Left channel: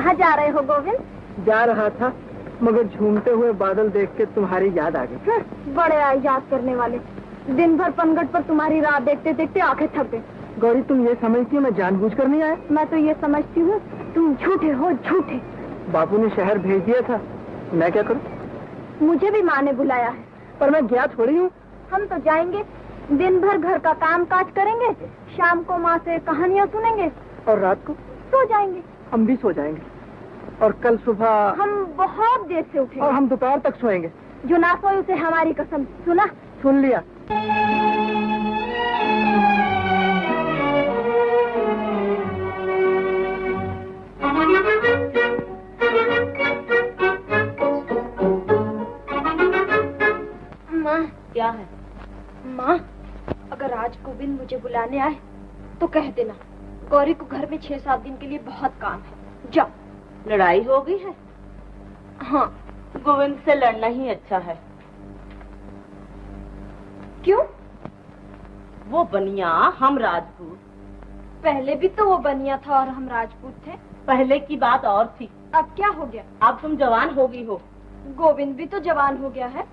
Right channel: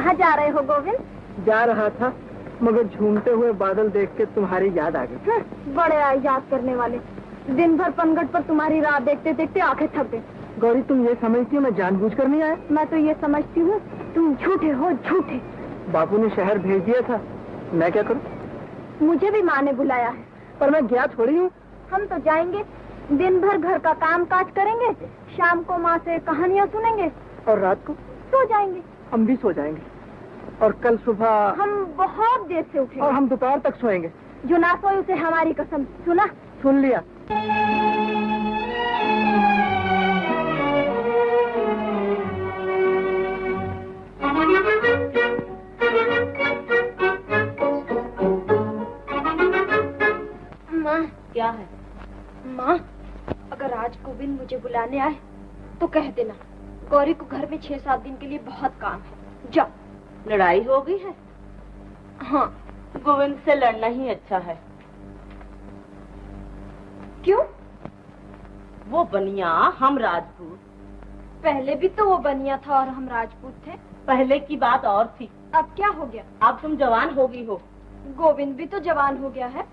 कहाँ जा रहे हो गोविंद? जा रहा था, मगर झूमते हुए बादल देख के तुम्हारी याद आ गई। बड़े आए याद करने वाले। दिन भर पनघट पर तुम्हारी राह देखते देखते आंखें थक गई। गौरी, तुम ये समझती हो मैं जानबूझकर नहीं आया? मैं तो ये समझती हूँ तुम झूठे हो, झूठे। बापू ने शहर भेज दिया था, मैं क्या करूँ? मुझे भी माँ ने बुलाया है, पर मैं गया थोड़ी हूँ। हम तो जाएंगे, दिन भर घर का काम काज करेंगे, शाम को माँ से कहानियाँ सुनेंगे और रात को सो जाएंगे। हम भी सो जाएंगे, और कल सुबह हम बहुत देर से उठेंगे, और हम दोपहर तक सोएंगे। जो ना सोए उसे हमारी कसम। सुना? सुन लिया। माँ। क्या है? माँ, अगर आज गोविंद मुझे बुलाने आए तो कह देना गौरी को घर में 6-7 दिन के लिए बहुत काम है। जाओ। लड़ाई हो गई है? हाँ। गोविंद से लड़ना ही अच्छा है। क्यों? वो बनिया, हम राजपूत। पहले भी तो वो बनिया था और हम राजपूत थे। पहले की बात और थी। अब क्या हो गया? अब तुम जवान हो गई हो। गोविंद भी तो जवान हो गया है,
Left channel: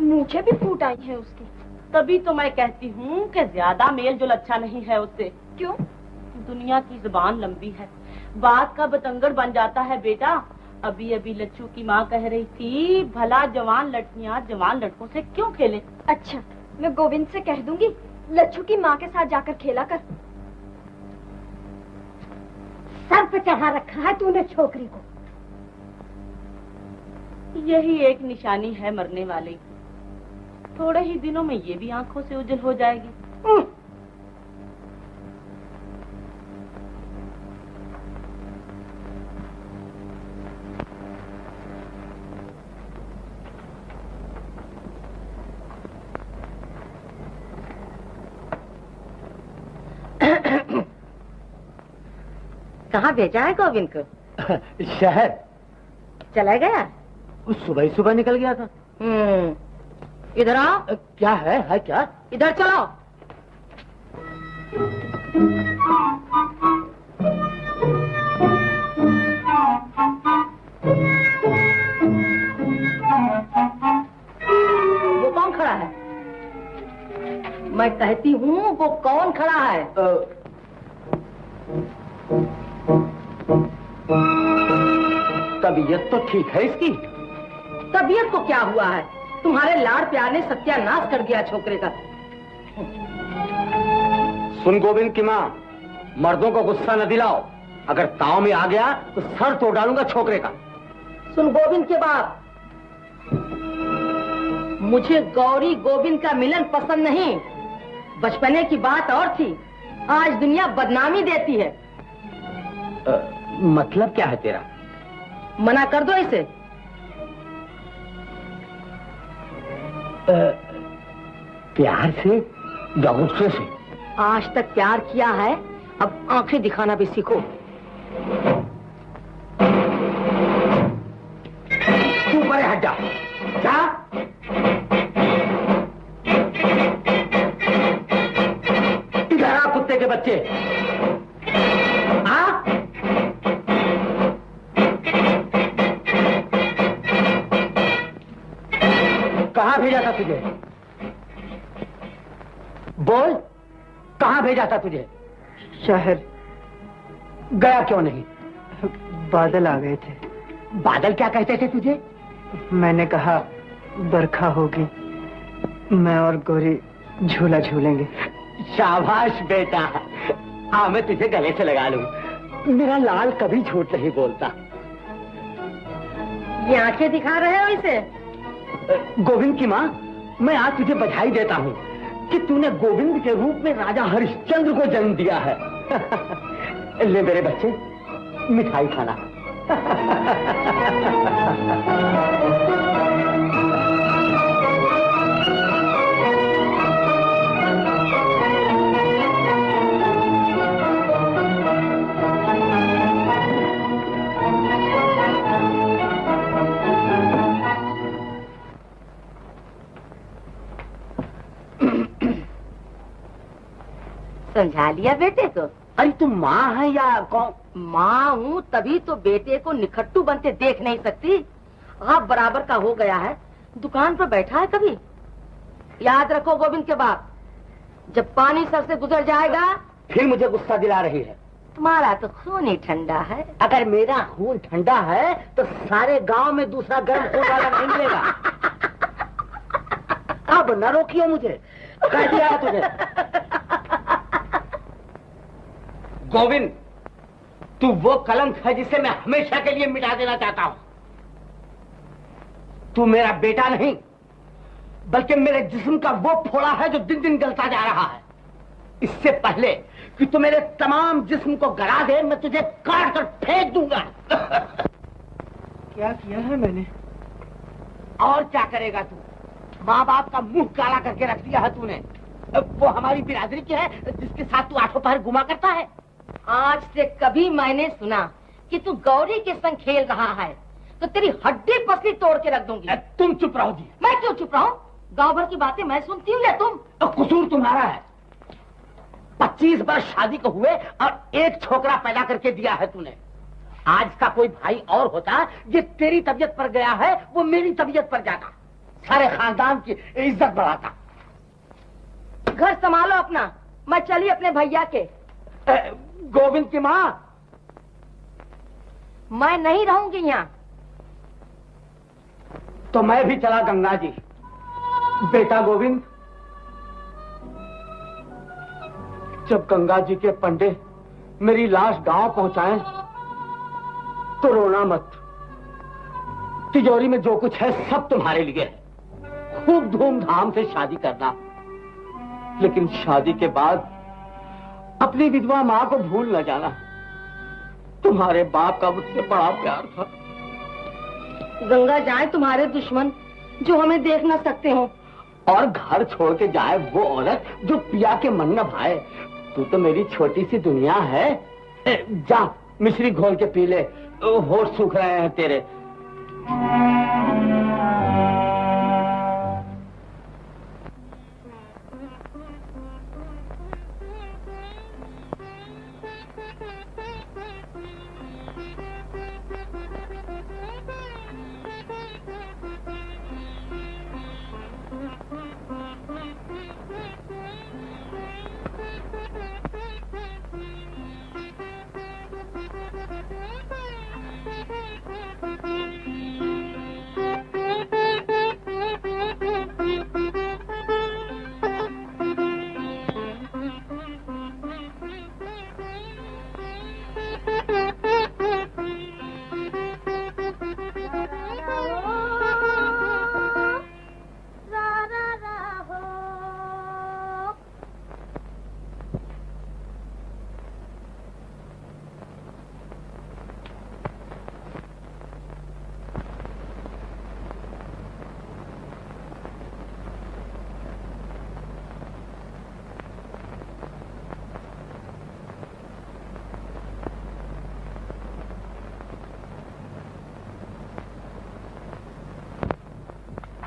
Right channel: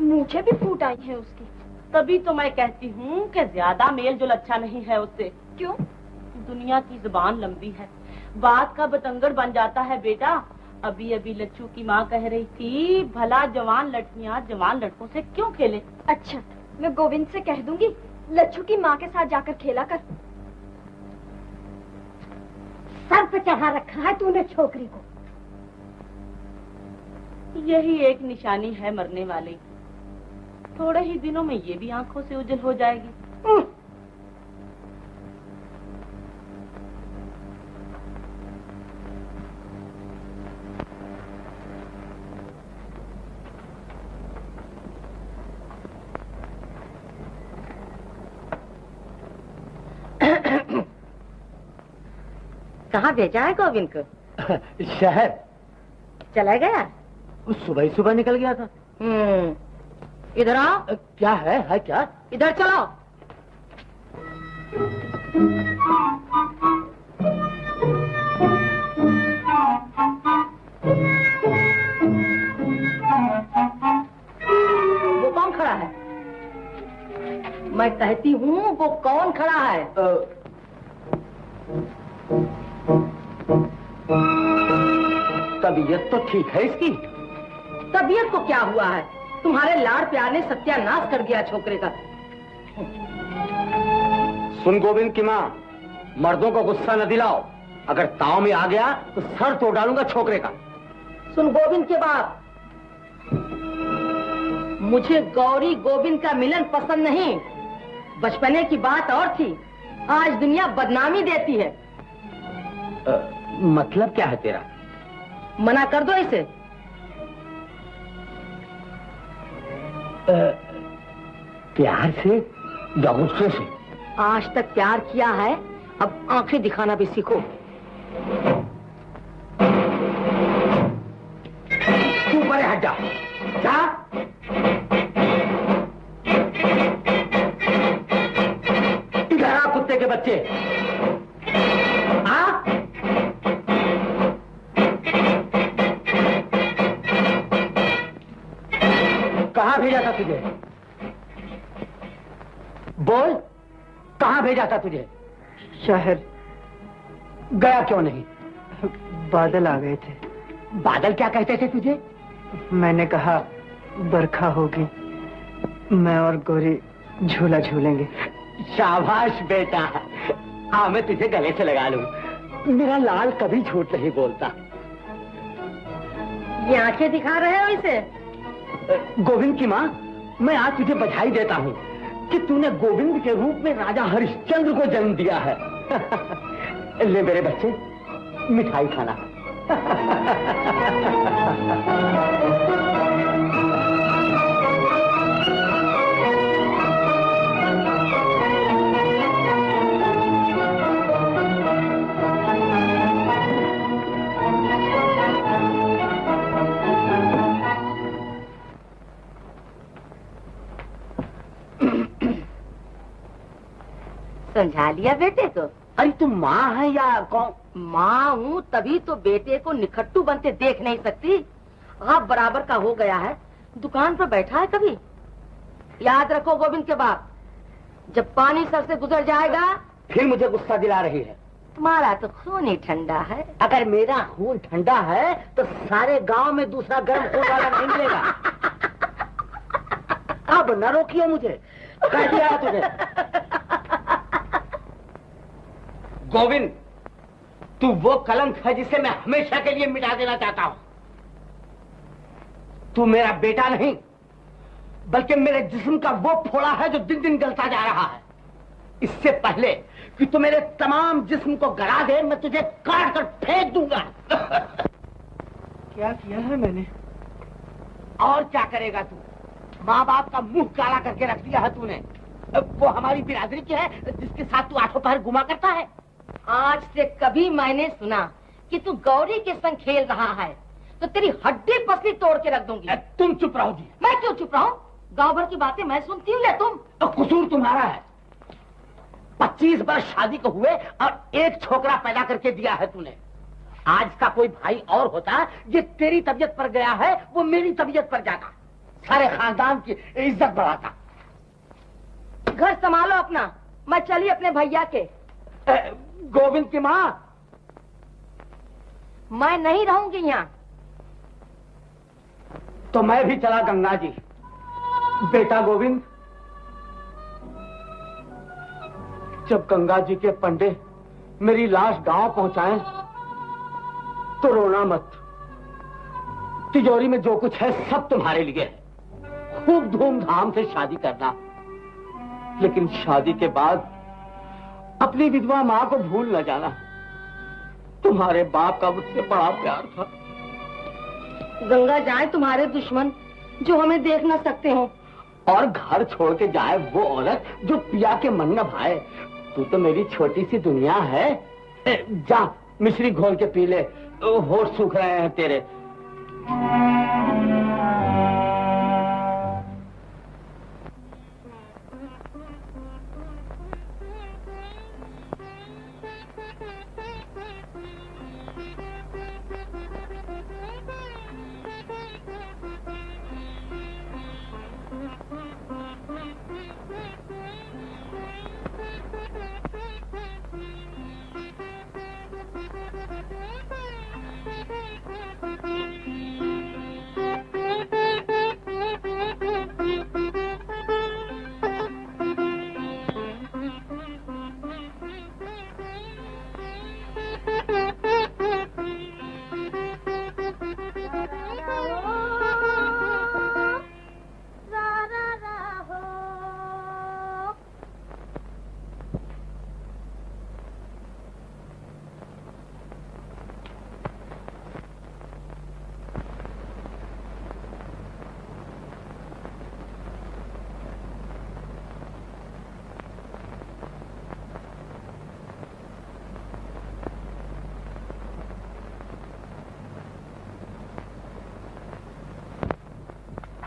मूछें भी फूट आई हैं उसकी। तभी तो मैं कहती हूँ कि ज्यादा मेल जोल अच्छा नहीं है उससे। क्यों? दुनिया की जुबान लंबी है, बात का बतंगड़ बन जाता है बेटा। अभी अभी लच्छू की माँ कह रही थी, भला जवान लड़कियाँ जवान लड़कों से क्यों खेले। अच्छा, मैं गोविंद से कह दूंगी लच्छू की माँ के साथ जाकर खेला कर। सर पे चढ़ा रखा है तूने छोकरी को। यही एक निशानी है मरने वाले की। थोड़े ही दिनों में ये भी आंखों से ओझल हो जाएगी। कहाँ भेजा है गोविंद को? शहर चला गया? सुबह ही सुबह निकल गया था। इधर आओ। क्या है क्या? इधर चलो। वो कौन खड़ा है? मैं कहती हूँ वो कौन खड़ा है? तबीयत तो ठीक है इसकी। तबीयत को क्या हुआ है? तुम्हारे लाड़ प्यार ने सत्यानाश कर दिया छोकरे का। सुन गोविंद की माँ, मर्दों को गुस्सा न दिलाओ। अगर ताव में आ गया तो सर तोड़ डालूंगा छोकरे का। सुन गोविंद के बाप, मुझे गौरी गोविंद का मिलन पसंद नहीं। बचपने की बात और थी, आज दुनिया बदनामी देती है। मतलब क्या है तेरा? मना कर दो इसे। प्यार से या गुस्से से? आज तक प्यार किया है, अब आंखें दिखाना भी सीखो। तू परे हट जा। जा। इधर आ कुत्ते के बच्चे। आ? कहाँ भेजा था तुझे? बोल, कहाँ भेजा था तुझे? शहर। गया क्यों नहीं? बादल आ गए थे। बादल क्या कहते थे तुझे? मैंने कहा बरखा होगी, मैं और गौरी झूला झूलेंगे। शाबाश बेटा, हाँ मैं तुझे गले से लगा लूं। मेरा लाल कभी झूठ नहीं बोलता। ये आंखें दिखा रहे हो इसे? गोविंद की माँ, मैं आज तुझे बधाई देता हूँ कि तूने गोविंद के रूप में राजा हरिश्चंद्र को जन्म दिया है। ले मेरे बच्चे, मिठाई खाना। समझा लिया बेटे को? अरे तुम माँ है या कौन? माँ हूँ, तभी तो बेटे को निखट्टू बनते देख नहीं सकती। आप बराबर का हो गया है, दुकान पर बैठा है कभी। याद रखो गोविंद के बाप, जब पानी सर से गुजर जाएगा। फिर मुझे गुस्सा दिला रही है। तुम्हारा तो खून ही ठंडा है। अगर मेरा खून ठंडा है तो सारे गांव में दूसरा गर्म खून वाला नहीं मिलेगा। अब न रोकियो मुझे, कह दिया है तुझे। गोविंद, तू वो कलंक है जिसे मैं हमेशा के लिए मिटा देना चाहता हूं। तू मेरा बेटा नहीं, बल्कि मेरे जिस्म का वो फोड़ा है जो दिन दिन गलता जा रहा है। इससे पहले कि तू मेरे तमाम जिस्म को गला दे, मैं तुझे काट कर फेंक दूंगा। क्या किया है मैंने? और क्या करेगा तू? माँ बाप का मुंह काला करके रख दिया है तूने। वो हमारी बिरादरी की है जिसके साथ तू आठों पहर घुमा करता है। आज से कभी मैंने सुना कि तू गौरी के संग खेल रहा है तो तेरी हड्डी पसली तोड़ के रख दूंगी। तुम चुप रहो जी। मैं क्यों चुप रहूं? गांव भर की बातें मैं सुनती हूँ या तुम? कसूर तुम्हारा है। 25 वर्ष शादी को हुए और एक छोकरा पैदा करके दिया है तूने। आज का कोई भाई और होता, ये तेरी तबीयत पर गया है, वो मेरी तबीयत पर जाता, सारे खानदान की इज्जत बढ़ाता। घर संभालो अपना, मैं चली अपने भैया के। गोविंद की माँ, मैं नहीं रहूंगी यहाँ। तो मैं भी चला गंगा जी। बेटा गोविंद, जब गंगा जी के पंडे मेरी लाश गांव पहुंचाएं तो रोना मत। तिजोरी में जो कुछ है सब तुम्हारे लिए है। खूब धूमधाम से शादी करना, लेकिन शादी के बाद अपनी विधवा मां को भूल न जाना। तुम्हारे बाप का मुझसे बड़ा प्यार था। गंगा जाए तुम्हारे दुश्मन जो हमें देख न सकते हो, और घर छोड़ के जाए वो औरत जो पिया के मन न भाए। तू तो मेरी छोटी सी दुनिया है। जा मिश्री घोल के पी ले, होठ सूख रहे हैं तेरे।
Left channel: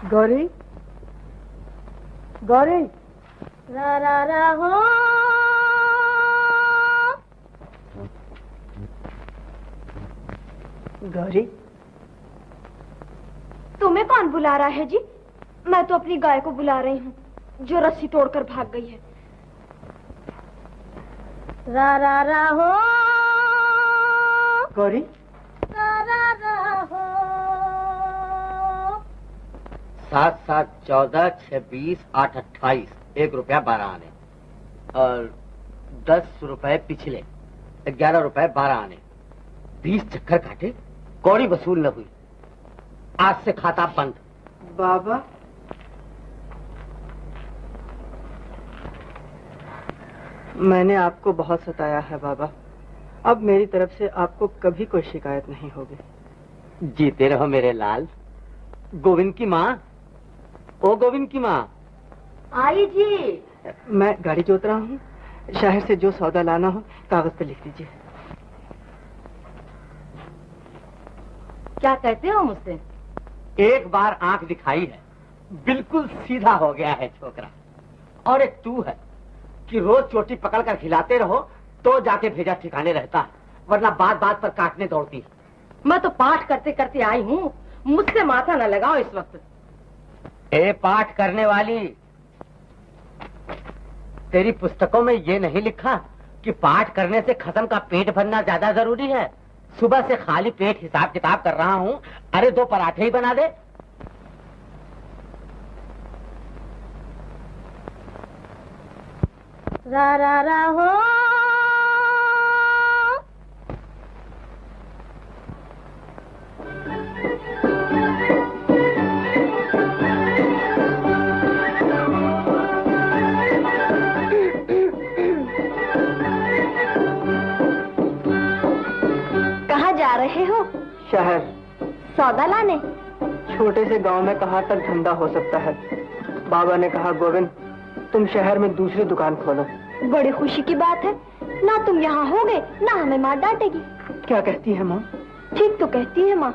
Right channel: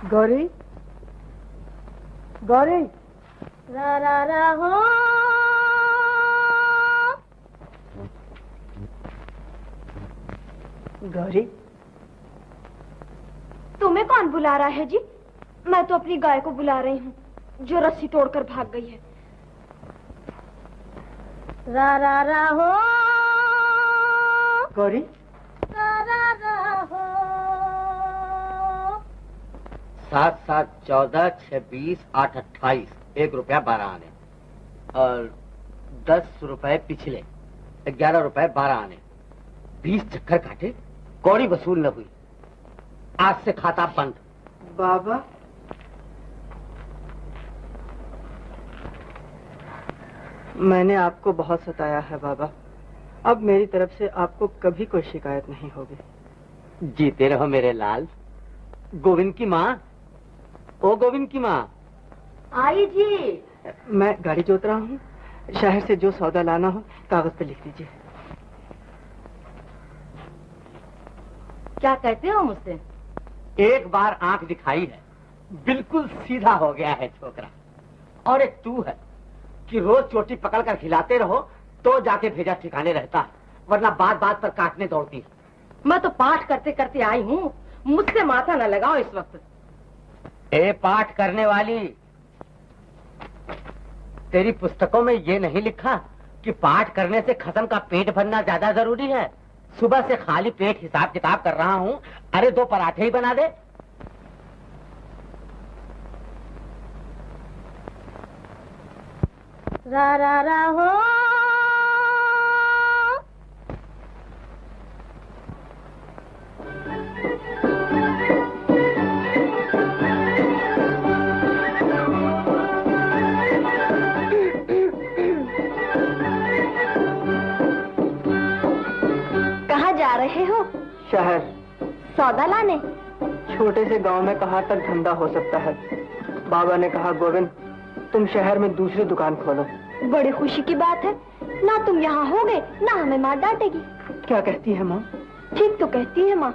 गौरी, गौरी, रा रा रा हो। गौरी, तुम्हें कौन बुला रहा है जी? मैं तो अपनी गाय को बुला रही हूँ जो रस्सी तोड़कर भाग गई है। रा रा रा हो। गौरी, रा रा रा हो। 7 7 14 6 20 8 28 1 रुपया 12 आने और 10 रुपए पिछले 11 रुपए 12 आने। 20 चक्कर काटे, कौड़ी वसूल न हुई। आज से खाता बंद। बाबा, मैंने आपको बहुत सताया है बाबा। अब मेरी तरफ से आपको कभी कोई शिकायत नहीं होगी। जीते रहो मेरे लाल। गोविंद की माँ, ओ गोविंद की माँ। आई जी। मैं गाड़ी जोत रहा हूँ, शहर से जो सौदा लाना हो कागज पे लिख दीजिए। क्या कहते हो मुझसे? एक बार आंख दिखाई है, बिल्कुल सीधा हो गया है छोकरा। और एक तू है कि रोज चोटी पकड़ कर खिलाते रहो तो जाके भेजा ठिकाने रहता, वरना बात बात पर काटने दौड़ती। मैं तो पाठ करते करते आई हूँ, मुझसे माथा न लगाओ इस वक्त। ए पाठ करने वाली, तेरी पुस्तकों में ये नहीं लिखा कि पाठ करने से खसम का पेट भरना ज्यादा जरूरी है? सुबह से खाली पेट हिसाब किताब कर रहा हूँ, अरे 2 पराठे ही बना दे। रा रा रा हो कहाँ जा रहे हो? शहर। सौदा लाने? छोटे से गांव में कहाँ तक धंधा हो सकता है। बाबा ने कहा गोविंद तुम शहर में दूसरी दुकान खोलो। बड़ी खुशी की बात है, ना तुम यहाँ होगे ना हमें माँ डांटेगी। क्या कहती है माँ? ठीक तो कहती है माँ,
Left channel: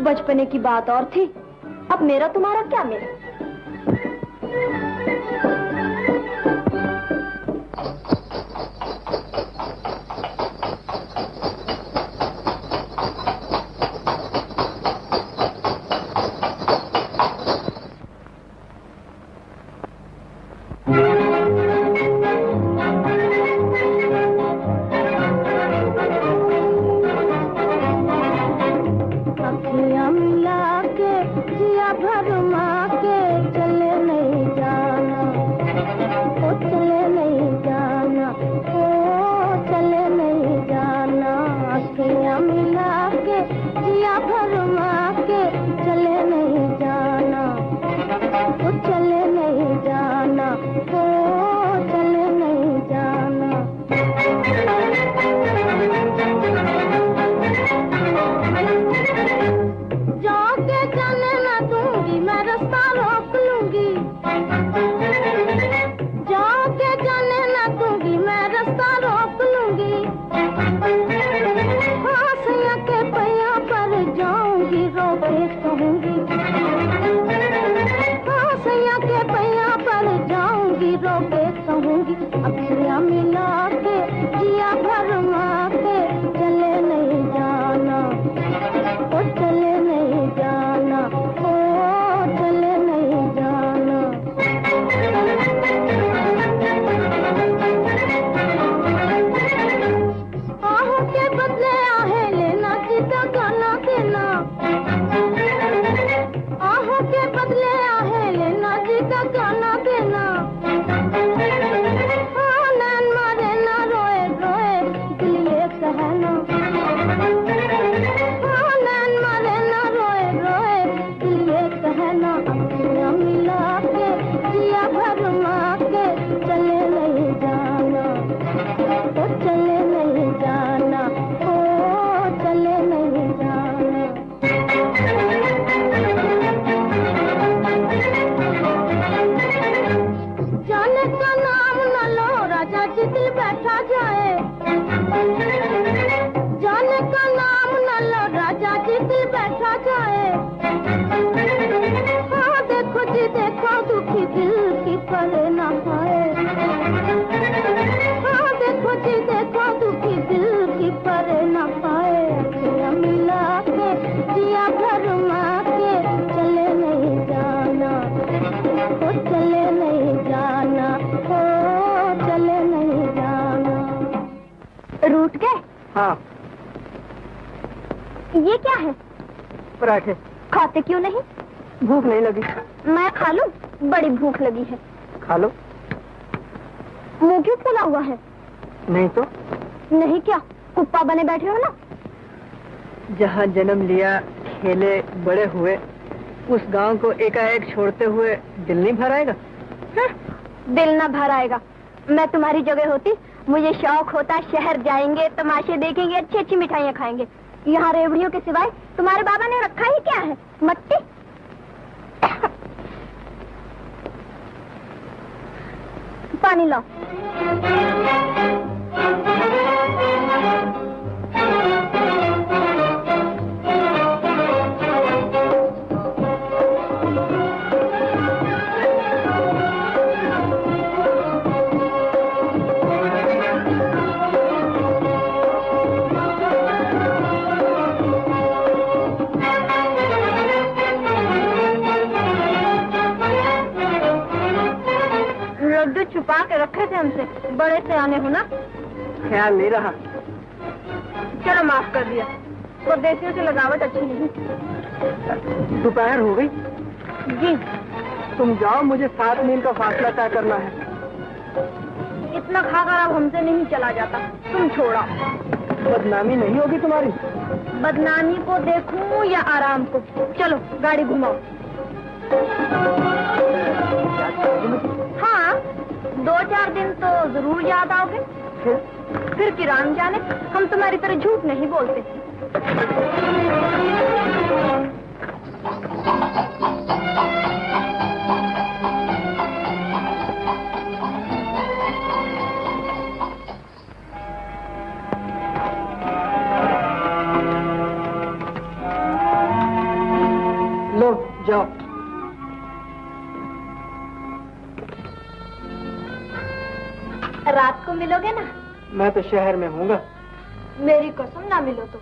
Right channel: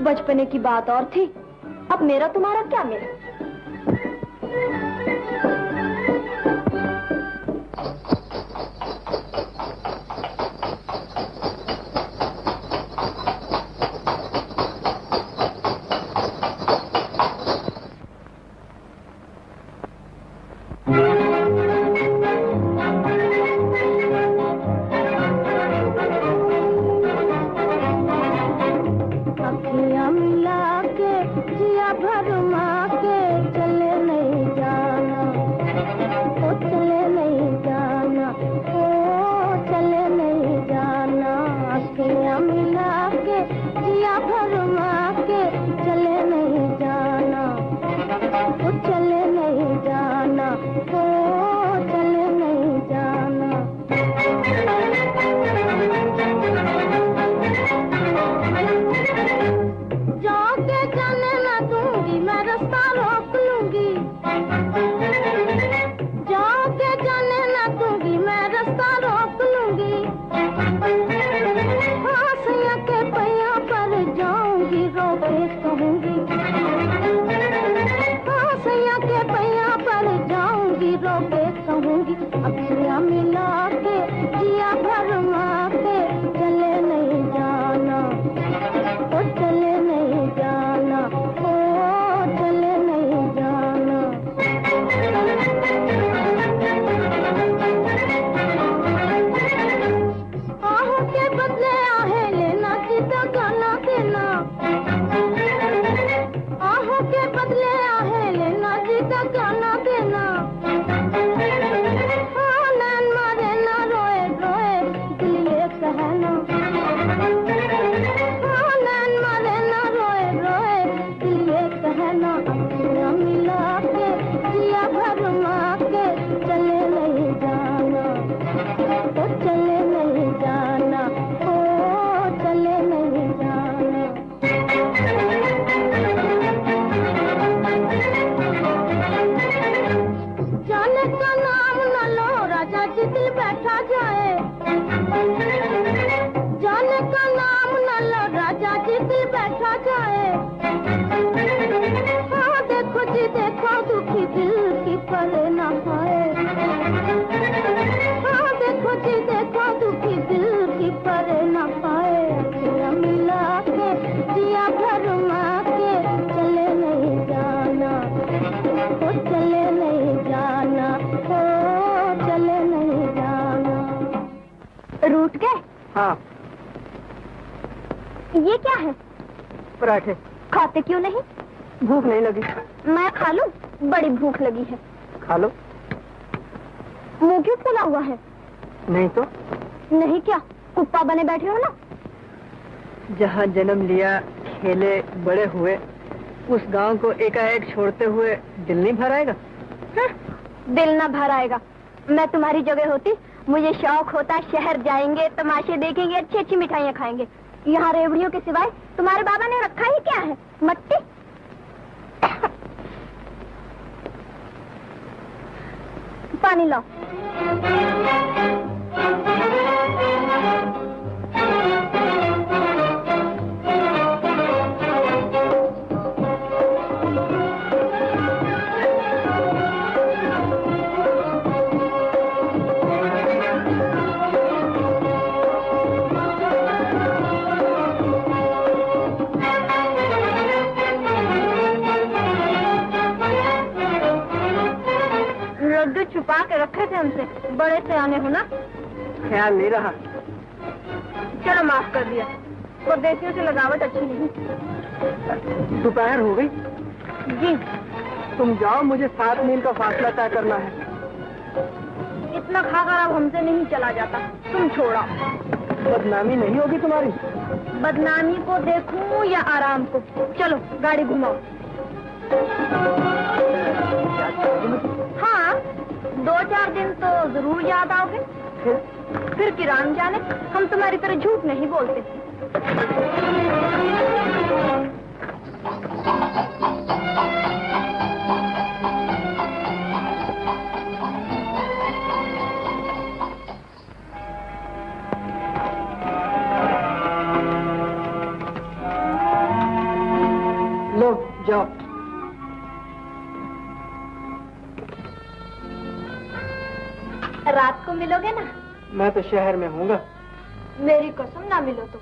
बचपने की बात और थी, अब मेरा तुम्हारा क्या मेल। रूठ गए? हाँ। ये क्या है? पराठे। खाते क्यों नहीं? भूख नहीं लगी। मैं खा लूं? बड़ी भूख लगी है। खा लो। मुंह क्यों फूला हुआ है? नहीं तो। नहीं क्या, कुप्पा बने बैठे हो ना? जहाँ जन्म लिया, खेले, बड़े हुए, उस गांव को एकाएक छोड़ते हुए दिल नहीं भर आएगा? दिल ना भर आएगा। मैं तुम्हारी जगह होती, मुझे शौक होता शहर जाएंगे, तमाशे देखेंगे, अच्छी अच्छी मिठाइयाँ खाएंगे। यहाँ रेवड़ियों के सिवाय तुम्हारे बाबा ने रखा ही क्या है? मट्टी। पानी लाओ। रखे थे हमसे, बड़े से आने हो ना। ख्याल नहीं रहा। चलो माफ कर दिया, परदेसियों से लगावट अच्छी नहीं। दोपहर हो गई। जी तुम जाओ, मुझे 7 मील का फासला तय करना है। इतना खाकर अब हमसे नहीं चला जाता, तुम छोड़ो। बदनामी नहीं होगी तुम्हारी? बदनामी को देखूं या आराम को? चलो गाड़ी घुमाओ। हाँ, 2-4 दिन तो जरूर याद आओगे। फिर किरान जाने, हम तुम्हारी तरह झूठ नहीं बोलते। लो जाओ। रात को मिलोगे ना? मैं तो शहर में हूँगा। मेरी कसम, ना मिलो तो।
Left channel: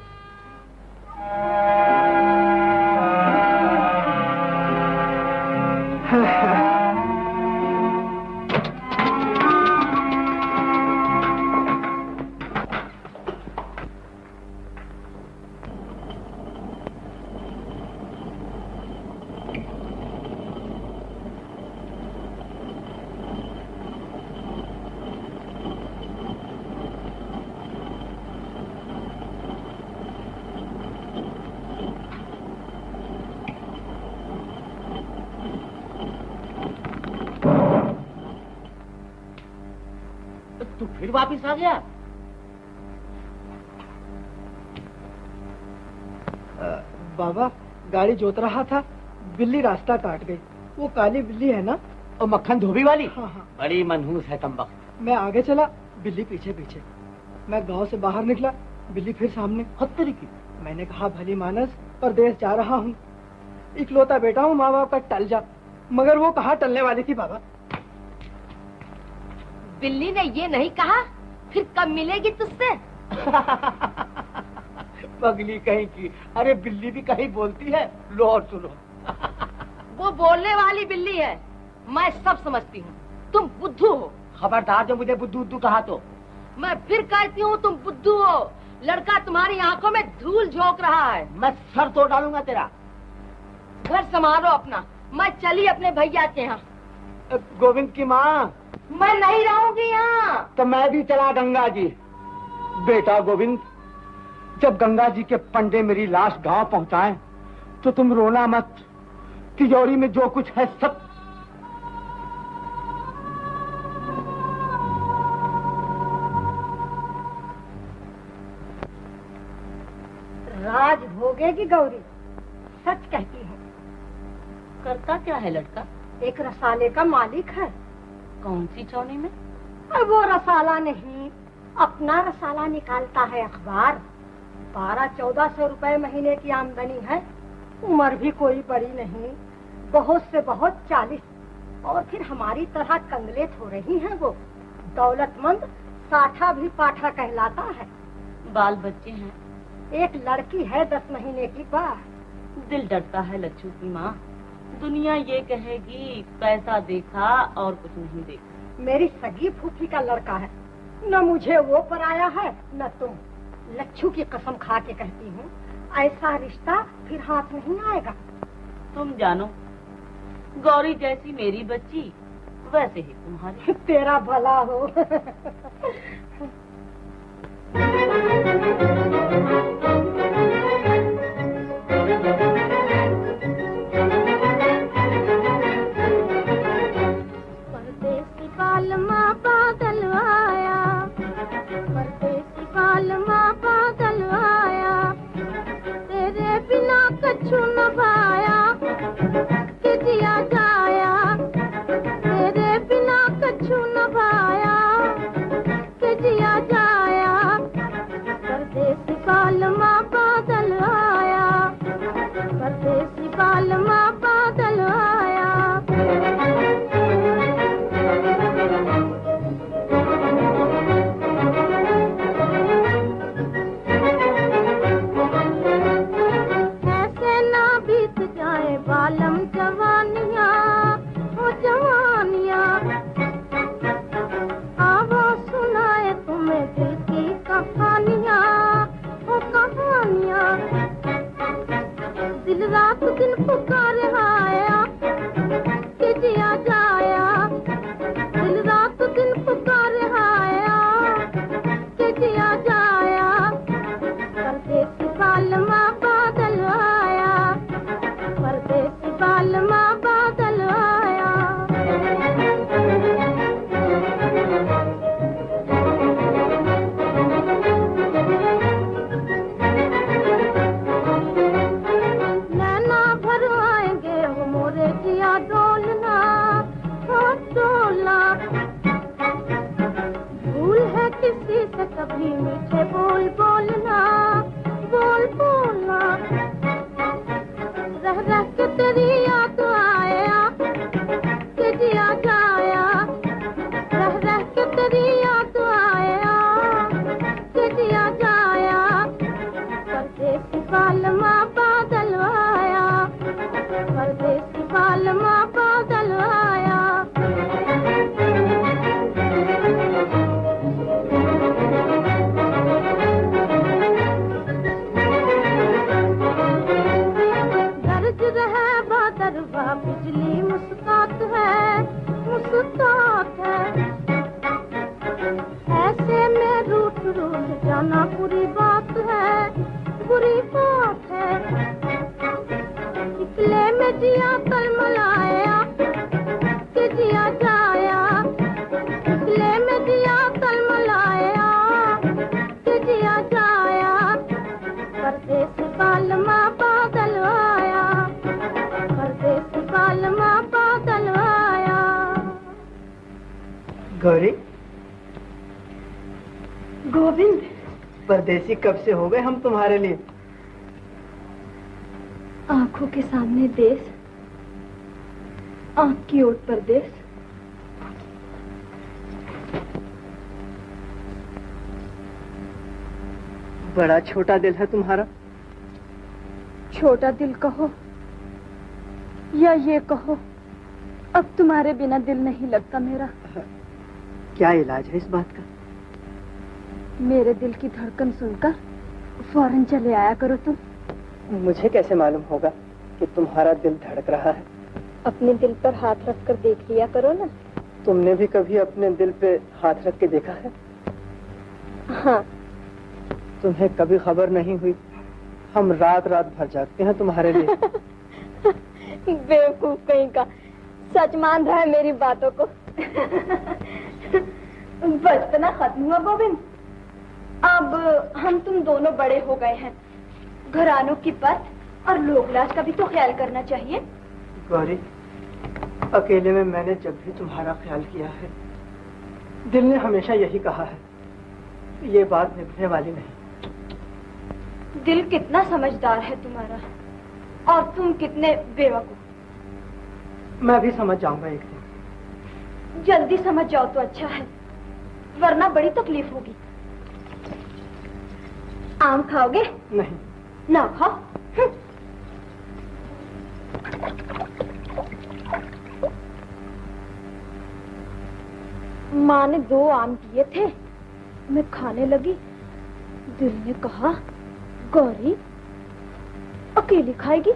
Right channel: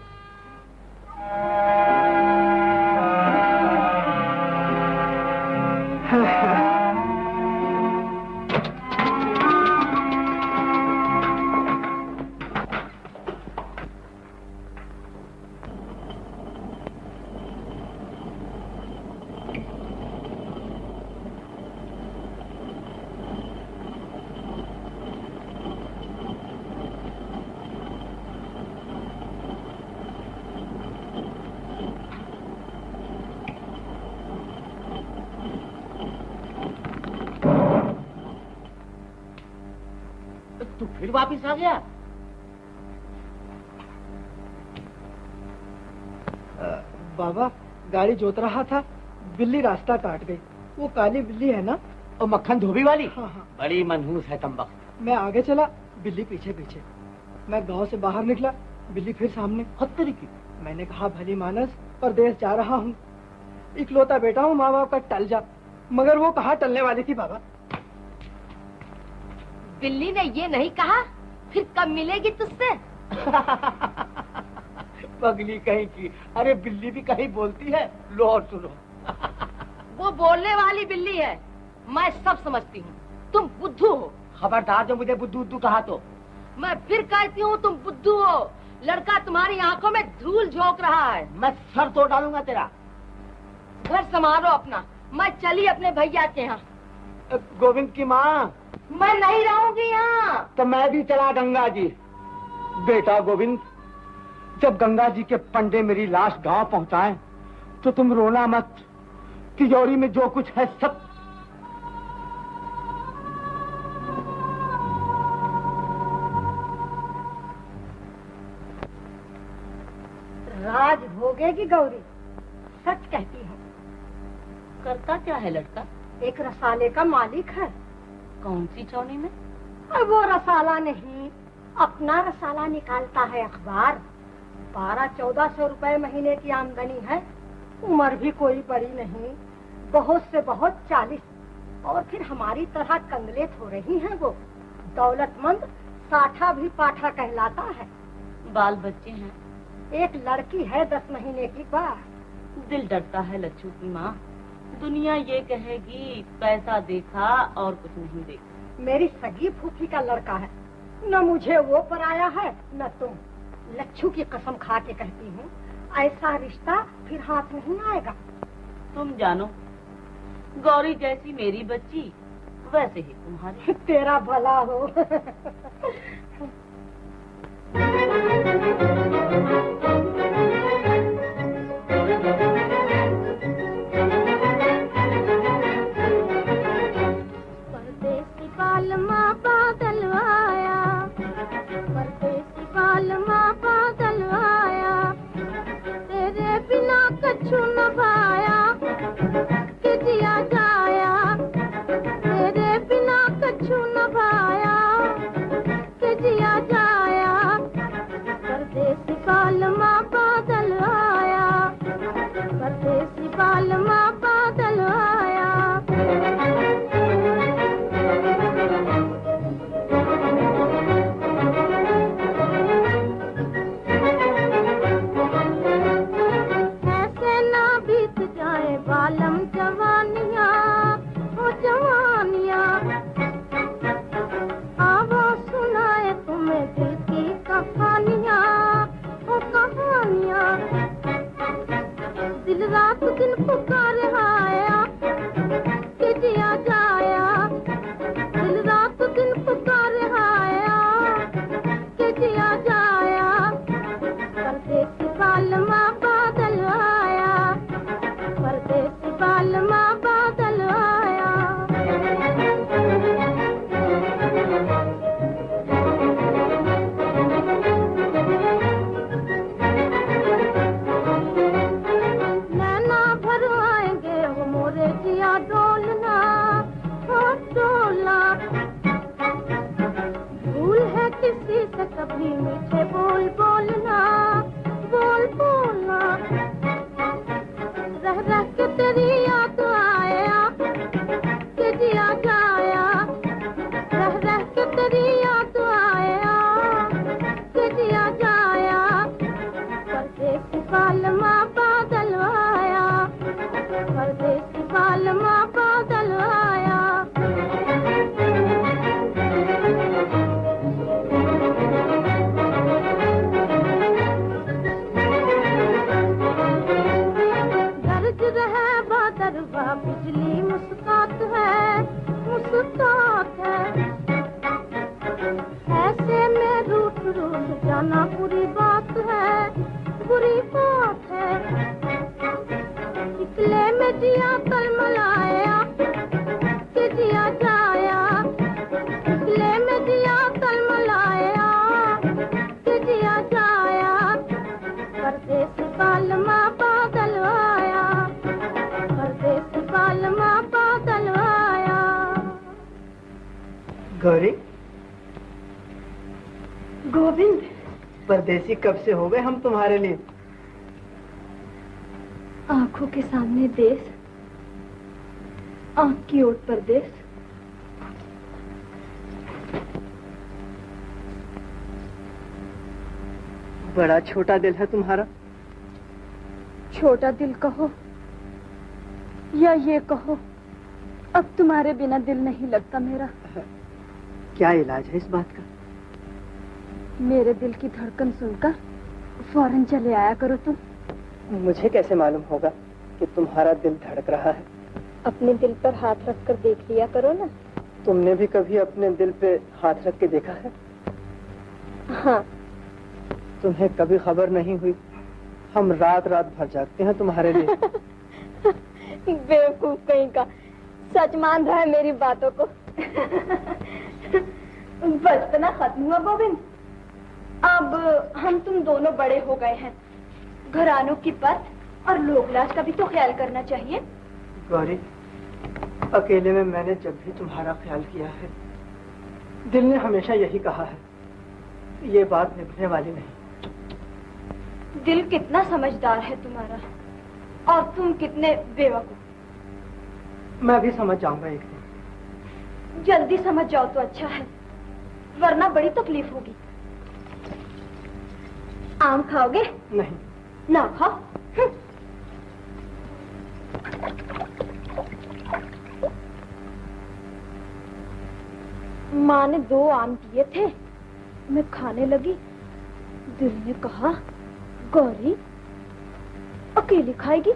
तू फिर वापिस आ गया? बाबा, गाड़ी जोत रहा था, बिल्ली रास्ता काट गई। वो काली बिल्ली है ना? और मक्खन धोबी वाली? हाँ हाँ। बड़ी मनहूस है तंबक। मैं आगे चला, बिल्ली पीछे पीछे। मैं गांव से बाहर निकला, बिल्ली फिर सामने। खत्तरी की। मैंने कहा, भली मानस, परदेश जा रहा हूँ, इकलौता बेटा हूँ, माँ बाप का टल जा। मगर वो कहाँ टलने वाली थी बाबा। बिल्ली ने ये नहीं कहा फिर कब मिलेगी तुझसे? पगली कहीं की। अरे बिल्ली भी कहीं बोलती है। लो और सुनो। वो बोलने वाली बिल्ली है, मैं सब समझती हूँ। तुम बुद्धू हो। खबरदार जो मुझे बुद्धू बुद्धू कहा तो। मैं फिर कहती हूँ तुम बुद्धू हो। लड़का तुम्हारी आंखों में धूल झोंक रहा है। मैं सर तोड़ डालूंगा तेरा। घर संभालो अपना, मैं चली अपने भैया के यहाँ। गोविंद की माँ। मैं नहीं रहूंगी यहाँ। तो मैं भी चला गंगा जी। बेटा गोविंद, जब गंगा जी के पंडे मेरी लाश गांव पहुंचाएं, तो तुम रोना मत। तिजोरी में जो कुछ है सब। राज भोगेगी गौरी, सच कहती हूँ। करता क्या है लड़का? एक रसाले का मालिक है। कौन सी चौनी में? और वो रसाला नहीं, अपना रसाला निकालता है अखबार। 1200-1400 रुपए महीने की आमदनी है। उम्र भी कोई बड़ी नहीं, बहुत से बहुत 40। और फिर हमारी तरह कंगले थोड़े ही हैं वो। दौलतमंद साठा भी पाठा कहलाता है। बाल बच्चे हैं? एक लड़की है 10 महीने की बात। दिल डरता है लच्छू की माँ। दुनिया ये कहेगी पैसा देखा और कुछ नहीं देखा। मेरी सगी फूफी का लड़का है, न मुझे वो पराया है न तुम। लच्छू की कसम खा के कहती हूँ, ऐसा रिश्ता फिर हाथ नहीं आएगा। तुम जानो, गौरी जैसी मेरी बच्ची वैसे ही तुम्हारी। तेरा भला हो। परदेसी पालमा बादल आया, परदेसी पालमा बादल आया, तेरे बिना कछु न भाया, कि जिया जाया, तेरे बिना कछु न भाया, कभी मीठे बोल बोलना, बोल बोलना। रह रह के तेरी याद आया कि जिया जाया, रह रह के तेरी याद आया कि जिया जाया। परदेसी पालमा बादल आया, परदेसी पालमा बादल आया। गरज रहे बादरवा बिजली मुस्कात है, मुस्कात है। ऐसे में रूठ रूठ जाना बुरी बात है, बुरी बात है। निकले में जिया तलमलाया कि जिया जाया, निकले में जिया तलमलाया कि जिया जाया। परदेसी पालमा बादल आया, परदेसी पालमा बादल आया। गौरी, गोविंद, परदेसी कब से हो गए हम तुम्हारे लिए। आंखों के सामने देश, आंख की ओट परदेश। बड़ा छोटा दिल है तुम्हारा। छोटा दिल कहो या ये कहो, अब तुम्हारे बिना दिल नहीं लगता मेरा। क्या इलाज है इस बात का। मेरे दिल की धड़कन सुनकर फौरन चले आया करो तुम। मुझे कैसे मालूम होगा कि तुम्हारा दिल धड़क रहा है। अपने दिल पर हाथ रखकर देख लिया करो ना। तुमने भी कभी अपने दिल पे हाथ रख के देखा है। हाँ। तुम्हें कभी खबर नहीं हुई, हम रात रात भर जागते हैं तुम्हारे लिए। बेवकूफ कहीं का, सच मान रहा है मेरी बातों को। बचपना खत्म हुआ गोविंद, अब हम तुम दोनों बड़े हो गए हैं। घरानों की पत और लोक लाज का भी तो ख्याल करना चाहिए। गौरी, अकेले में मैंने जब भी तुम्हारा ख्याल किया है, दिल ने हमेशा यही कहा है, ये बात निभने वाली नहीं। दिल कितना समझदार है तुम्हारा, और तुम कितने बेवकूफ। मैं भी समझ जाऊंगा एक दिन। जल्दी समझ जाओ तो अच्छा है, वरना बड़ी तकलीफ होगी। आम खाओगे? नहीं। ना खाओ। माँ ने 2 आम दिए थे, मैं खाने लगी। दिल ने कहा, गौरी अकेली खाएगी।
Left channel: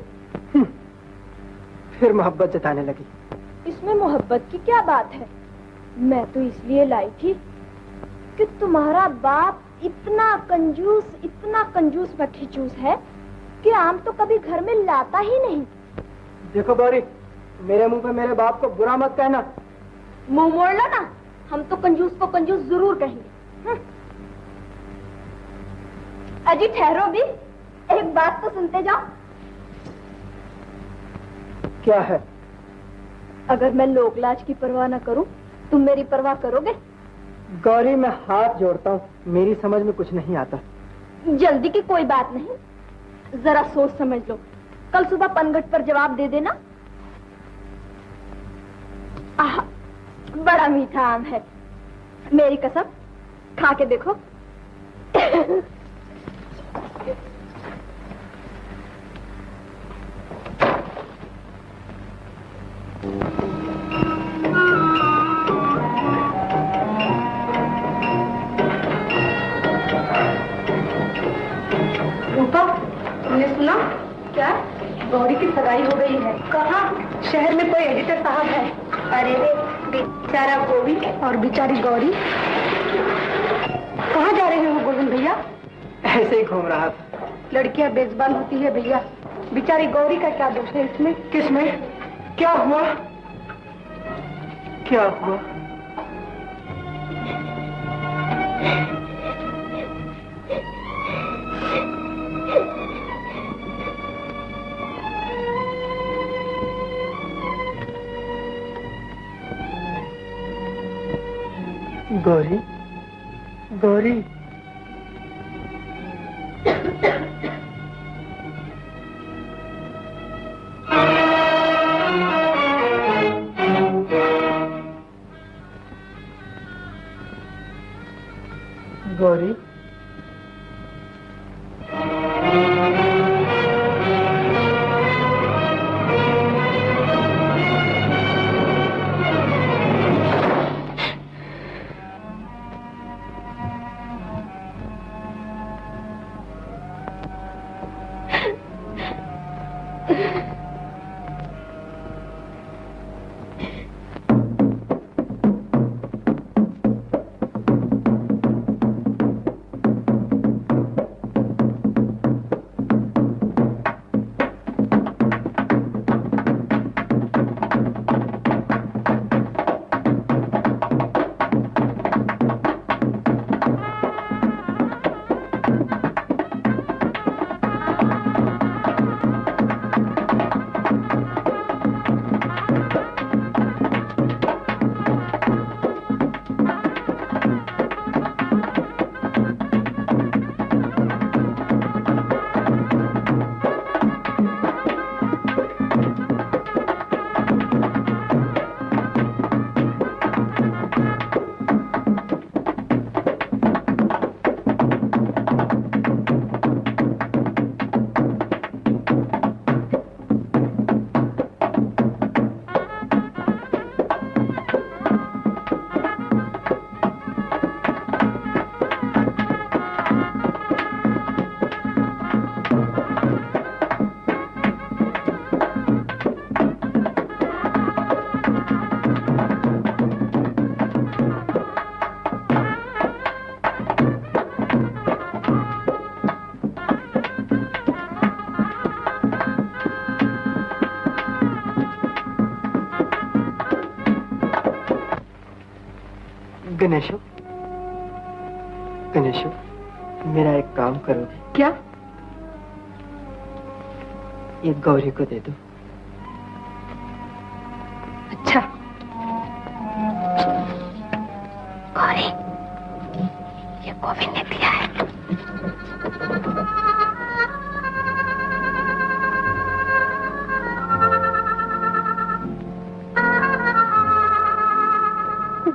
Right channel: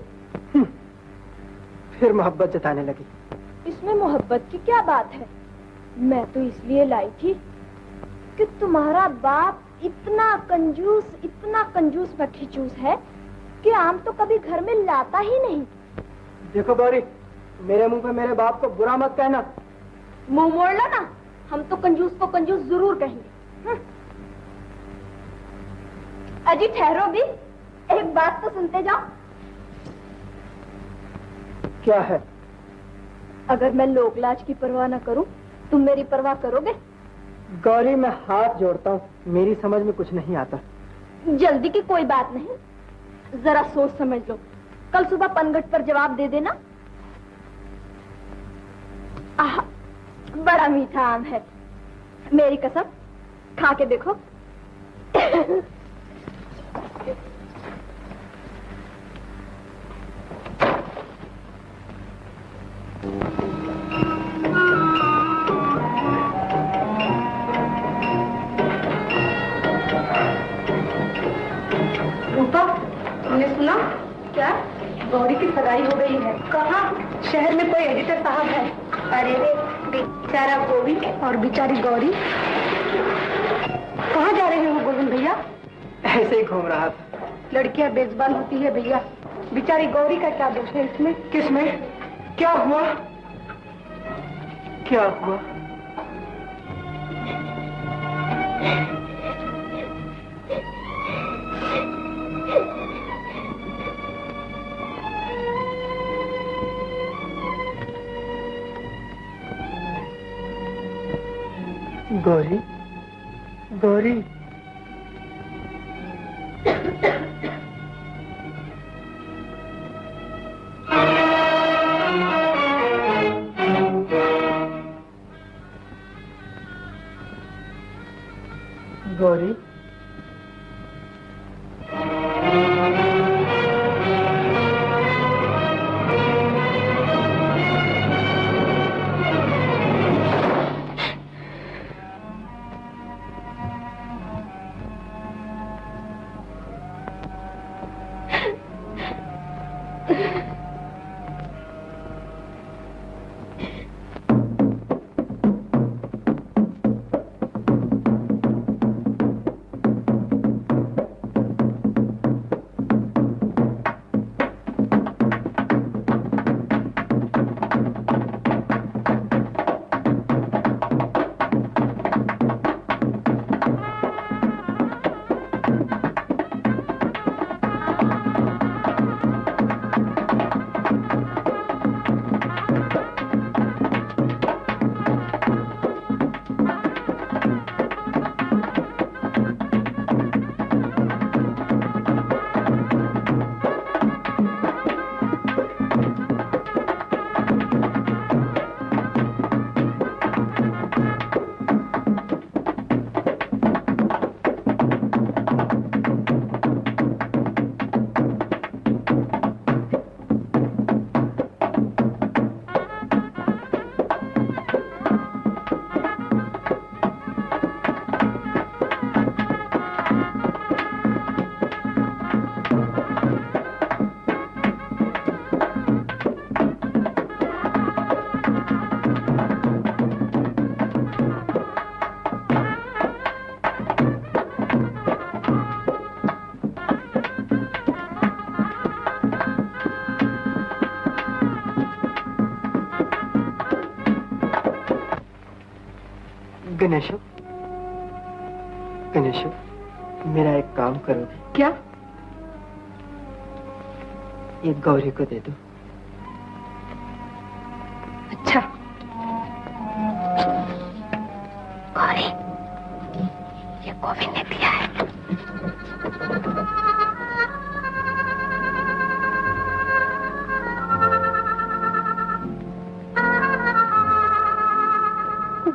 फिर मोहब्बत जताने लगी। इसमें मोहब्बत की क्या बात है। मैं तो इसलिए लाई थी कि तुम्हारा बाप इतना कंजूस मक्खीचूस है कि आम तो कभी घर में लाता ही नहीं। देखो गौरी, मेरे मुंह पे मेरे बाप को बुरा मत कहना। मुंह मोड़ लो ना, हम तो कंजूस को कंजूस जरूर कहेंगे। अजी ठहरो भी, एक बात तो सुनते जाओ। क्या है? अगर मैं लोकलाज की परवाह न करूं, तुम मेरी परवाह करोगे? गौरी, मैं हाथ जोड़ता हूँ, मेरी समझ में कुछ नहीं आता। जल्दी की कोई बात नहीं, जरा सोच समझ लो। कल सुबह पनघट पर जवाब दे देना। आह, बड़ा मीठा आम है, मेरी कसम, खा के देखो। रूपा, तुमने सुना? क्या? गौरी की सगाई हो गई है। कहाँ? शहर में कोई एडिटर साहब है। अरे रे, बेचारा गोविंद और बेचारी गौरी। कहाँ जा रहे हो गोविंद भैया? ऐसे ही घूम रहा था। लड़कियां बेजुबान होती है भैया, बेचारी गौरी का क्या दोष है इसमें? किसमें? क्या हुआ? क्या हुआ? गौरी, गौरी। गौरी, गणेशो, गणेशो, मेरा एक काम करोगे? क्या? ये गौरी को दे दो। अच्छा। गौरी, ये गोविंद ने दिया है।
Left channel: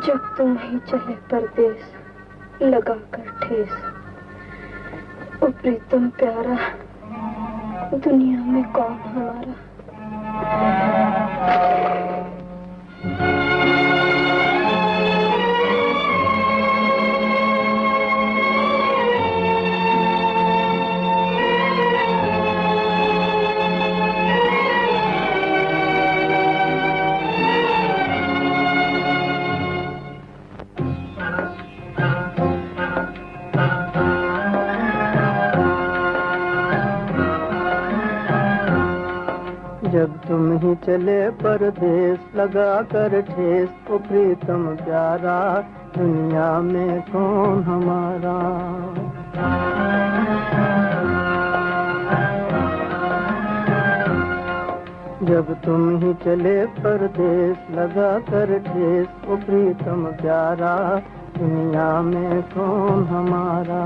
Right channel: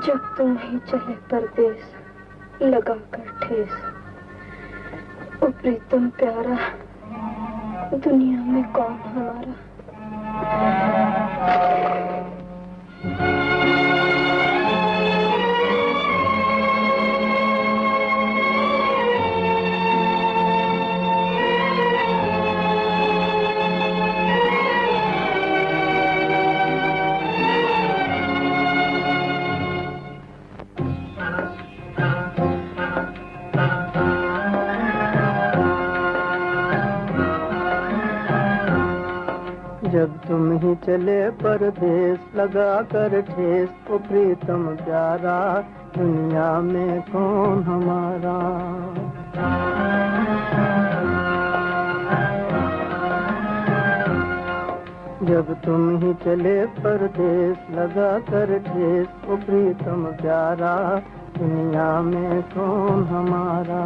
जब तुम ही चले परदेस लगाकर ठेस, ओ प्रीतम प्यारा, दुनिया में कौन हमारा। जब तुम ही चले परदेस लगा कर ठेस, ओ प्रीतम प्यारा, दुनिया में कौन हमारा। जब तुम ही चले परदेस लगा कर ठेस, ओ प्रीतम प्यारा, दुनिया में कौन हमारा।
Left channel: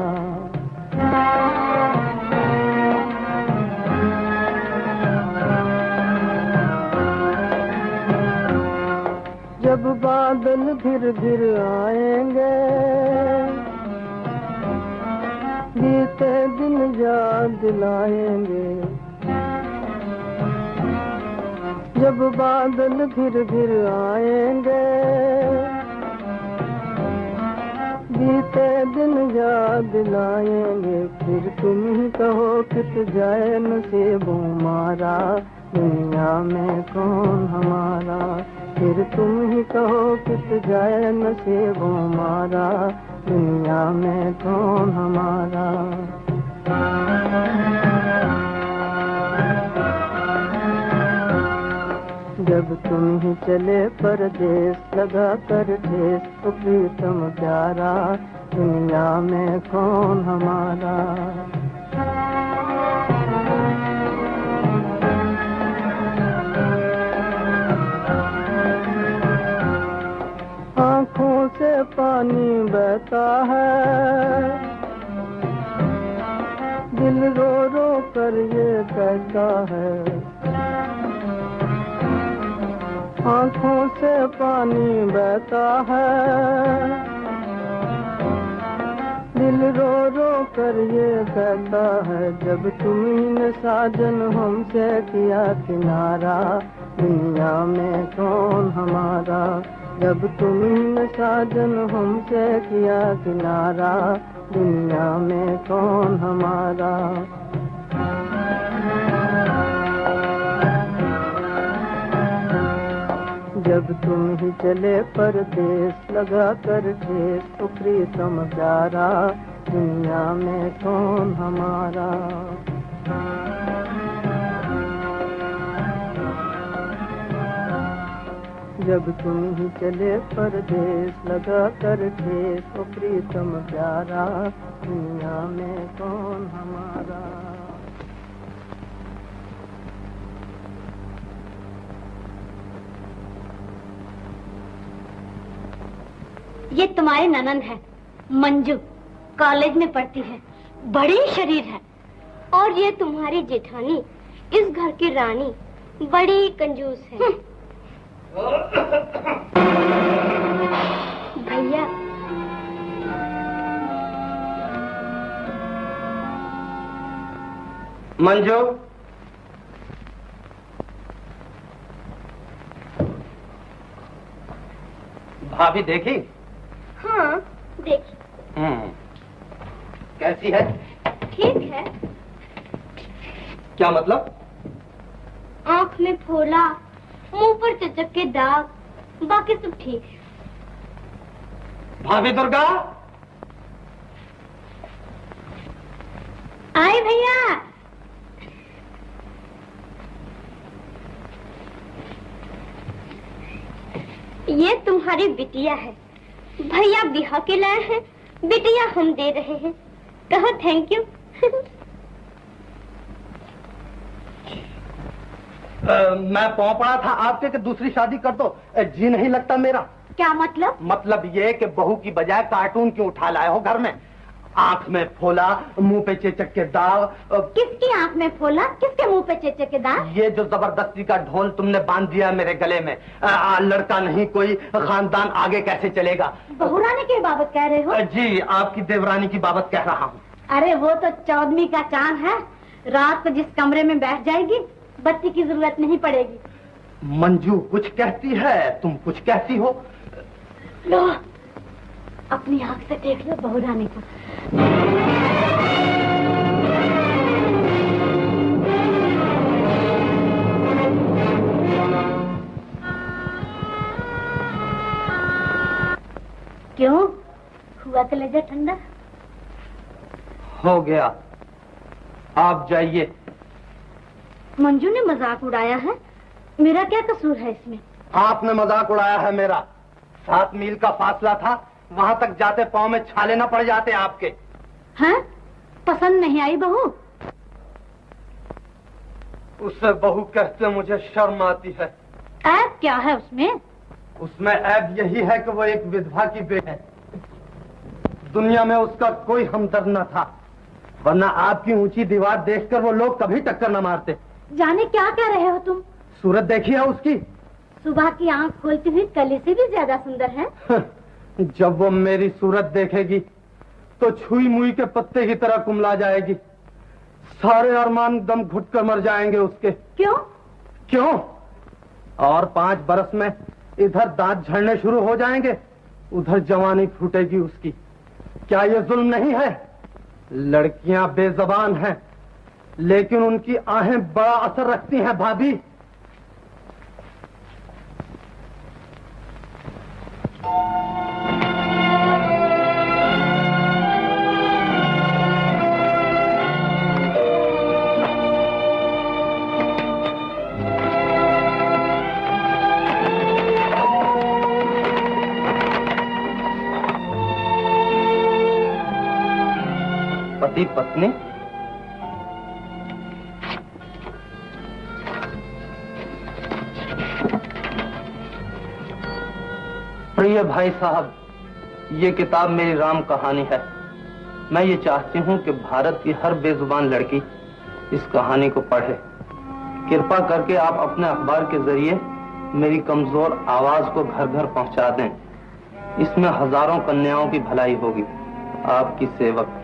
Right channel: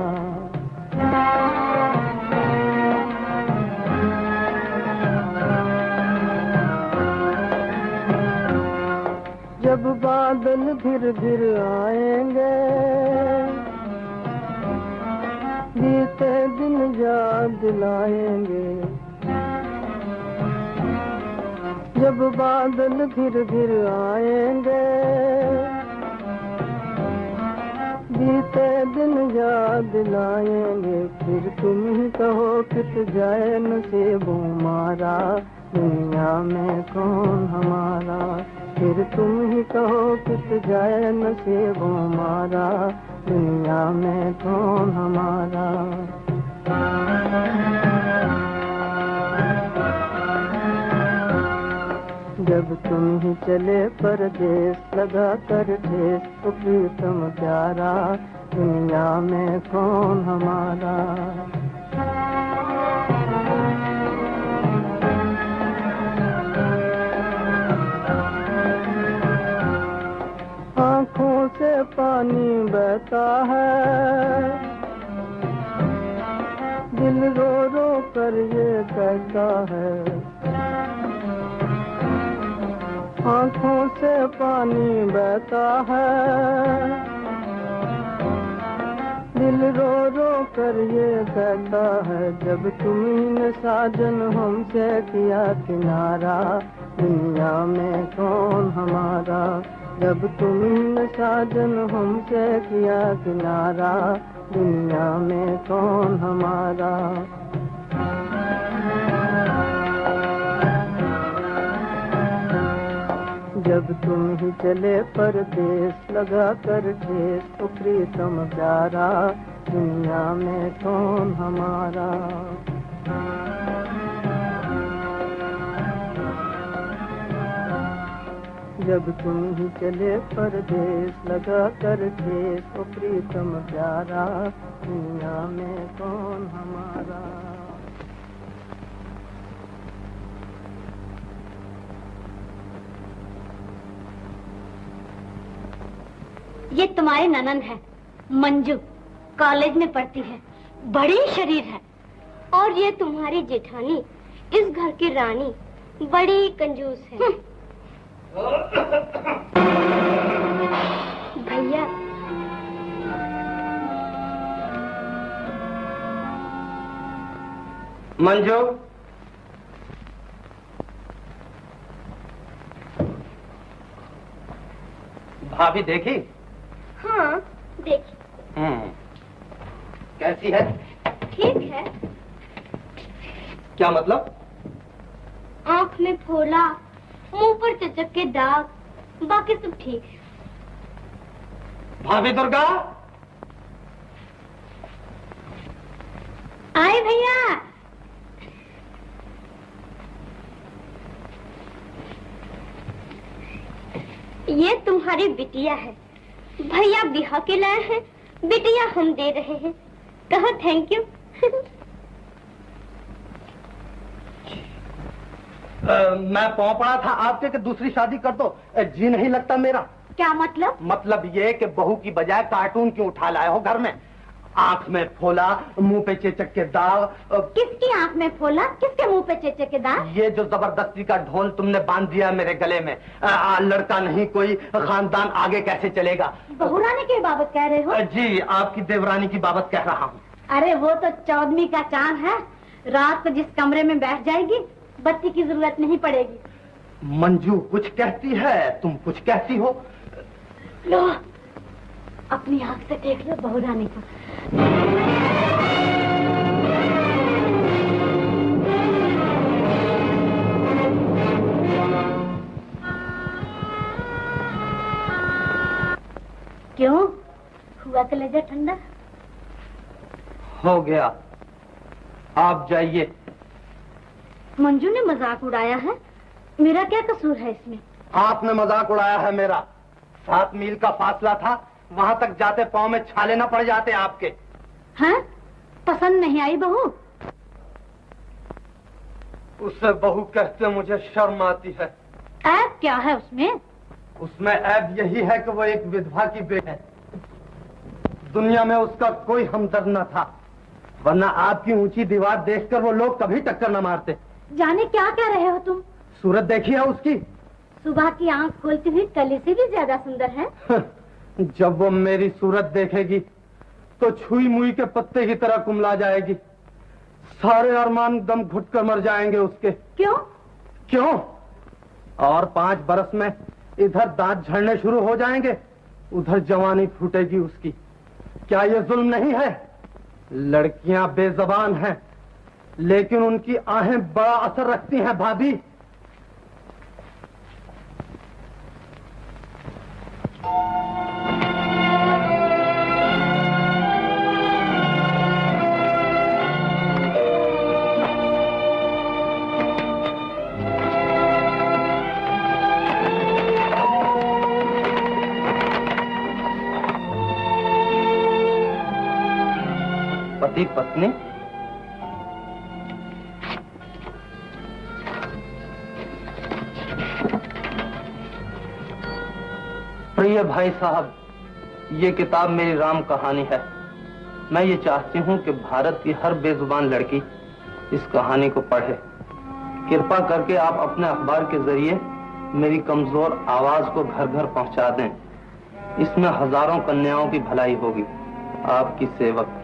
जब बादल घिर घिर आएंगे, बीते दिन याद दिलाएंगे। जब बादल घिर घिर आएंगे, बीते दिन याद दिलाएंगे। फिर तुम ही कहो कित जाए नसीबों मारा, दुनिया में कौन हमारा। फिर तुम ही कहो कित जाए नसीबों मारा, दुनिया में कौन हमारा। जब तुम ही चले परदेस लगा कर ठेस, ओ प्रीतम प्यारा, दुनिया में कौन हमारा। आँखों से पानी बहता है, दिल कर ये कहता है, आंखों से पानी बहता है। दिल रो रो कर ये कहता है, जब तुमने साजन हमसे किया किनारा, दुनिया में कौन हमारा। जब तुमने साजन हमसे किया किनारा, दुनिया में कौन हमारा। जब तुम ही चले परदेस लगा कर ठेस, तो प्रीतम प्यारा, दुनिया में कौन हमारा। जब तुम ही चले परदेस लगा कर ठेस, तो प्रीतम प्यारा, दुनिया में कौन हमारा। ये तुम्हारे ननंद है मंजू, कॉलेज में पढ़ती है, बड़ी शरीर है। और ये तुम्हारी जेठानी, इस घर की रानी, बड़ी कंजूस है। भैया मंजू, भाभी देखी? हाँ देखी। कैसी है? ठीक है। क्या मतलब? आँख में फोला, मुंह पर चचक के दाग, बाकी सब ठीक है। भाभी दुर्गा, आए भैया। ये तुम्हारी बिटिया है, भैया बिहा के लाए हैं, बिटिया हम दे रहे हैं, कहो थैंक यू। मैं पाँव पड़ा था आपके कि दूसरी शादी कर दो, जी नहीं लगता मेरा। क्या मतलब? मतलब ये कि बहू की बजाय कार्टून क्यों उठा लाए हो घर में? आंख में फोला, मुंह पे चेचक के दाग। किसकी आंख में फोला, किसके मुंह पे चेचक के दाग? ये जो जबरदस्ती का ढोल तुमने बांध दिया मेरे गले में, लड़का नहीं कोई, खानदान आगे कैसे चलेगा? बहुरानी की बाबत कह रहे हो? जी, आपकी देवरानी की बाबत कह रहा हूँ। अरे वो तो 14वीं का चांद है, रात को जिस कमरे में बैठ जाएगी, बत्ती की जरूरत नहीं पड़ेगी। मंजू कुछ कहती है, तुम कुछ कहती हो। लो, अपनी आंख से देख लो बहुरानी को। क्यों हुआ कलेजा ठंडा? हो गया, आप जाइए। मंजू ने मजाक उड़ाया है, मेरा क्या कसूर है इसमें? आपने मजाक उड़ाया है मेरा। 7 मील का फासला था, वहां तक जाते पांव में छाले न पड़ जाते आपके। हैं? पसंद नहीं आई बहू? उसे बहू कहते मुझे शर्म आती है। ऐब क्या है उसमें? उसमें ऐब यही है कि वो एक विधवा की बेटी है। दुनिया में उसका कोई हमदर्द न था, वरना आपकी ऊंची दीवार देखकर वो लोग कभी टक्कर न मारते। जाने क्या कह रहे हो तुम? सूरत देखी है उसकी? सुबह की आंख खोलती हुई कली से भी ज्यादा सुंदर है। जब वो मेरी सूरत देखेगी तो छुई मुई के पत्ते की तरह कुमला जाएगी। सारे अरमान दम घुट कर मर जाएंगे उसके। क्यों? क्यों? और 5 बरस में इधर दांत झड़ने शुरू हो जाएंगे, उधर जवानी फूटेगी उसकी। क्या ये जुल्म नहीं है? लड़कियां बेजबान हैं, लेकिन उनकी आहें बड़ा असर रखती हैं भाभी। पति पत्नी प्रिय भाई साहब, ये किताब मेरी राम कहानी है। मैं ये चाहती हूँ कि भारत की हर बेजुबान लड़की इस कहानी को पढ़े। कृपा करके आप अपने अखबार के जरिए मेरी कमजोर आवाज को घर घर पहुंचा दें। इसमें हजारों कन्याओं की भलाई होगी। आपकी सेवक।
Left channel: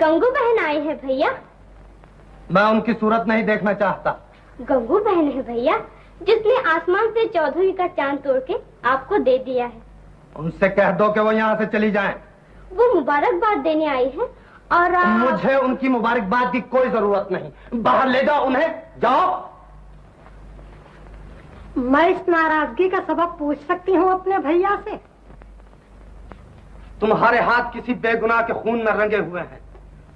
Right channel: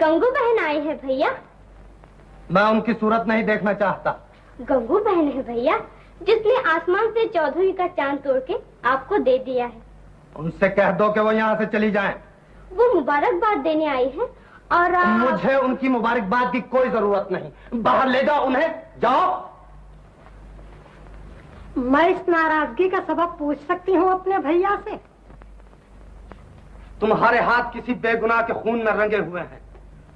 गंगू बहन आई है भैया। मैं उनकी सूरत नहीं देखना चाहता। गंगू बहन है भैया, जिसने आसमान से चौधरी का चांद तोड़ के आपको दे दिया है। उनसे कह दो कि वो यहाँ से चली जाएं। वो मुबारकबाद देने आई है और मुझे उनकी मुबारकबाद की कोई जरूरत नहीं। बाहर ले जाओ उन्हें, जाओ। मैं इस नाराजगी का सबब पूछ सकती हूँ अपने भैया से? तुम्हारे हाथ किसी बेगुनाह के खून में रंगे हुए हैं।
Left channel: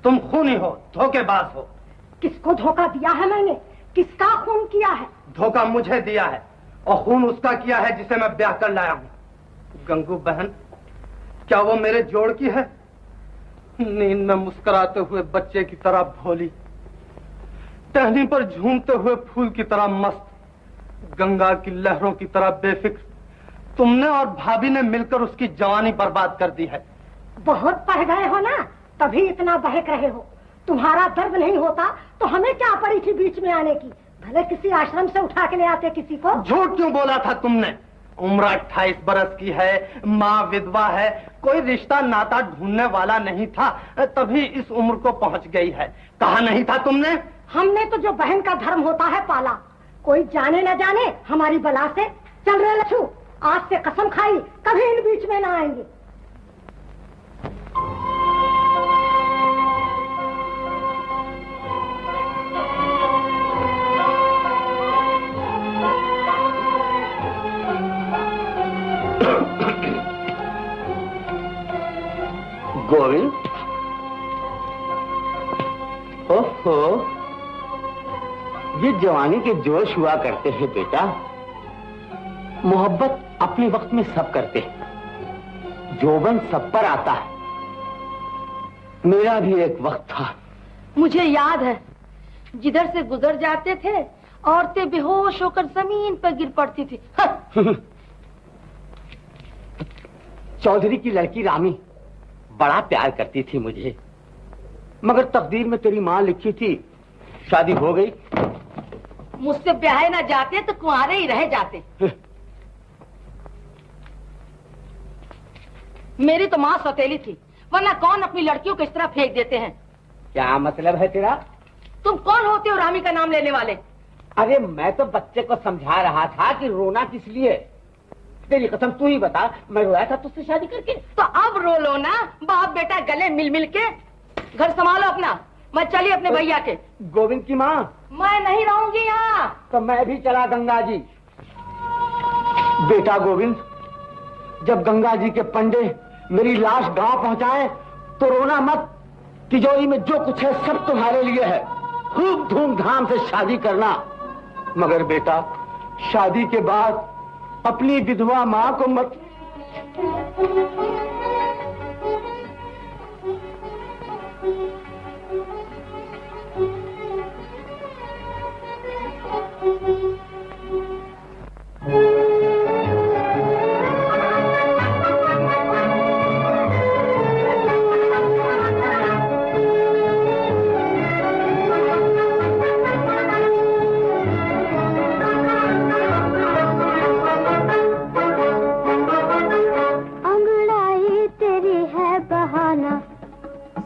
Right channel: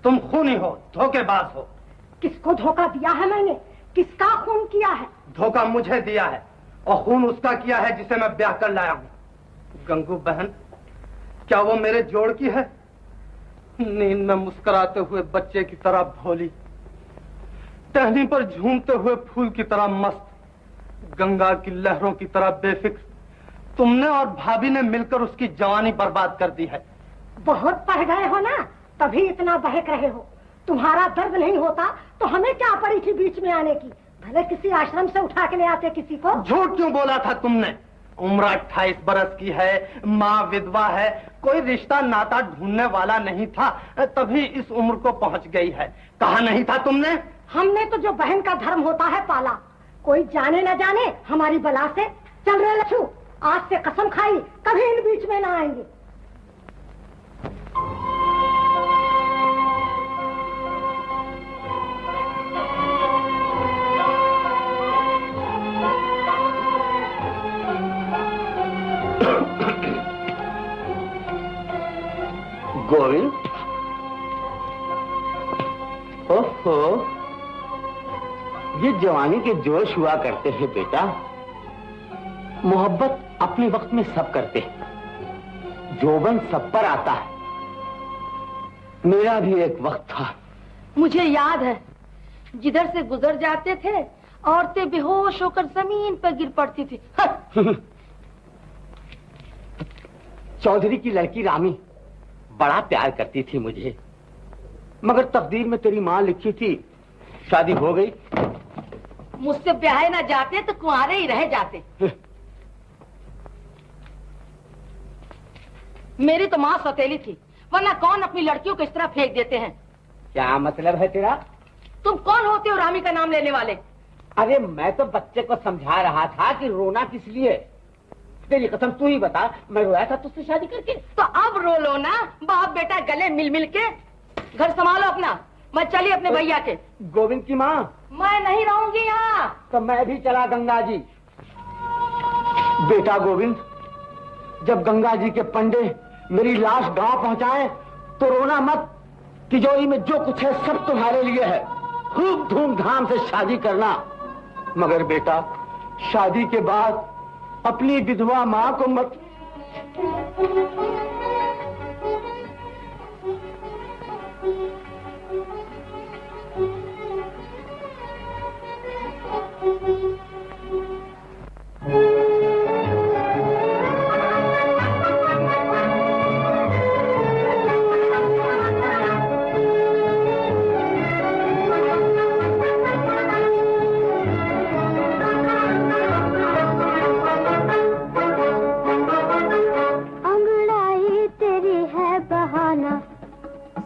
तुम खूनी हो, धोखेबाज हो। किसको धोखा दिया है मैंने? किसका खून किया है? धोखा मुझे दिया है और खून उसका किया है जिसे मैं ब्याह कर लाया हूँ। गंगू बहन, क्या वो मेरे जोड़ की है? नींद में मुस्कुराते हुए बच्चे की तरह भोली, टहनी पर झूमते हुए फूल की तरह मस्त, गंगा की लहरों की तरह बेफिक्र। तुमने और भाभी ने मिलकर उसकी जवानी बर्बाद कर दी है। बहुत पढ़ गए हो ना, तभी इतना बहक रहे हो। तुम्हारा दर्द नहीं होता तो हमें क्या पड़ी थी बीच में आने की? भले किसी आश्रम से उठा के ले आते किसी को। झूठ क्यों बोला था तुमने? उम्र 28 बरस की है, माँ विधवा है, कोई रिश्ता नाता ढूंढने वाला नहीं था, तभी इस उम्र को पहुंच गई है। कहा नहीं था तुमने? हमने तो जो बहन का धर्म होता है पाला। कोई जाने न जाने हमारी बला से। चल रहे लच्छू, आज से कसम खाई कभी इन बीच में ना आएंगे। गोविंद, ओहो, ये जवानी के जोश हुआ करते हैं बेटा। मोहब्बत अपने वक्त में सब करते हैं, जोबन सब पर आता है। मेरा भी एक वक्त था। मुझे याद है, जिधर से गुजर जाते थे औरतें बेहोश होकर जमीन पर गिर पड़ती थी। चौधरी की लड़की रामी बड़ा प्यार करती थी मुझे, मगर तकदीर में तेरी माँ लिखी थी, शादी हो गई। मुझसे ब्याहे ना जाते तो कुंवारे ही रह जाते। मेरी तो माँ सौतेली थी, वरना कौन अपनी लड़कियों को इस तरह फेंक देते हैं। क्या मतलब है तेरा? तुम कौन होते हो रामी का नाम लेने वाले? अरे मैं तो बच्चे को समझा रहा था कि रोना किस लिए। तेरी कसम तू ही बता, मैं रोया था तुझसे शादी करके? तो अब रो लो ना, बाप बेटा गले मिल मिल के। घर संभालो अपना, मैं चली अपने भैया के। गोविंद की माँ, मैं नहीं रहूंगी यहाँ। तो मैं भी चला गंगा जी। बेटा गोविंद, जब गंगा जी के पंडे मेरी लाश गांव पहुंचाए तो रोना मत। तिजोरी में जो कुछ है सब तुम्हारे लिए है। खूब धूमधाम से शादी करना, मगर बेटा शादी के बाद अपनी विधवा माँ को मत।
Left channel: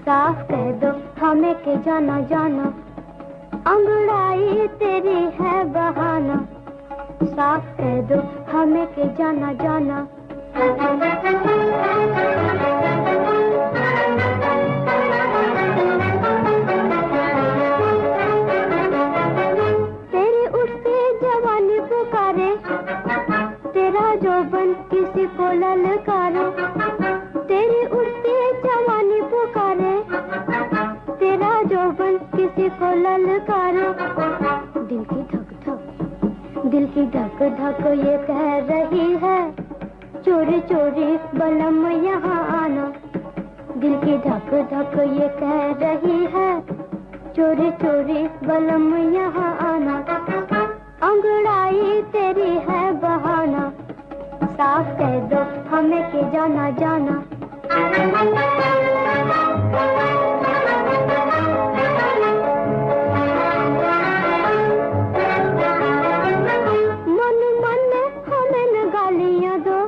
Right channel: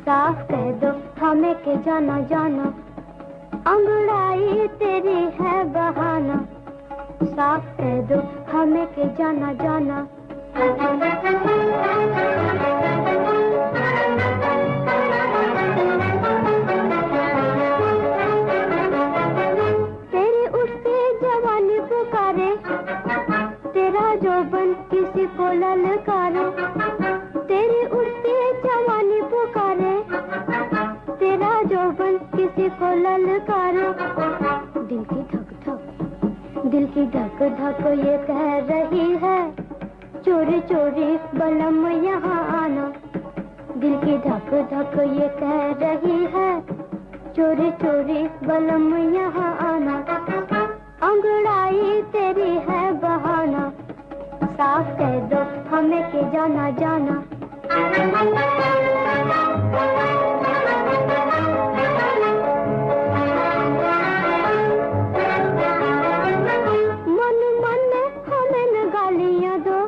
साफ कह दो हमें के जाना जाना, अंगड़ाई तेरी है बहाना। साफ कह दो हमें के जाना जाना। तेरी उठती जवानी पुकारे, तेरा जोबन किसी को ललकारे। तेरी उठती जवानी पुकारे, तेरा जोबन किसी को ललकारे। दिल की धक धक, दिल की धक धक ये कह रही है, चोरी चोरी बलम यहाँ आना। दिल की धक धक ये कह रही है, चोरी चोरी बलम यहाँ आना, अंगड़ाई तेरी है बहाना, साफ कह दो हमें के जाना जाना। मन मन हमें न गालियाँ दो,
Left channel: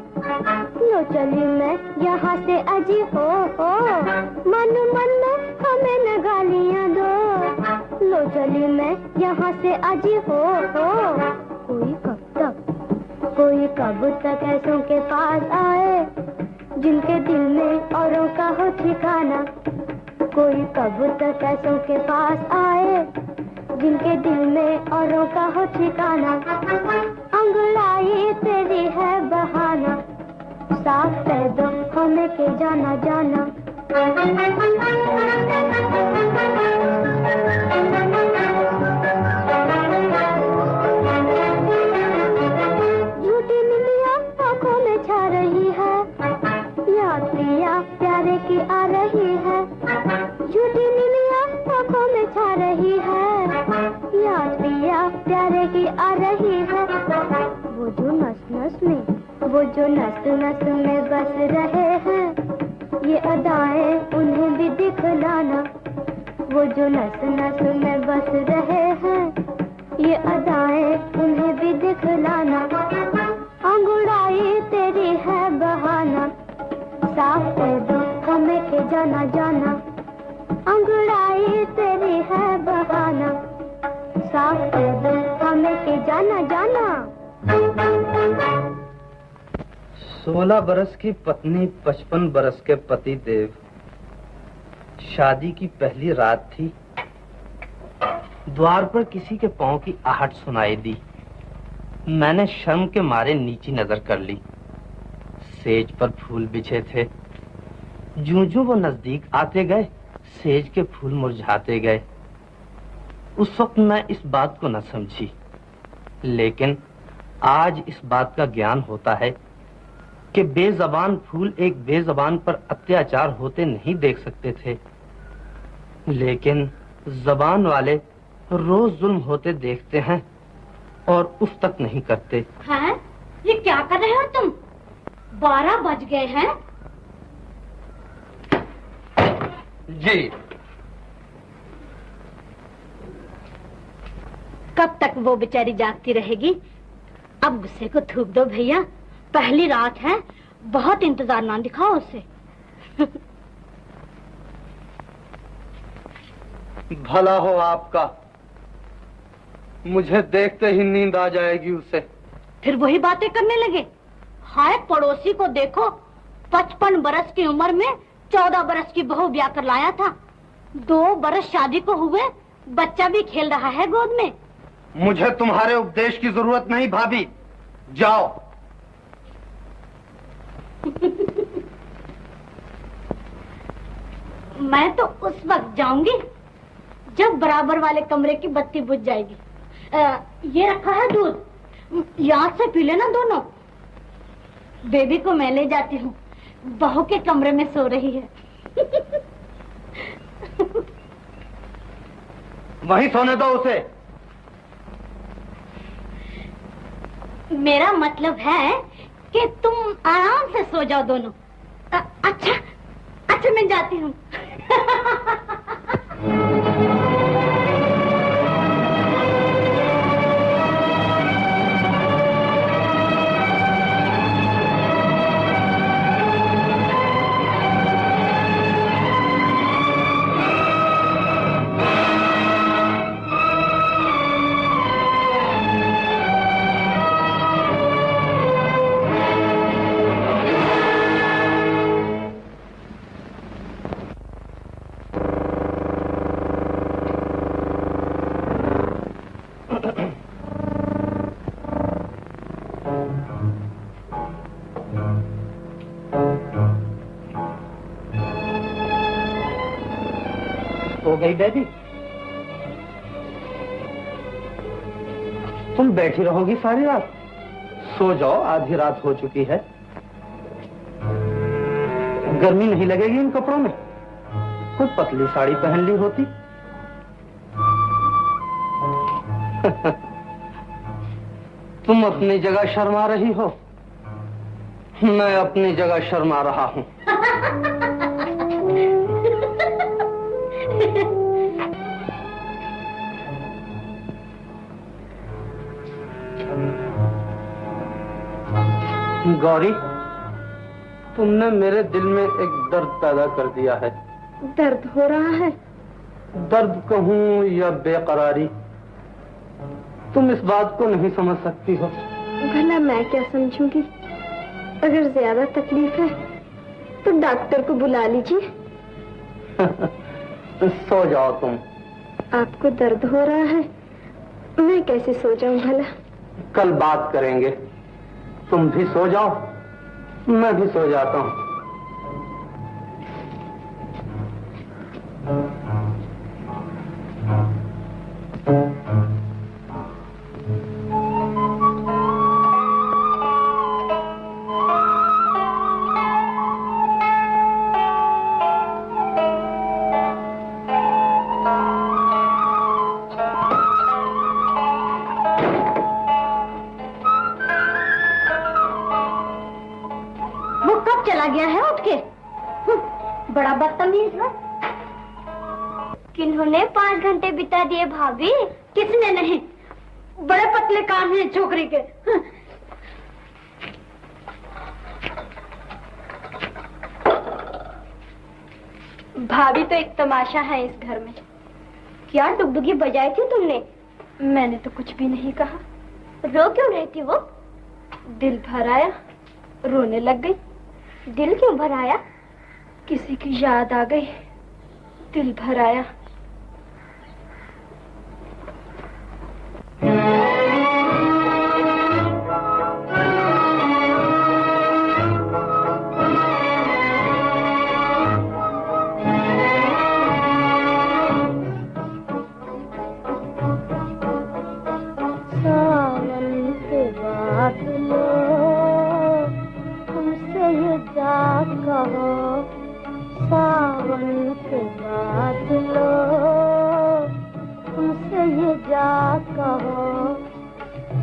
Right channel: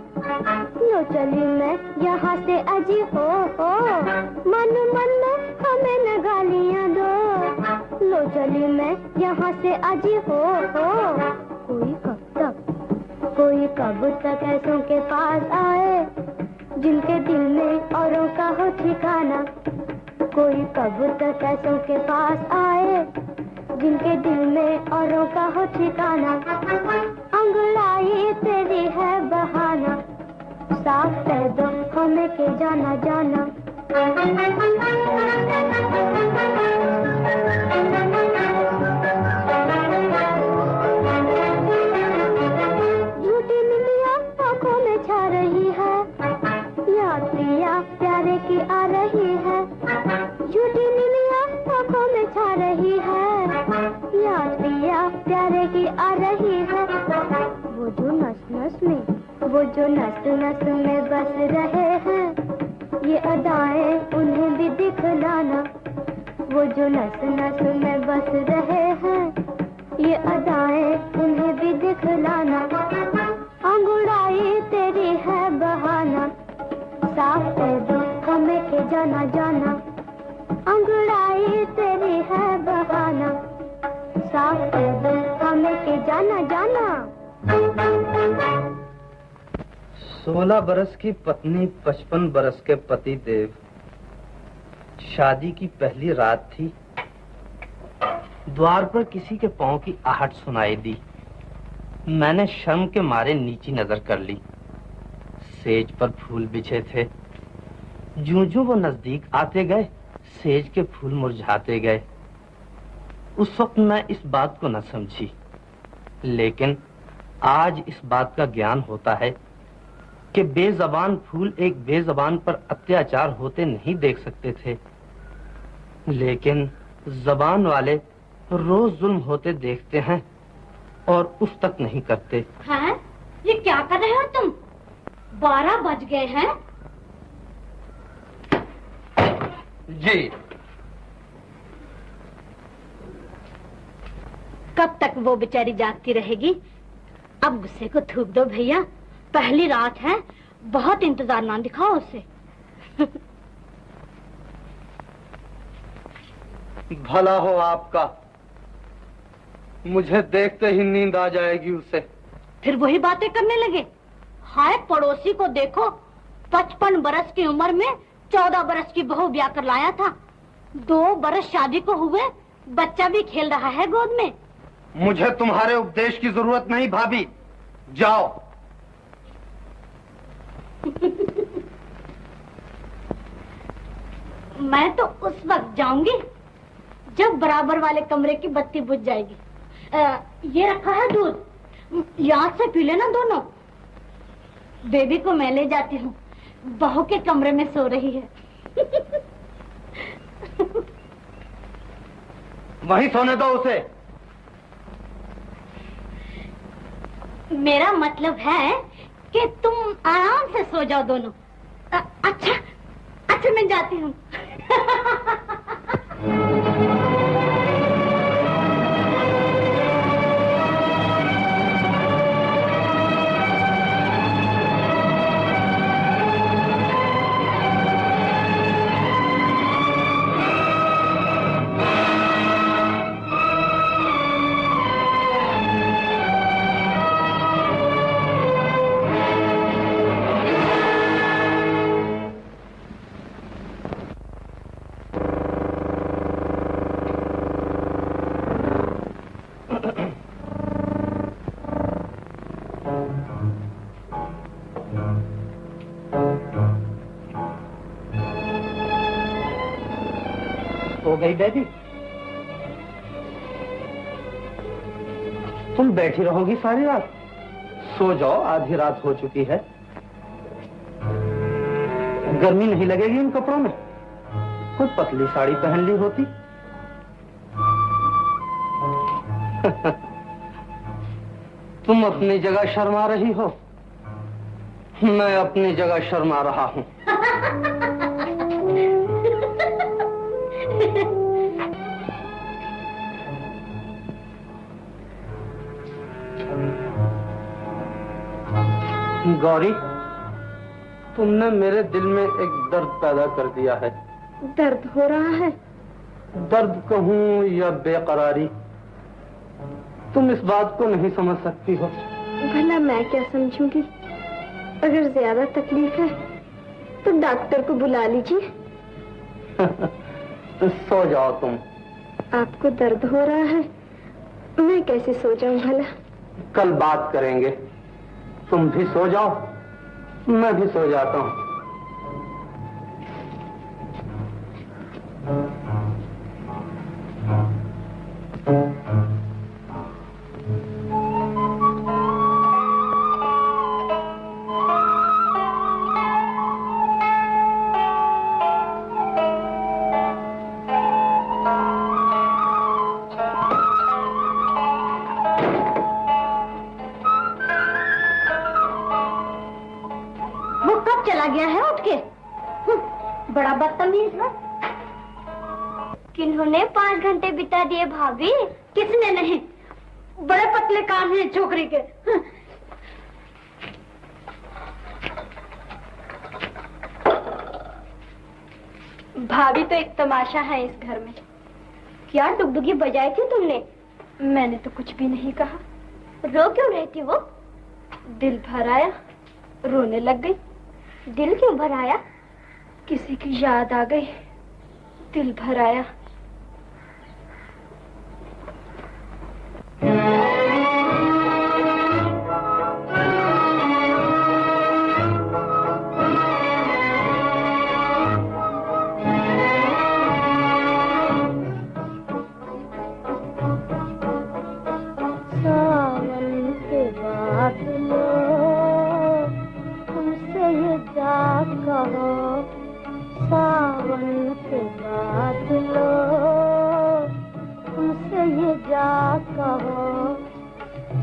लो चली मैं यहाँ से अजी हो। मन मन हमें न गालियाँ दो, लो चली मैं यहाँ से अजी हो। कोई कब तक ऐसों के पास आए जिनके दिल में औरों का हो ठिकाना, कोई कब तक ऐसों के पास आए जिनके दिल में औरों का हो ठिकाना, अंगड़ाई तेरी है बहाना, साफ कह दो हमें के जाना जाना। झूठी नीलिया आंखों में छा रही है, याद प्रिया प्यारे की आ रही है। झूठी नीलिया आंखों में छा रही है, याद प्रिया प्यारे की आ रही है। वो जो नस नस में, वो जो नस नस में बस रहे हैं, ये अदाएं उन्हें भी दिखलाना। वो जो नस नस में बस रहे हैं, ये अदाएं उन्हें भी दिखलाना। अंगड़ाई तेरी है बहाना, साफ कह दो हमें के जाना जाना। अंगड़ाई तेरी है बहाना, साफ कह दो हमें के जाना जाना। 16 बरस की पत्नी 55 बरस के पति देव। शादी की पहली रात थी। द्वार पर किसी के पांव की आहट सुनाई दी। मैंने शर्म के मारे नीची नजर कर ली। सेज पर फूल बिछे थे। जूं-जूं वो नजदीक आते गए, सेज के फूल मुरझाते गए। उस वक्त मैं इस बात को न समझी, लेकिन आज इस बात का ज्ञान होता है कि बेजबान फूल एक बेजबान पर अत्याचार होते नहीं देख सकते थे, लेकिन जबान वाले रोज जुल्म होते देखते हैं और उस तक नहीं करते। हैं? ये क्या कर रहे हो तुम? 12 बज गए हैं। जी। कब तक वो बेचारी जागती रहेगी? अब गुस्से को थूक दो भैया, पहली रात है, बहुत इंतजार ना दिखाओ उसे। भला हो आपका, मुझे देखते ही नींद आ जाएगी उसे। फिर वही बातें करने लगे। हाय पड़ोसी को देखो, 55 बरस की उम्र में 14 बरस की बहू ब्याह कर लाया था। 2 बरस शादी को हुए, बच्चा भी खेल रहा है गोद में। मुझे तुम्हारे उपदेश की जरूरत नहीं भाभी, जाओ। मैं तो उस वक्त जाऊंगी जब बराबर वाले कमरे की बत्ती बुझ जाएगी। ये रखा है दूध, याद से पी लेना दोनों। बेबी को मैं ले जाती हूँ, बहू के कमरे में सो रही है। वहीं सोने दो उसे। मेरा मतलब है कि तुम आराम से सो जाओ दोनों। अच्छा मैं जाती हूँ। हो गई बेबी? तुम बैठी रहोगी सारी रात? सो जाओ, आधी रात हो चुकी है। गर्मी नहीं लगेगी इन कपड़ों में? कोई पतली साड़ी पहन ली होती। तुम अपनी जगह शर्मा रही हो, मैं अपनी जगह शर्मा रहा हूँ। गौरी, तुमने मेरे दिल में एक दर्द पैदा कर दिया है। दर्द हो रहा है? दर्द कहूँ या बेकरारी, तुम इस बात को नहीं समझ सकती हो। भला मैं क्या समझूंगी? अगर ज्यादा तकलीफ है तो डॉक्टर को बुला लीजिए। सो जाओ तुम। आपको दर्द हो रहा है, मैं कैसे सो जाऊं भला? कल बात करेंगे। तुम भी सो जाओ, मैं भी सो जाता हूँ। गया है उठ के। बड़ा बदतमीज है। किन्होंने 5 घंटे बिता दिए भाभी? किसने नहीं, बड़े पतले कान हैं छोकरी के। भाभी तो एक तमाशा है इस घर में। क्या डुगडुगी बजाई थी तुमने? मैंने तो कुछ भी नहीं कहा। रो क्यों रही थी वो? दिल भर आया, रोने लग गई। दिल क्यों भर आया? किसी की याद आ गई, दिल भर आया।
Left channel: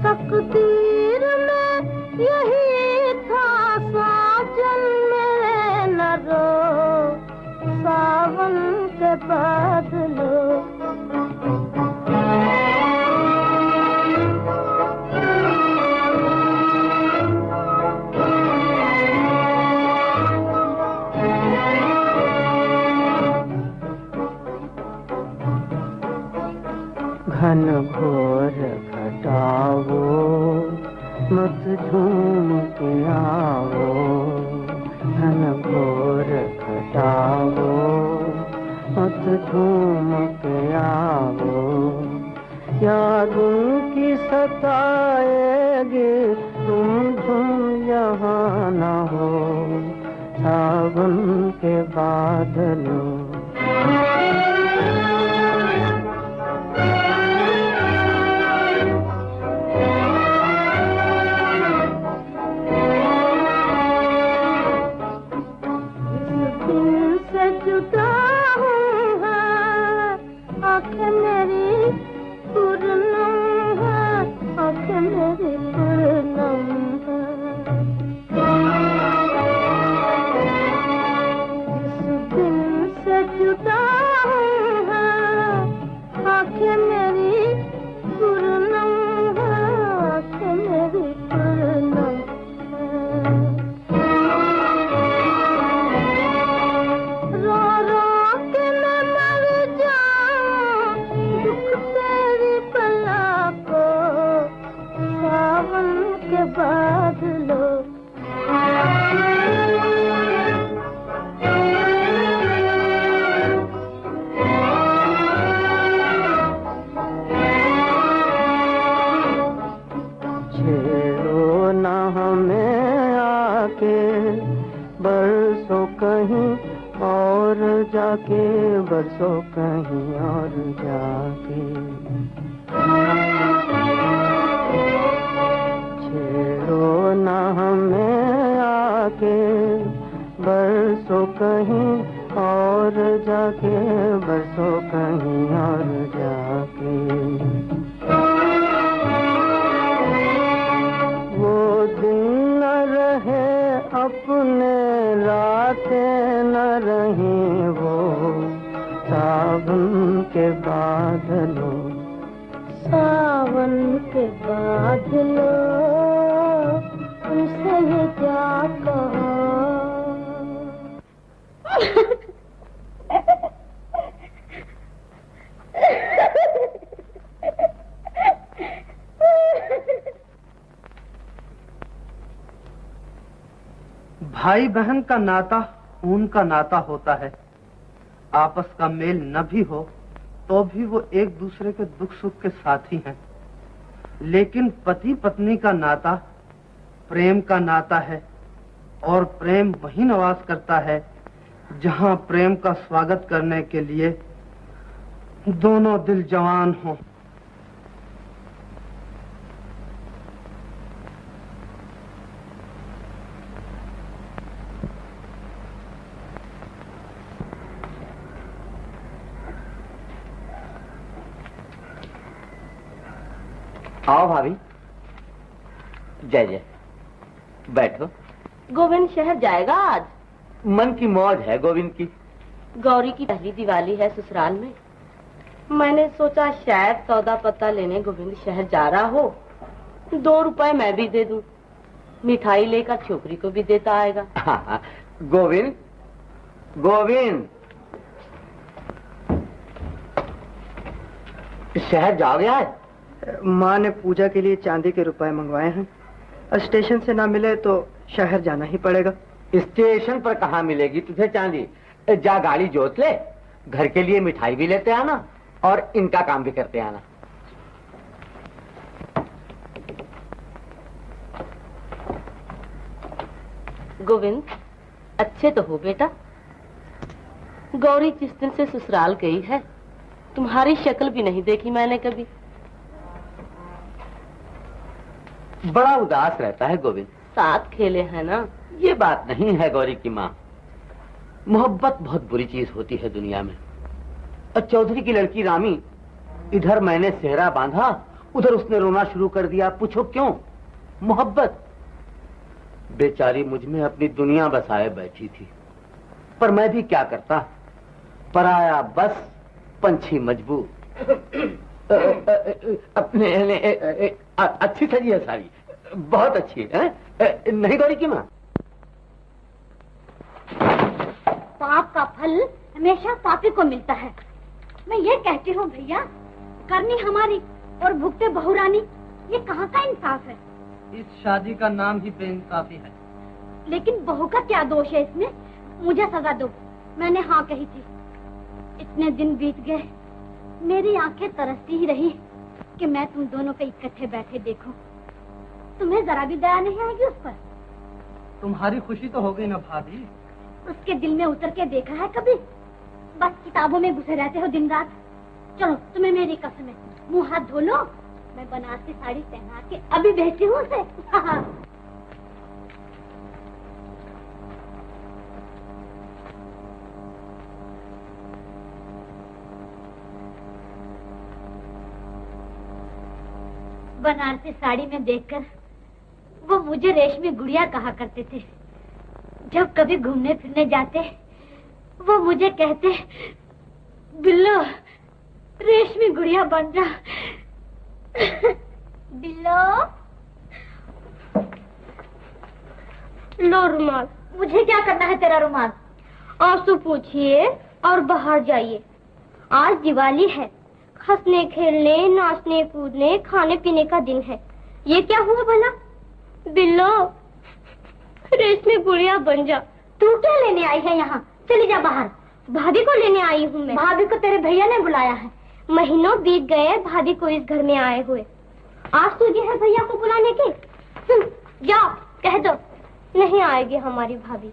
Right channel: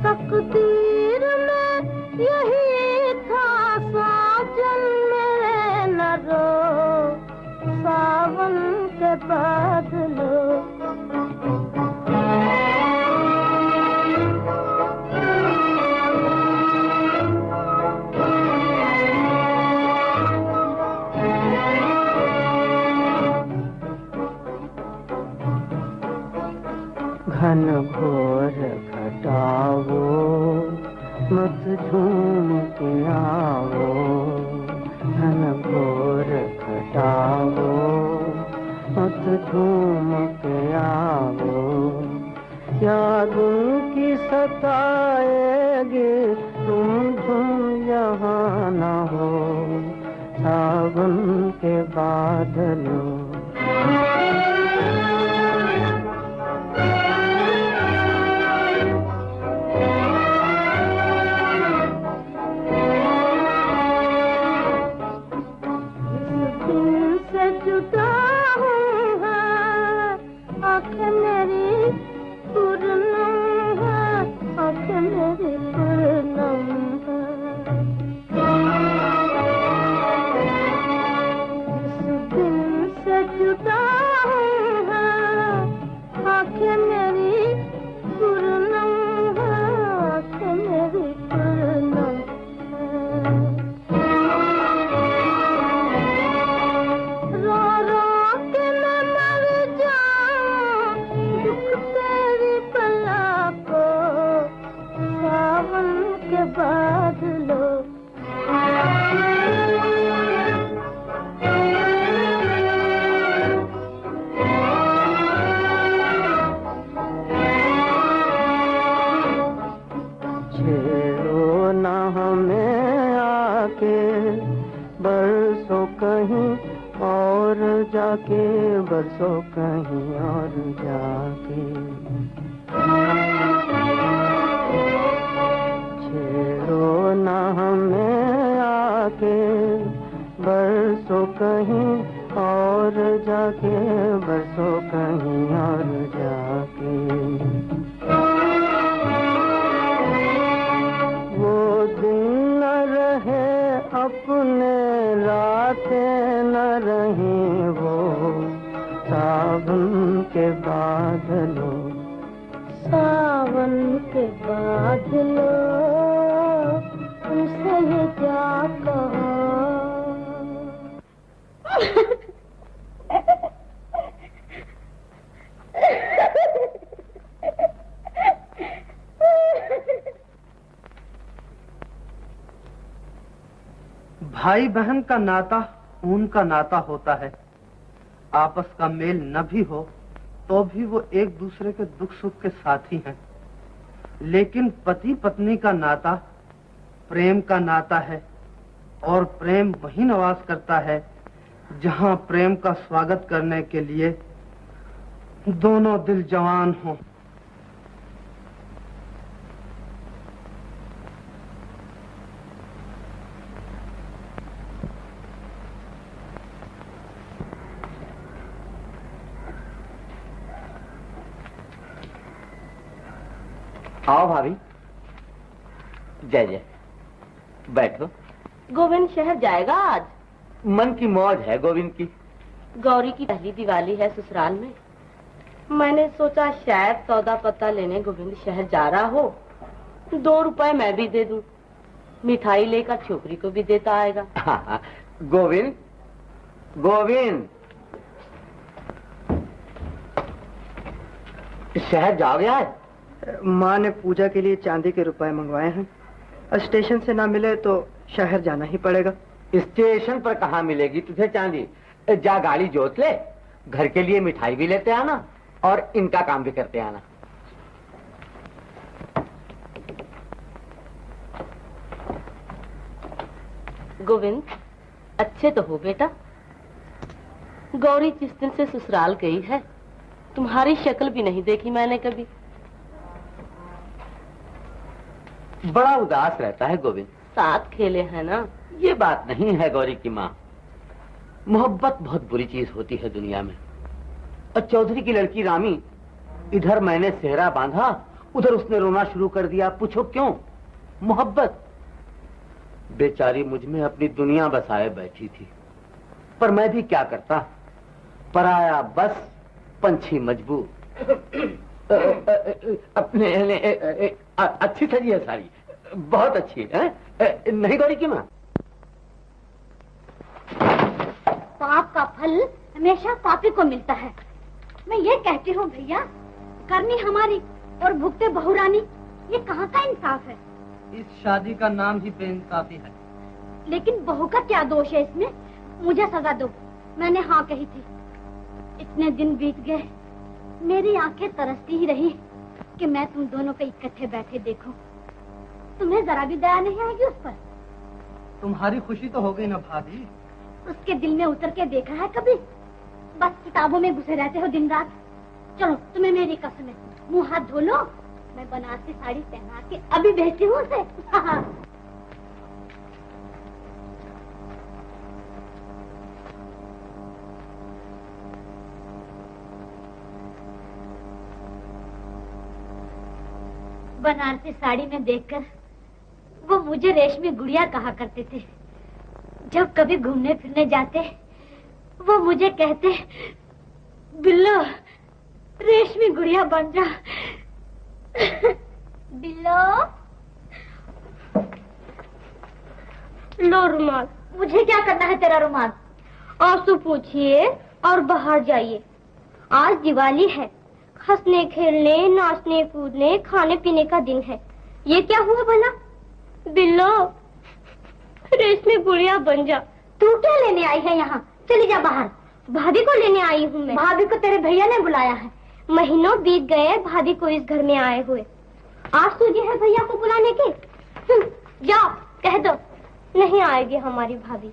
तकदीर में यही था साजन मेरे न रो, सावन के बादलों। घन घोर घटाओ, मत झूम के आओ। घन घोर घटाओ, मत झूम के आओ। यादों की सताएगी तुम झूम यहाँ न हो, सावन के बादलों। बरसों कहीं और जाके छेड़ो ना हमें आके, बरसों कहीं और जाके, बरसों कहीं और जाके। सावन के बादलों, सावन के बादलों, तुमसे ये क्या कहो। भाई बहन का नाता खून का नाता होता है। आपस का मेल न भी हो तो भी वो एक दूसरे के दुख सुख के साथी हैं। लेकिन पति पत्नी का नाता प्रेम का नाता है, और प्रेम वहीं निवास करता है जहां प्रेम का स्वागत करने के लिए दोनों दिल जवान हों। आओ भाभी। जय जय, बैठो। गोविंद शहर जाएगा आज? मन की मौज है गोविंद की। गौरी की पहली दिवाली है ससुराल में। मैंने सोचा शायद सौदा पत्ता लेने गोविंद शहर जा रहा हो, 2 रुपए मैं भी दे दूं, मिठाई लेकर छोकरी को भी देता आएगा। हाँ, गोविंद गोविंद शहर जा गया है? माँ ने पूजा के लिए चांदी के रुपए मंगवाए हैं। स्टेशन से ना मिले तो शहर जाना ही पड़ेगा। स्टेशन पर कहाँ मिलेगी तुझे चांदी? जा गाड़ी जोत ले, घर के लिए मिठाई भी लेते आना और इनका काम भी करते आना। गोविंद अच्छे तो हो बेटा। गौरी जिस दिन से ससुराल गई है तुम्हारी शक्ल भी नहीं देखी मैंने कभी। बड़ा उदास रहता है गोविंद। साथ खेले हैं ना। ये बात नहीं है गौरी की माँ। मोहब्बत बहुत बुरी चीज होती है दुनिया में। और चौधरी की लड़की रामी, इधर मैंने सेहरा बांधा, उधर उसने रोना शुरू कर दिया। पूछो क्यों? मोहब्बत। बेचारी मुझ में अपनी दुनिया बसाए बैठी थी, पर मैं भी क्या करता। पराया बस पंछी मजबूर। अपने अच्छी सजी है सारी, बहुत अच्छी है। नहीं गौरी की माँ? पाप का फल हमेशा पापी को मिलता है। मैं ये कहती हूँ भैया, करनी हमारी और भुगते बहुरानी, ये कहाँ का इंसाफ है? इस शादी का नाम ही बेइंसाफी है। लेकिन बहू का क्या दोष है इसमें? मुझे सजा दो, मैंने हाँ कही थी। इतने दिन बीत गए, मेरी आंखें तरसती ही रही कि मैं तुम दोनों को इकट्ठे बैठे देखूं। तुम्हें जरा भी दया नहीं आएगी उस पर? तुम्हारी खुशी तो हो गई ना भाभी। उसके दिल में उतर के देखा है कभी? बस किताबों में घुसे रहते हो दिन रात। चलो तुम्हें मेरी कसम है, मुंह हाथ धो लो, मैं बनारसी साड़ी पहना के अभी भेजती हूँ उसे। बनारसी साड़ी में देखकर वो मुझे रेशमी गुड़िया कहा करते थे। जब कभी घूमने फिरने जाते वो मुझे कहते, बिल्लो रेशमी गुड़िया बन जा। बिल्लो लो रुमाल। मुझे क्या करना है तेरा रुमाल? आंसू पूछिए और बाहर जाइए। आज दिवाली है, हंसने खेलने नाचने कूदने खाने पीने का दिन है। ये क्या हुआ भला? बिल्लो रेशमी गुड़िया बन जा। तू क्या लेने आई है यहाँ? चली जा बाहर। भाभी को लेने आई हूँ मैं। भाभी को तेरे भैया ने बुलाया है। महीनों बीत गए भाभी को इस घर में आए हुए। आज सूझी है भैया को बुलाने की? जाओ कह दो नहीं आएगी हमारी भाभी।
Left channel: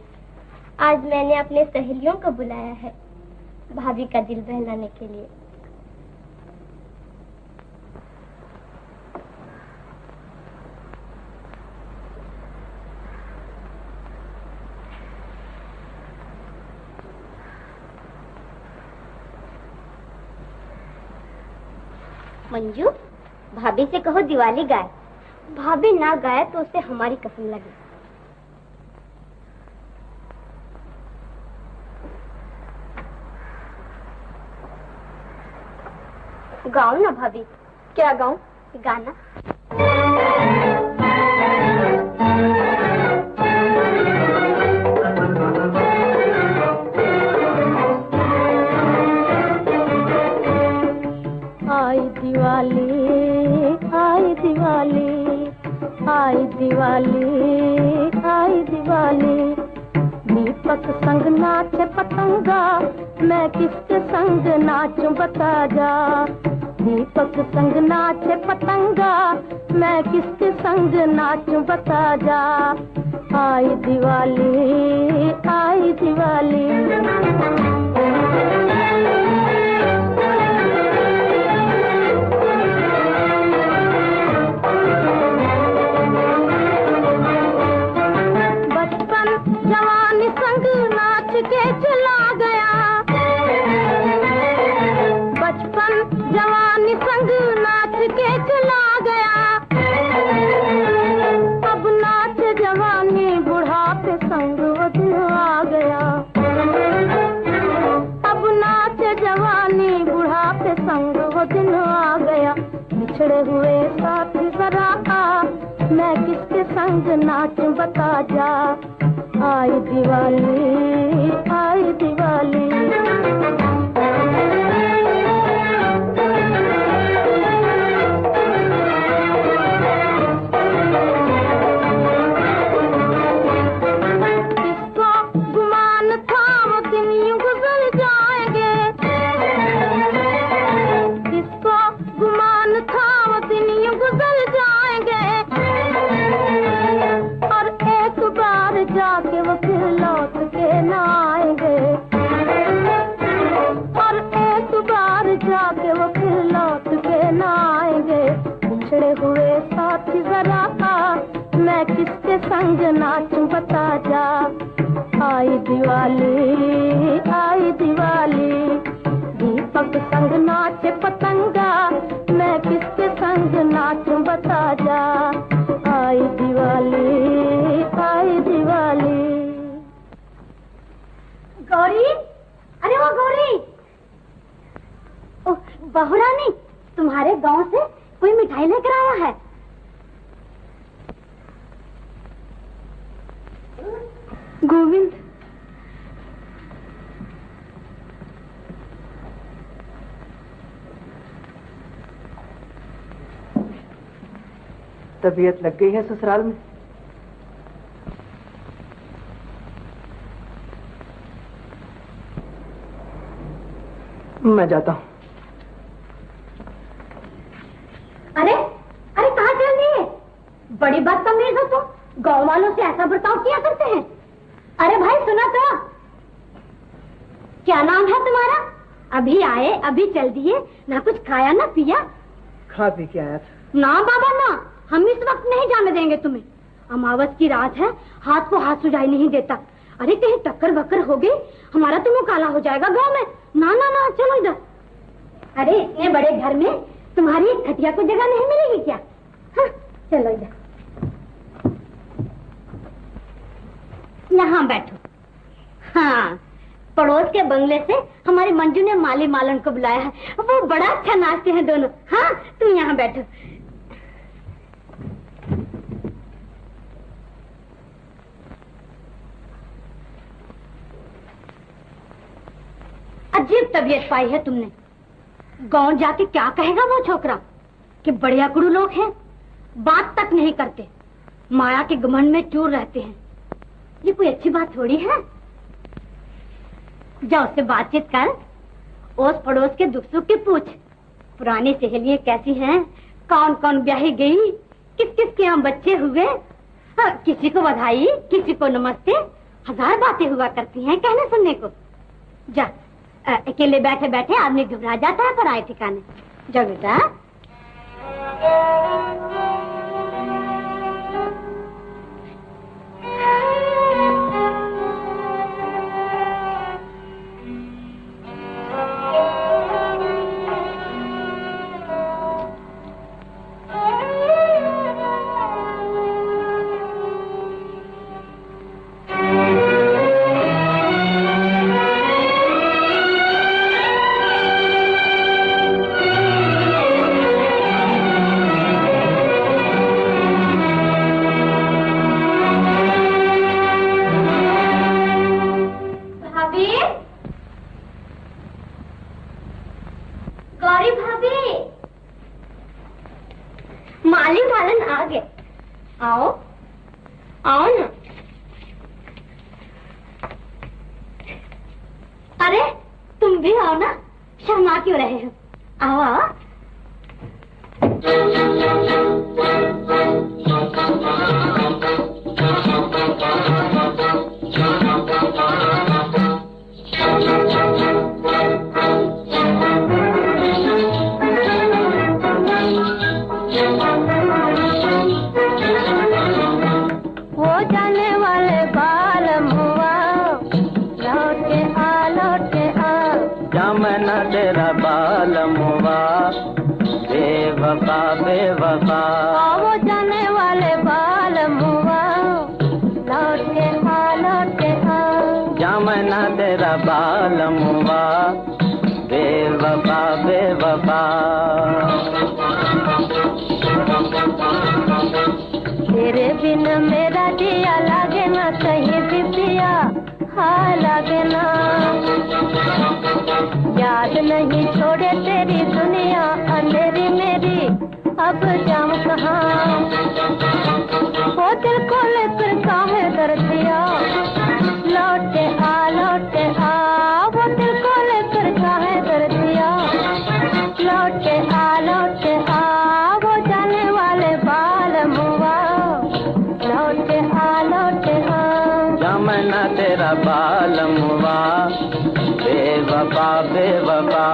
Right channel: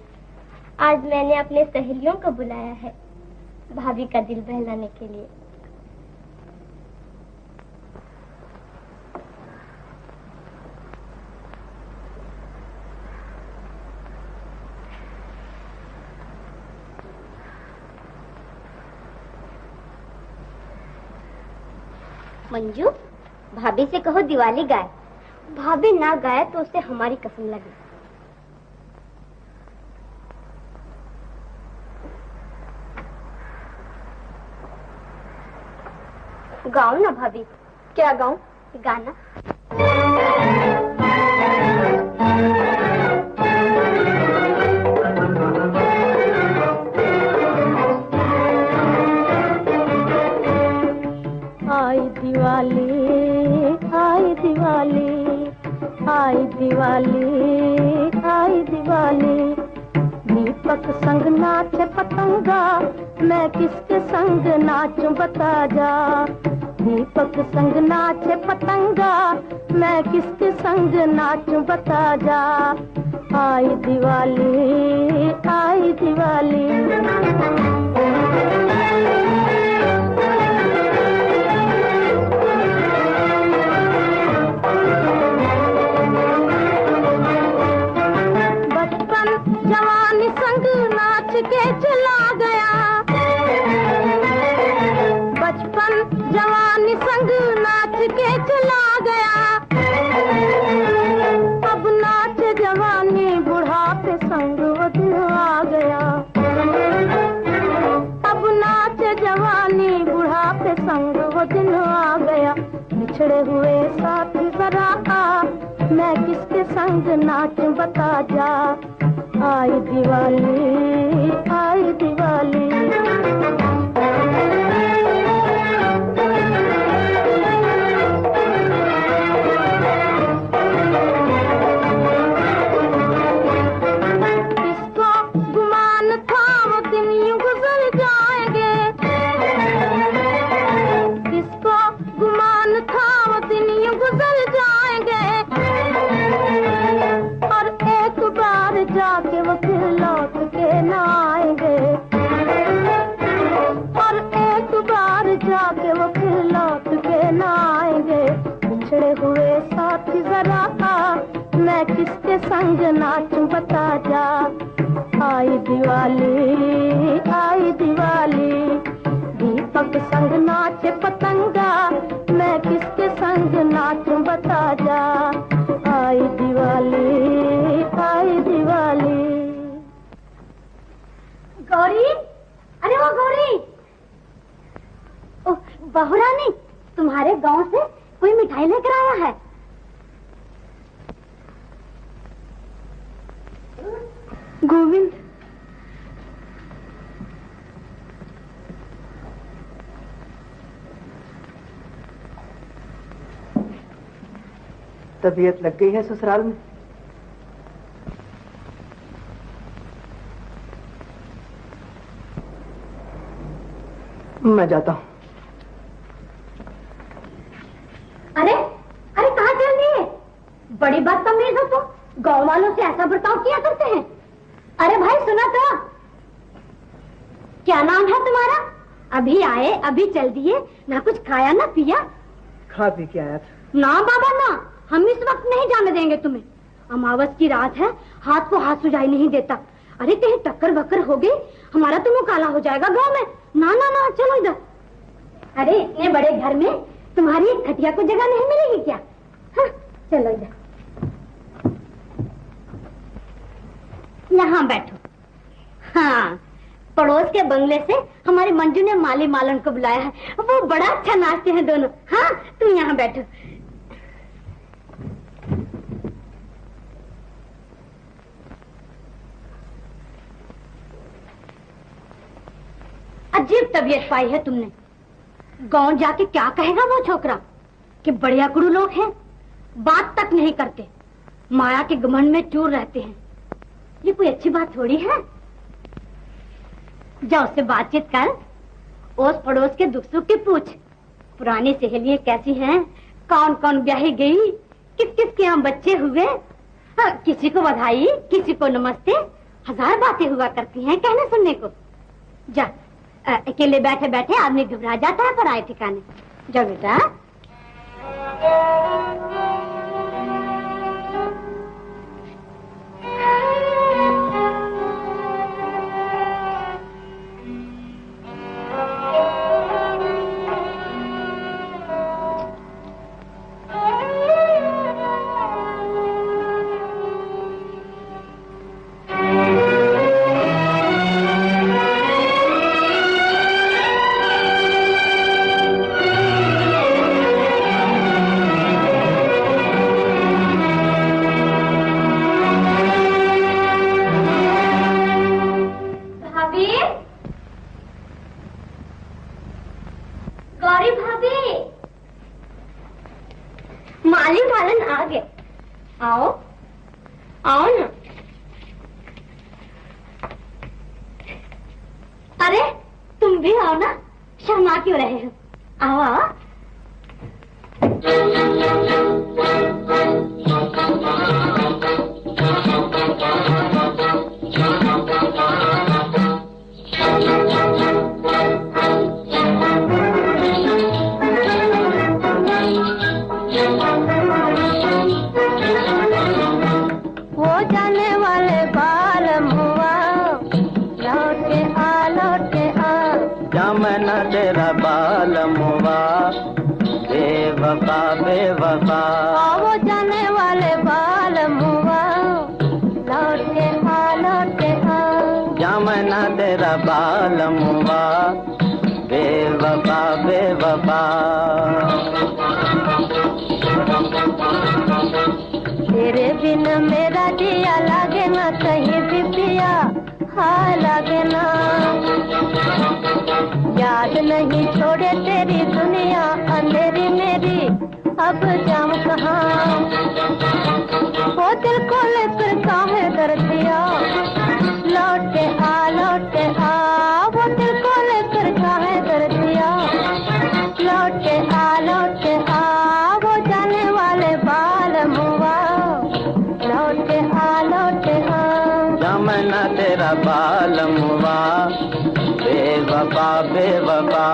आज मैंने अपने सहेलियों को बुलाया है भाभी का दिल बहलाने के लिए। मंजू, भाभी से कहो दिवाली गाए। भाभी ना गाए तो उसे हमारी कसम लगे। गाओ ना भाभी। क्या गाऊं? गाना। आई दिवाली, आई दिवाली, आई दिवाली, आई दिवाली। दीपक संग नाचे पतंगा, मैं किसके संग नाचूं बता जा। दीपक संग नाचे पतंगा, मैं किसके संग नाचूं बता जा। आई दिवाली, आई दिवाली। जवानी संग नाच के चला गया, बचपन जवानी संग नाच के चला गया। अब नाच जवानी बुढ़ापे संग वो दिन आ गया। अब नाच जवानी बुढ़ापे संग वो दिन आ गया। बिछड़े हुए साथी जरा आ, मैं किसके संग नाचूं बता जा। आई दिवाली, आई दिवाली। किसको गुमान था वो दिन यूं गुजर जाएंगे। किसको गुमान था वो दिन यूं गुजर जाएंगे। और एक बार जाके वो फिर लौट के न आएंगे। और एक बार जाके वो फिर लौट के न आएंगे। बिछड़े हुए साथी जरा आ, मैं किसके संग नाचूं बता जा। आई दिवाली, आई दिवाली। दीपक संग नाचे पतंगा, मैं किसके संग नाचूं बता जा। आई दिवाली, आई दिवाली। गौरी, अरे वो गौरी। ओह, बहू रानी, तुम्हारे गांव से कोई मिठाई लेकर आया है। गोविंद, तबीयत लग गई है ससुराल में? मैं जाता हूँ। अरे अरे कहाँ चल रही है? बड़ी बदतमीज हो तुम, गाँव वालों से ऐसा बर्ताव किया करते हैं। अरे भाई सुना तो, क्या नाम है तुम्हारा? अभी आए अभी चल दिए, ना कुछ खाया ना पिया। खा पी के आया था। ना बाबा ना, हम इस वक्त नहीं जाने देंगे तुम्हें। अमावस की रात है, हाथ को हाथ सुझाई नहीं देता। अरे कहीं टक्कर बक्कर हो गई, हमारा तो मुंह काला हो जाएगा गांव में। ना ना ना, चलो इधर। अरे इतने बड़े घर में तुम्हारी एक खटिया को जगह नहीं मिलेगी क्या? हाँ, चलो इधर, यहाँ बैठो। हाँ, पड़ोस के बंगले से हमारे मंजू ने माली मालन को बुलाया है, वो बड़ा अच्छा नाचते हैं दोनों। हाँ, तुम यहाँ बैठो। अजीब तबीयत पाई है तुमने। गांव जाके क्या कहेगा वो छोकरा कि बढ़िया गुरु लोग हैं, बात तक नहीं करते, माया के घमंड में चूर रहते हैं। ये कोई अच्छी बात थोड़ी है। जा उससे बातचीत कर, ओस पड़ोस के दुख सुख की पूछ। पुरानी सहेलियां कैसी हैं, कौन कौन ब्याही गई, किस किस के यहाँ बच्चे हुए। किसी को बधाई, किसी को नमस्ते, हजार बातें हुआ करती हैं कहने सुनने को। जा, अकेले बैठे बैठे आदमी घबरा जाता है पराए ठिकाने। जा बेटा। गौरी भाभी, माली मालन आ गए। आओ आओ ना। अरे तुम भी आओ ना, शर्मा क्यों रहे हो? आओ आओ। वो जाने वाले बाल मुआ, लौट के आ लौट के आ। जमना तेरा बाल मुआ, बेवफा बेवफा। वो जाने वाले बाल मुआ, लौट के आ लौट के आ। जमना तेरा बाल मुआ, बेवफा बेवफा। तेरे बिन मेरा जिया लागे ना कहीं भी पिया, हाँ लागे ना। याद नहीं छोड़े तेरी दुनिया अंधेरी मेरी, अब जाऊं कहाँ? वो दिल को लेकर काहे कर दिया, लौट के आ लौट के आ। वो दिल को लेकर काहे कर दिया, लौट के आ लौट के आ। वो जाने वाले बाल मुआ, लौट के आ लौट के आ। जमना तेरा बाल मुआ, बेवफा बेवफा।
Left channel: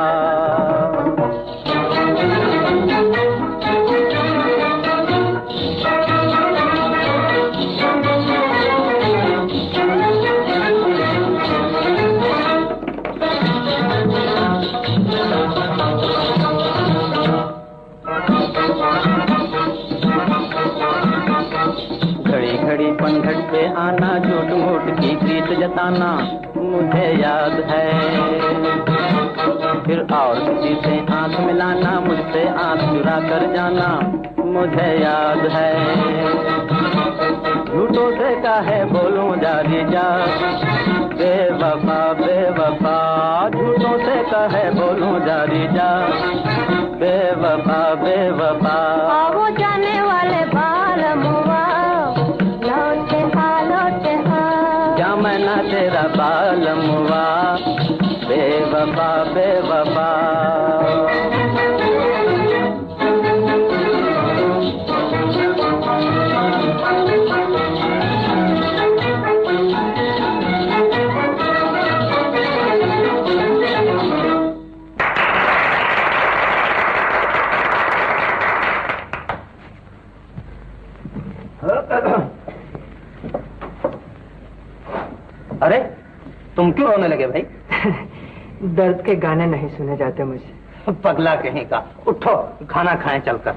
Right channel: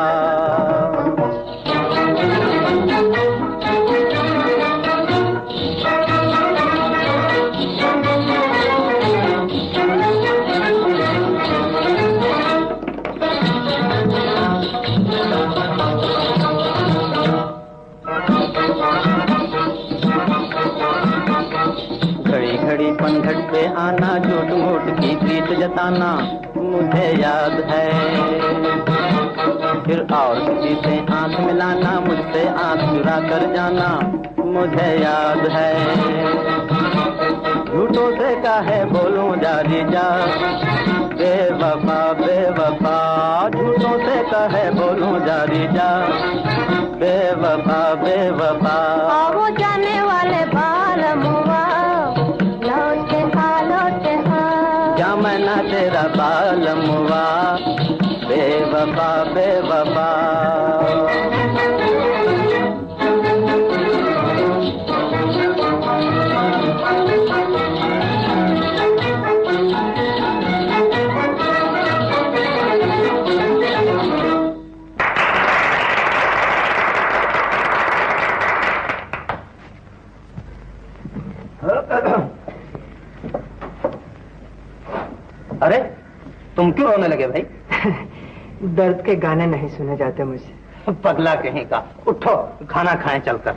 घड़ी घड़ी पनघट पे आना, झूठ मूठ की प्रीत जताना, मुझे याद है। फिर और किसी से आंख मिलाना, मुझसे आंख चुरा कर जाना, मुझे याद है। झूठों से काहे बोलूं जारी जा, बेवफा बेवफा। झूठों से काहे बोलूं जारी जा, बेवफा बेवफा। वो जाने वाले बाल मुआ, लौट के आ लौट के आ। जमना तेरा बाल मुआ, बेवफा बेवफा। अरे तुम क्यों रोने लगे भाई? दर्द के गाने नहीं सुने जाते मुझे। पगला कहीं का, उठो खाना खाएं चलकर।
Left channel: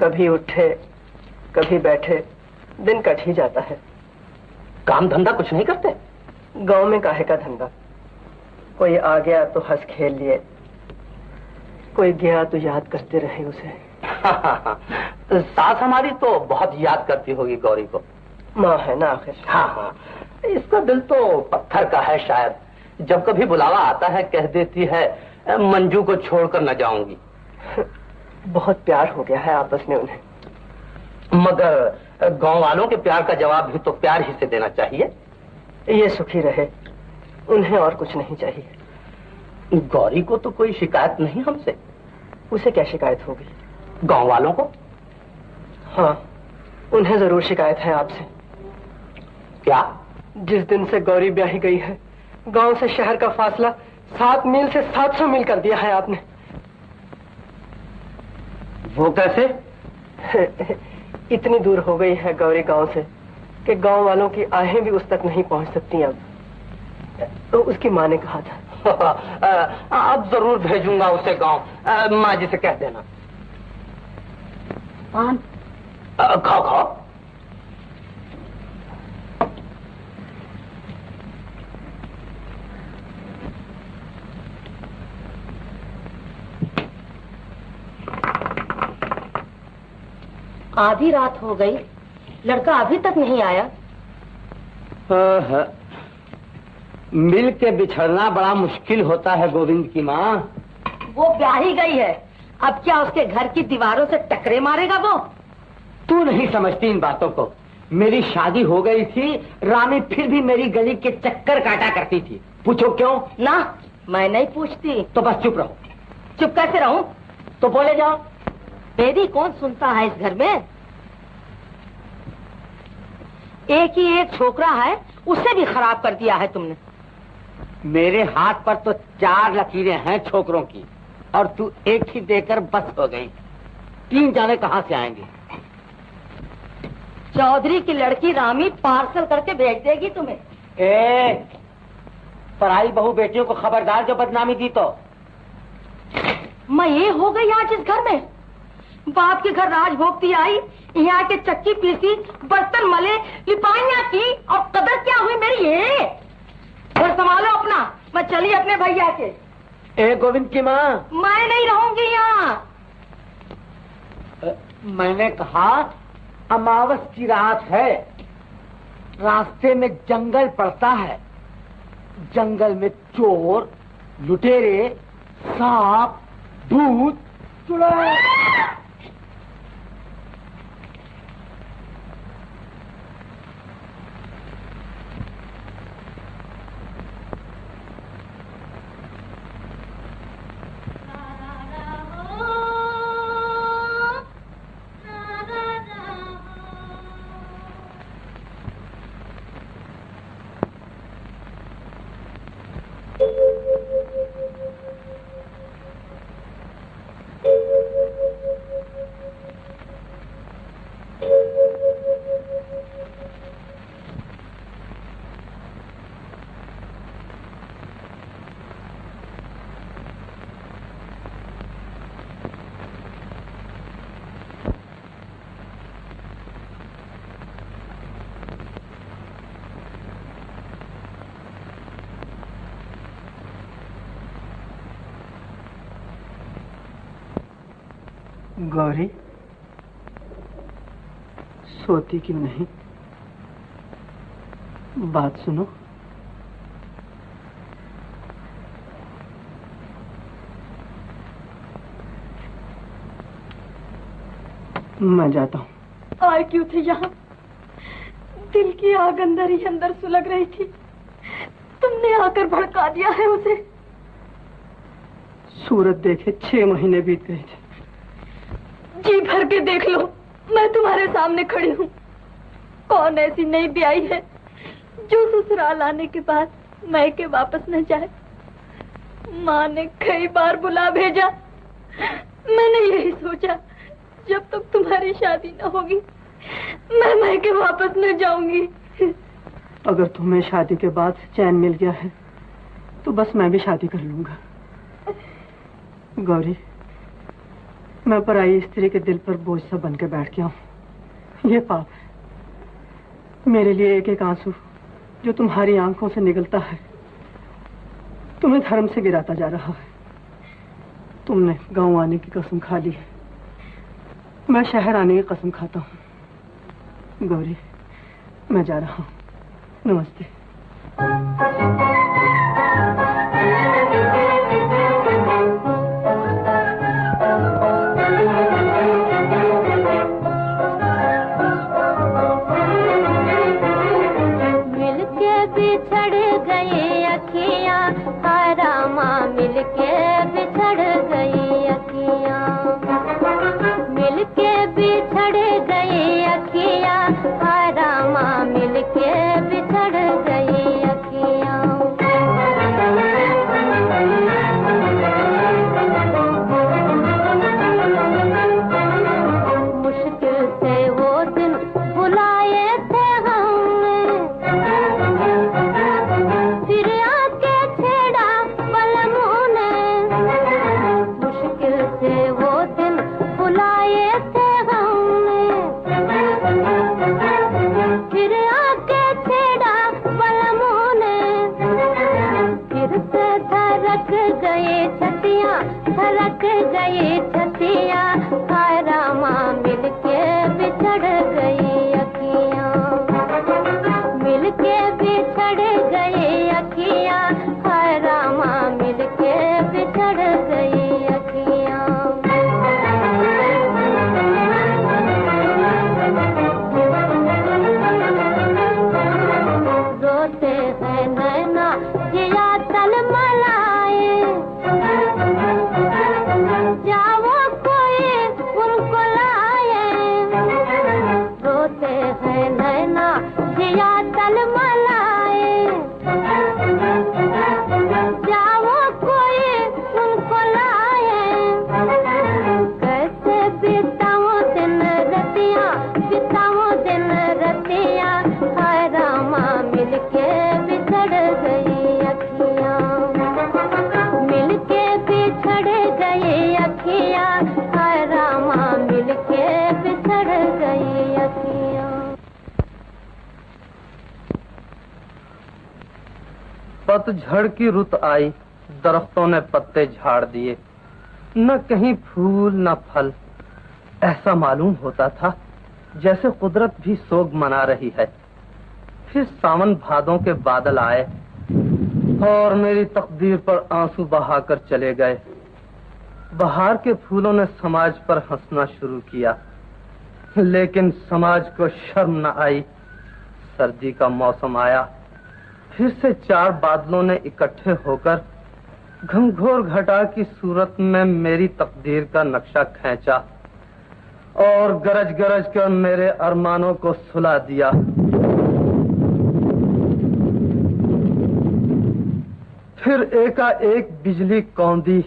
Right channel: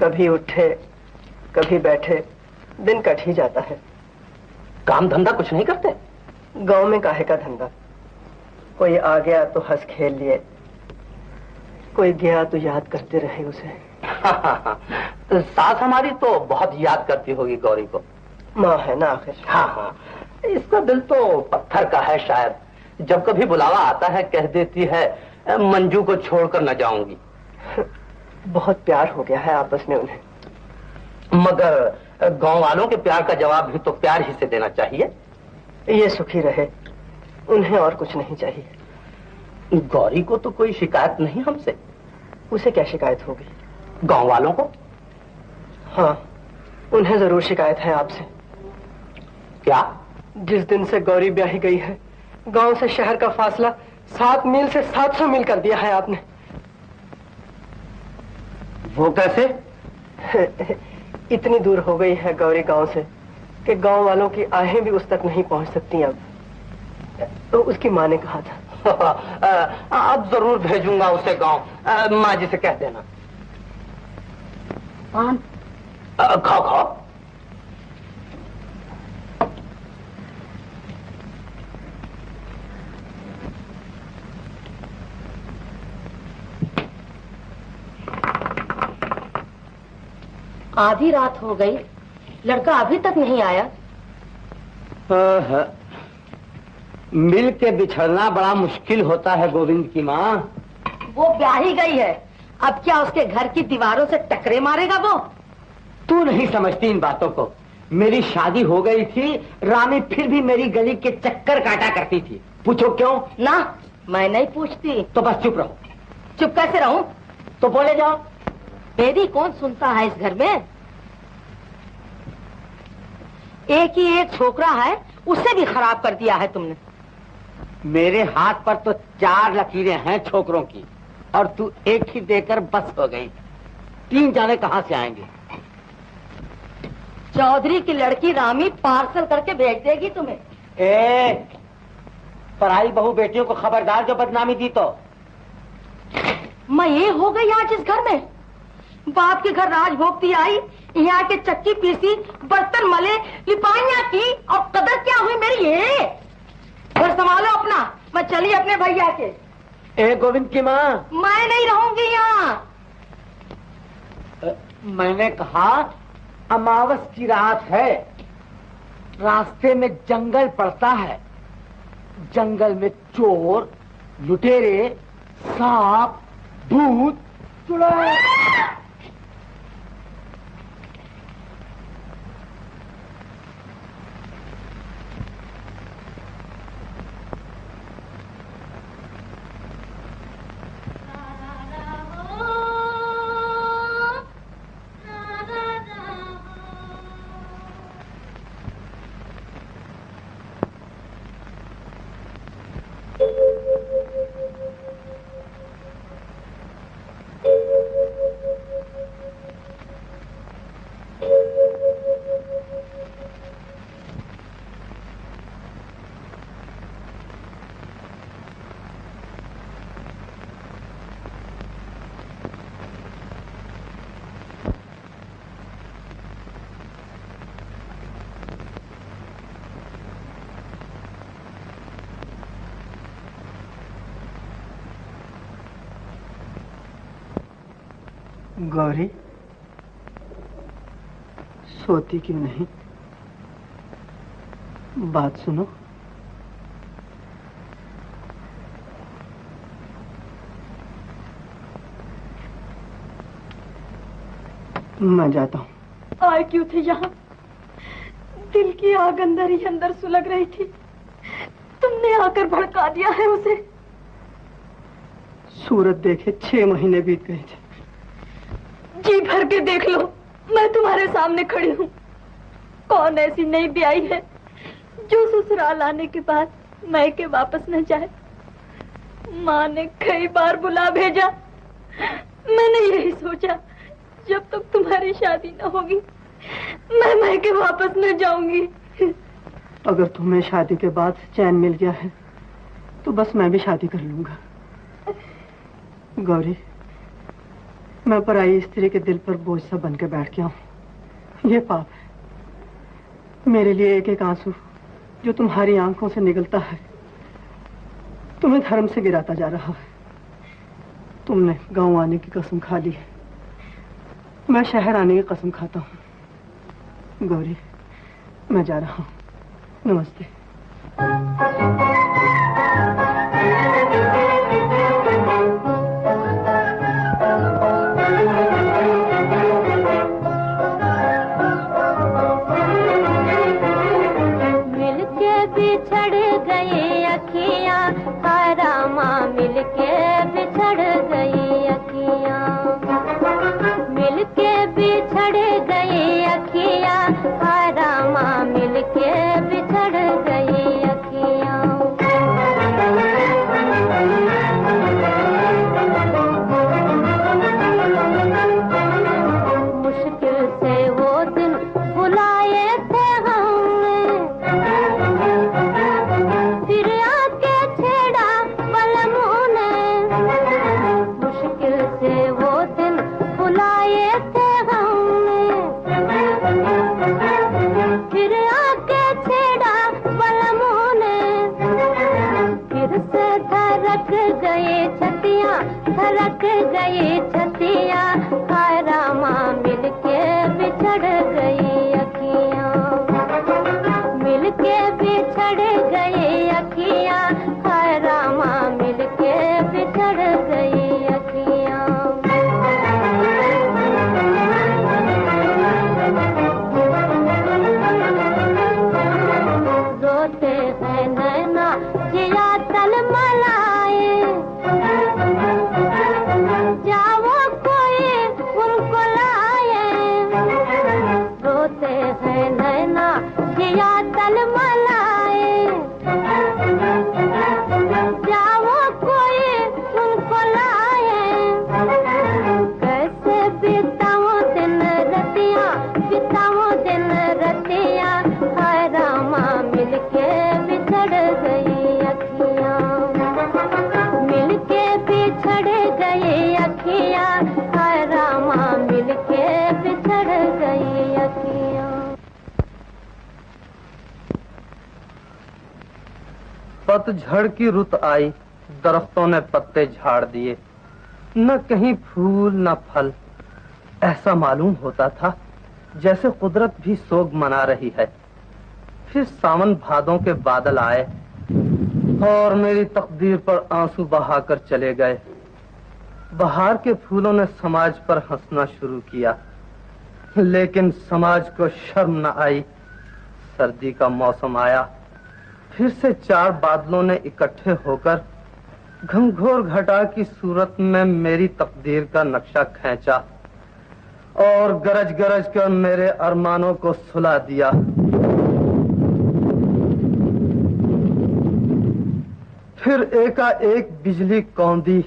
कभी उठे कभी बैठे, दिन कट ही जाता है। काम धंधा कुछ नहीं करते? गांव में काहे का धंधा? कोई आ गया तो हंस खेल लिए, कोई गया तो याद करते रहे उसे। सास हमारी तो बहुत याद करती होगी गौरी को। माँ है ना आखिर। हाँ हाँ, इसका दिल तो पत्थर का है शायद। जब कभी बुलावा आता है कह देती है मंजू को छोड़कर न जाऊंगी। बहुत प्यार हो गया है आपस में उन्हें। मगर गांव वालों के प्यार का जवाब भी तो प्यार ही से देना चाहिए। ये सुखी रहे, उन्हें और कुछ नहीं चाहिए। गौरी को तो कोई शिकायत नहीं हमसे। उसे क्या शिकायत होगी? गांव वालों को? हाँ, उन्हें जरूर शिकायत है आपसे। क्या? जिस दिन से गौरी ब्याही गई है, गांव से शहर का फासला 7 मील से 700 मील कर दिया है आपने। वो कैसे? इतनी दूर हो गई है गौरी गांव से कि गांव वालों की आहें भी उस तक नहीं पहुंच सकती अब। तो उसकी माँ ने कहा था। अब जरूर भेजूंगा उसे गांव। माँ जी से कह देना। पान खाओ खाओ। आधी रात हो गई, लड़का अभी तक नहीं आया। मिल के बिछड़ना बड़ा मुश्किल होता है गोविंद की माँ। वो ब्याह ही गई है, अब क्या उसके घर की दीवारों से टकरे मारेगा वो? तू नहीं समझती इन बातों को। मेरी शादी हो गई थी, रामी फिर भी मेरी गली के चक्कर काटा करती थी। पूछो क्यों? ना, मैं नहीं पूछती। तो बस चुप रहो। चुप कैसे रहूं? तो बोले जाओ। मेरी कौन सुनता है इस घर में? एक ही एक छोकरा है, उसे भी खराब कर दिया है तुमने। मेरे हाथ पर तो 4 लकीरें हैं छोकरों की, और तू एक ही देकर बस हो गई। 3 जाने कहाँ से आएंगे? चौधरी की लड़की रामी पार्सल करके भेज देगी तुम्हें। पराई बहू बेटियों को खबरदार जो बदनामी दी तो। मैं ये हो गई आज इस घर में। बाप के घर राज भोगती आई, यहाँ के चक्की पीसी, बर्तन मले, लिपाइयाँ की, और कदर क्या हुई मेरी? ये घर संभालो अपना, मैं चली अपने भैया के। गोविंद की माँ, मैं नहीं रहूंगी यहाँ। मैंने कहा अमावस की रात है, रास्ते में जंगल पड़ता है, जंगल में चोर, लुटेरे, सांप, भूत, चुड़ैल। गौरी, सोती क्यों नहीं? बात सुनो। मैं जाता हूँ। आए क्यों थे यहाँ? दिल की आग अंदर ही अंदर सुलग रही थी, तुमने आकर भड़का दिया है उसे। सूरत देखे 6 महीने बीत गए थे। जी भर के देख लो, मैं तुम्हारे सामने खड़ी हूँ। कौन ऐसी नई ब्याई है जो ससुराल आने के बाद मायके वापस न जाए? माँ ने कई बार बुला भेजा, मैंने यही सोचा जब तक तुम्हारी शादी न होगी मैं मायके वापस न जाऊंगी। अगर तुम्हें शादी के बाद चैन मिल गया है तो बस मैं भी शादी कर लूंगा। गौरी, मैं पराई स्त्री के दिल पर बोझ सा बन के बैठ गया हूँ। ये पाप है। मेरे लिए एक एक आंसू जो तुम्हारी आंखों से निकलता है तुम्हें धर्म से गिराता जा रहा है। तुमने गांव आने की कसम खा ली है, मैं शहर आने की कसम खाता हूँ। गौरी, मैं जा रहा हूँ। नमस्ते। मिलके बिछड़ गए अखियाँ। बिछड़ गई अखियाँ, हाय रामा मिलके बिछड़ गई अखियाँ। पतझड़ की रुत आई, दरख्तों ने पत्ते झाड़ दिए, न कहीं फूल न फल। ऐसा मालूम होता था जैसे कुदरत भी सोग मना रही है। फिर सावन भादों के बादल आए और मेरी तकदीर पर आंसू बहाकर चले गए। बहार के फूलों ने समाज पर हंसना शुरू किया, लेकिन समाज को शर्म न आई। सर्दी का मौसम आया, फिर से 4 बादलों ने इकट्ठे होकर घंघोर घटा की सूरत में मेरी तकदीर का नक्शा खींचा और गरज गरज कर मेरे अरमानों को सुला दिया। फिर एकाएक बिजली कौंधी।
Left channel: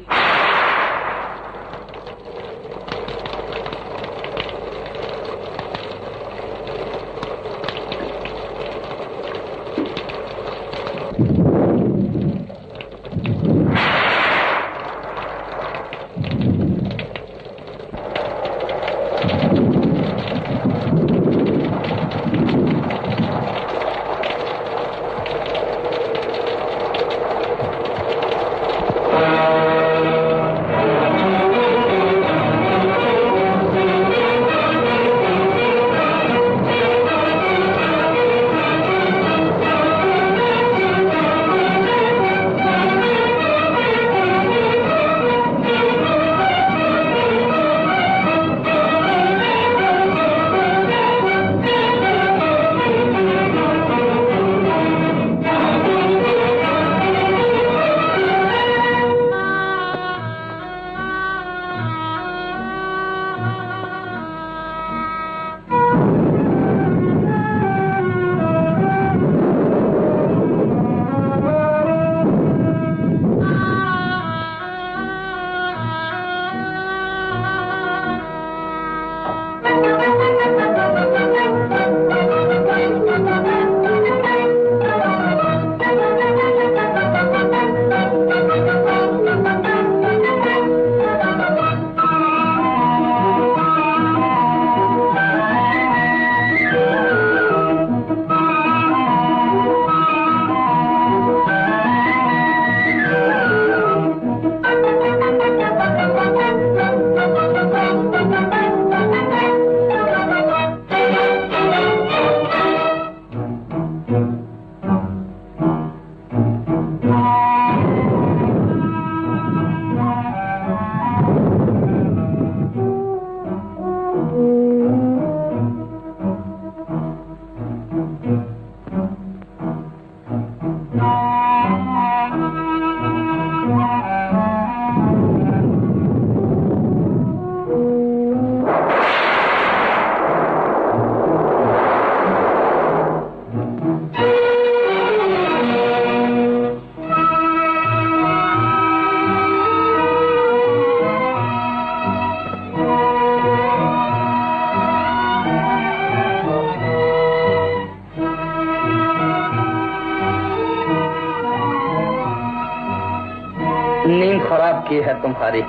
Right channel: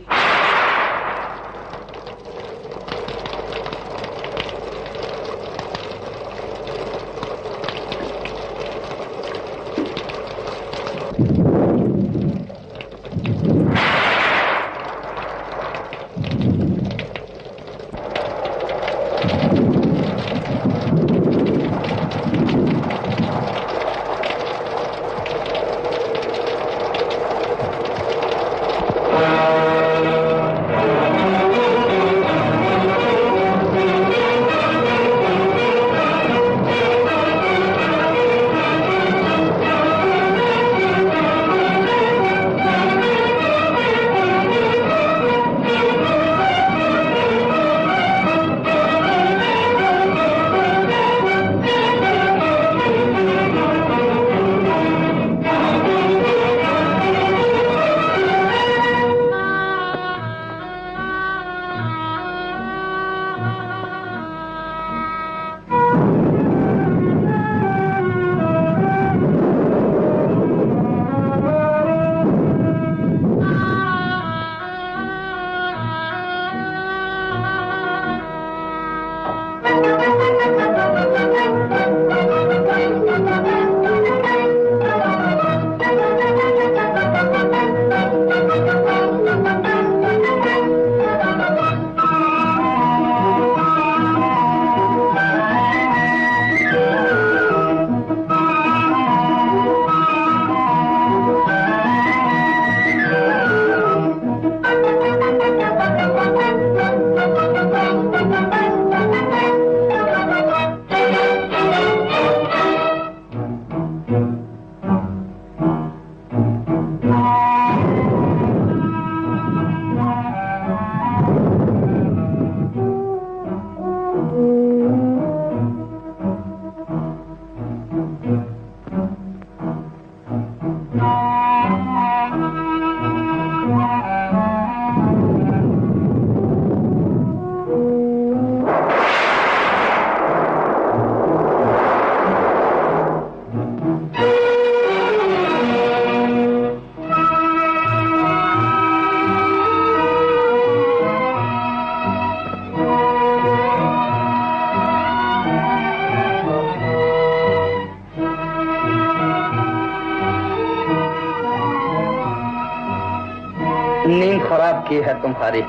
नींद खराब की है तुम्हारी,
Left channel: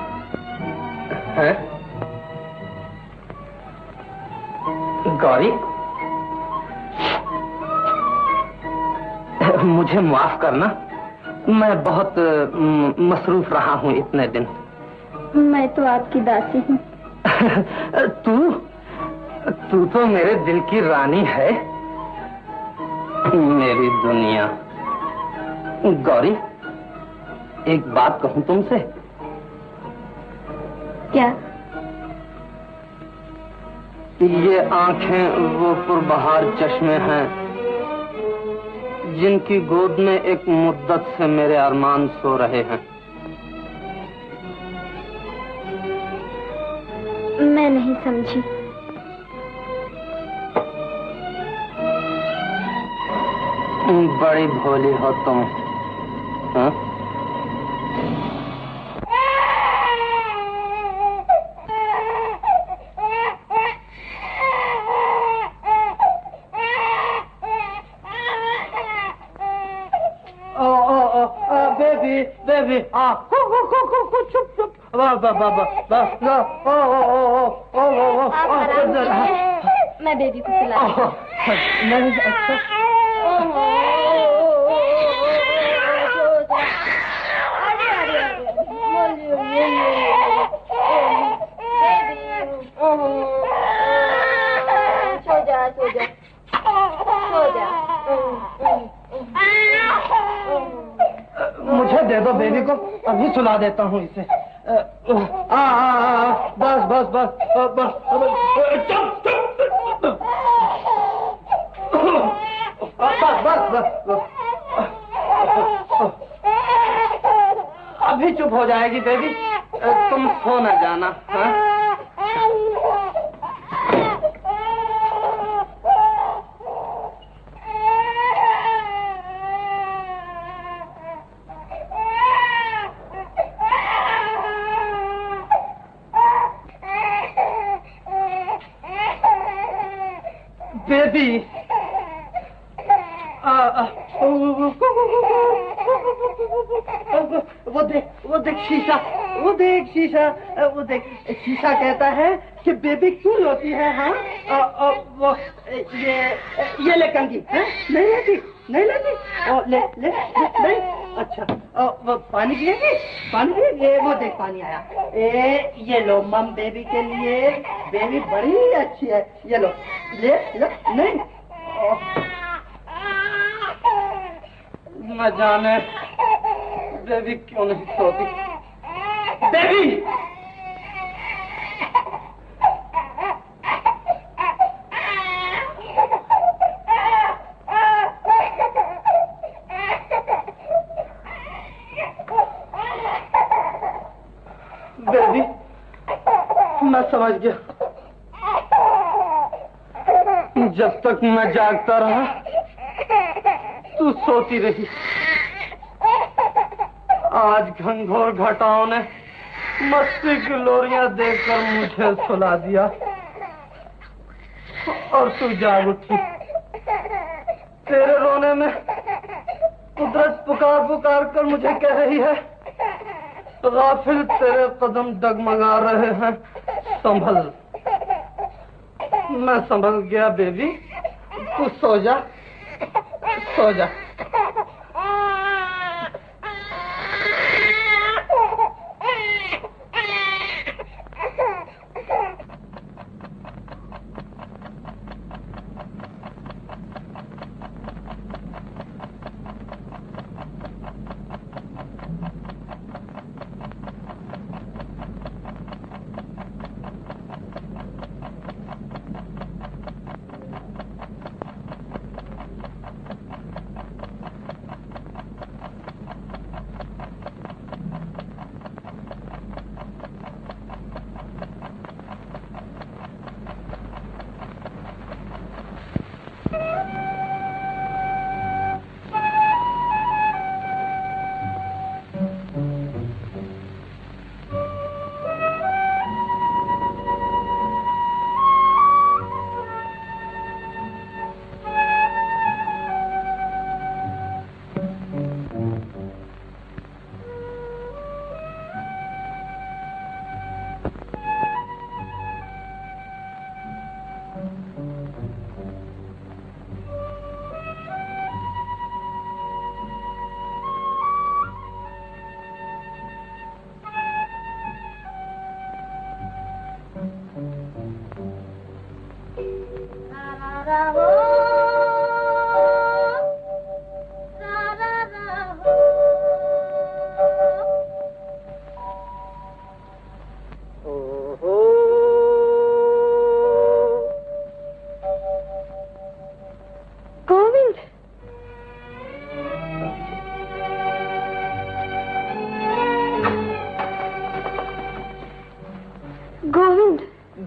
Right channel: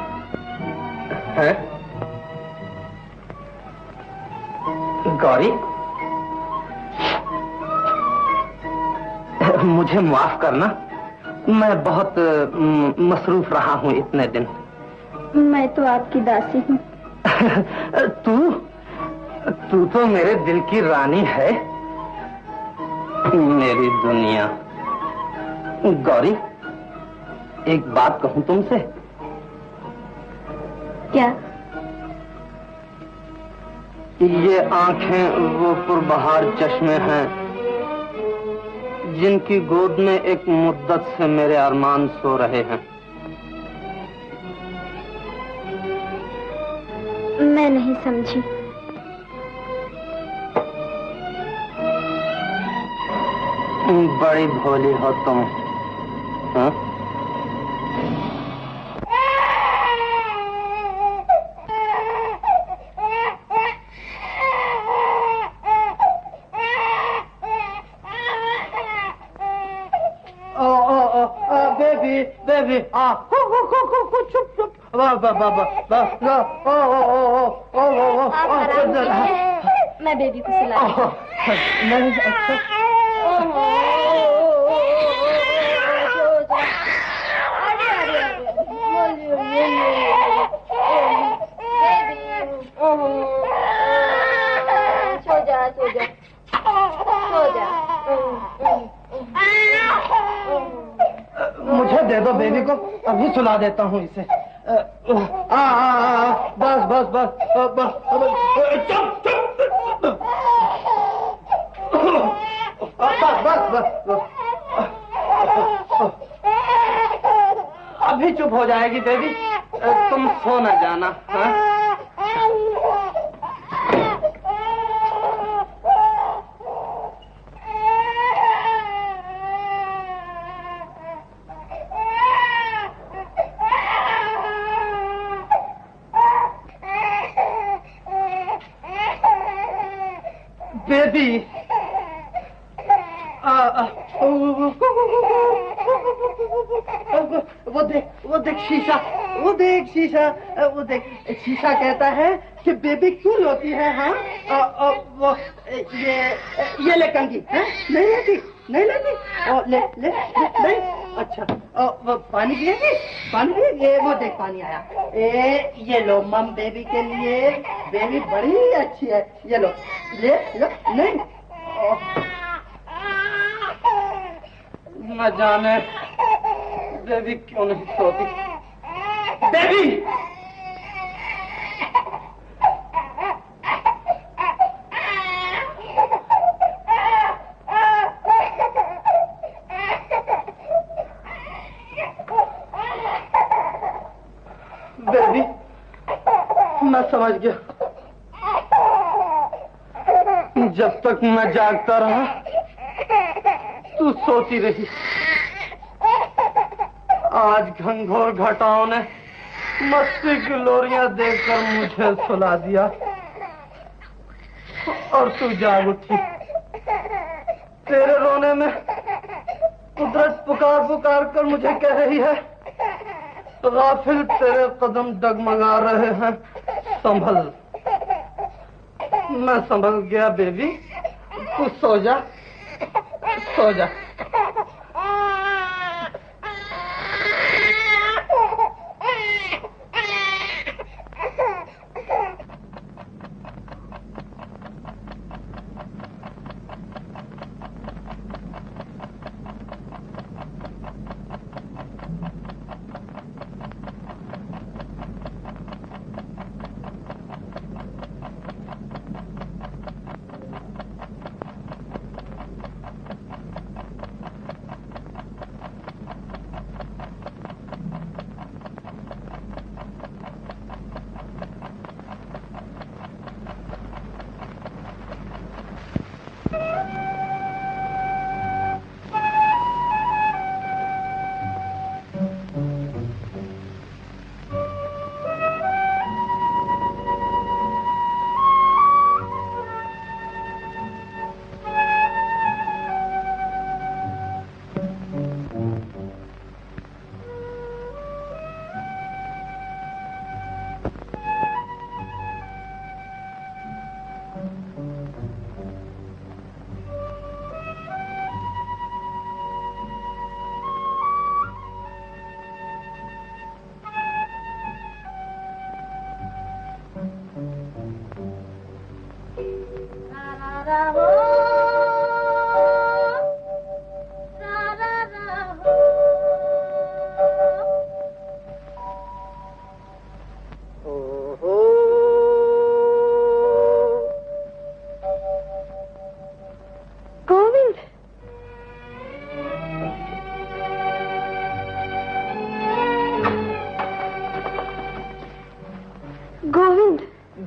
हैं? गौरी, मुझे माफ करना, मैं बहुत मसरूफ रहा हूँ इतने दिन। मैं तो आपकी दासी हूँ। तू तो मेरे दिल की रानी है, मेरी दुनिया। गौरी, एक बात कहूं तुमसे? क्या? ये आंखें वो पुरबहार चश्मे हैं जिनकी गोद में एक मुद्दत से मेरे अरमान सो रहे हैं। मैं नहीं समझी। बड़ी भोली हो तुम, हाँ? Baby, चुप चुप वाह वाह वाह वाह मैं बेबी को सुला नहीं अच्छा सो जा सो जा सो जा। मुझे दे दो बेबी को, अभी सुला देता हूँ इसे। बस बस बस बस चुप चुप बस बस बस अभी चुप हो जाएगी बेबी, तुम सो न जाना। हाँ? बेबी वो देख शीशा, वो देख शीशा, वो देख शीशा कहता है कि बेबी क्यों रोती है। हाँ वो ये ले कंघी है, नहीं लेती नहीं लेती, ले ले नहीं। अच्छा वो पानी पिएगी, पानी पिएगी, ये वो देख पानी आया। ये लो मम बेबी के लिए, बेबी बड़ी अच्छी है, ये लो ले लो। नहीं न जाने बेबी क्यों नहीं सोती। बेबी बेबी मैं समझ गया, जब तक मैं जागता रहा तू सोती रही। आज घनघोर घटाओं ने मस्ती की लोरियां देखकर मुझे सुला दिया और तू जाग उठी। तेरे रोने में कुदरत पुकार पुकार कर मुझे कह रही है, गाफिल तेरे कदम डगमगा रहे हैं, संभल। मैं संभल गया बेबी, तू सो जा सो जा।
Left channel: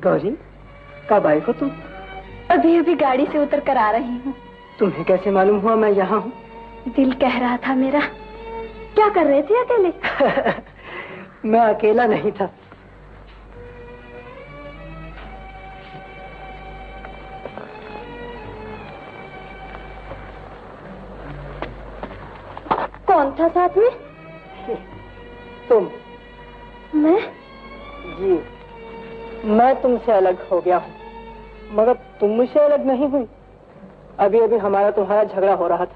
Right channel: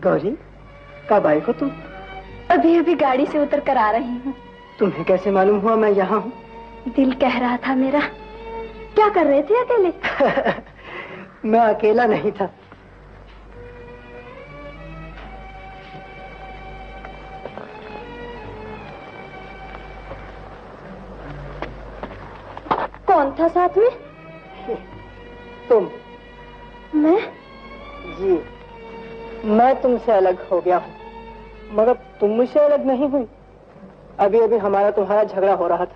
गौरी, कब आई हो तुम? अभी अभी गाड़ी से उतर कर आ रही हूँ। तुम्हें कैसे मालूम हुआ मैं यहाँ हूँ? दिल कह रहा था मेरा। क्या कर रहे थे अकेले? मैं अकेला नहीं था। कौन था साथ में? तुम? मैं? जी, मैं तुमसे अलग हो गया हूँ, मगर तुम मुझसे अलग नहीं हुई। अभी अभी हमारा तुम्हारा झगड़ा हो रहा था।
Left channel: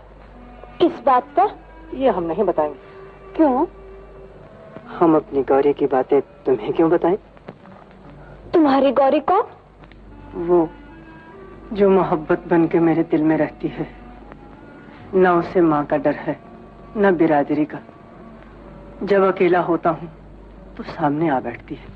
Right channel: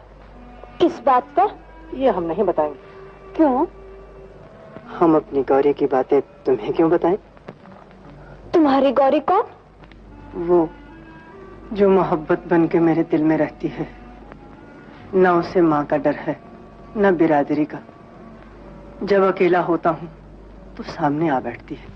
किस बात पर? ये हम नहीं बताएंगे। क्यों? हम अपनी गौरी की बातें तुम्हें क्यों बताएं? तुम्हारी गौरी कौन? वो जो मोहब्बत बन के मेरे दिल में रहती है। न उसे माँ का डर है, न बिरादरी का। जब अकेला होता हूँ तो सामने आ बैठती है।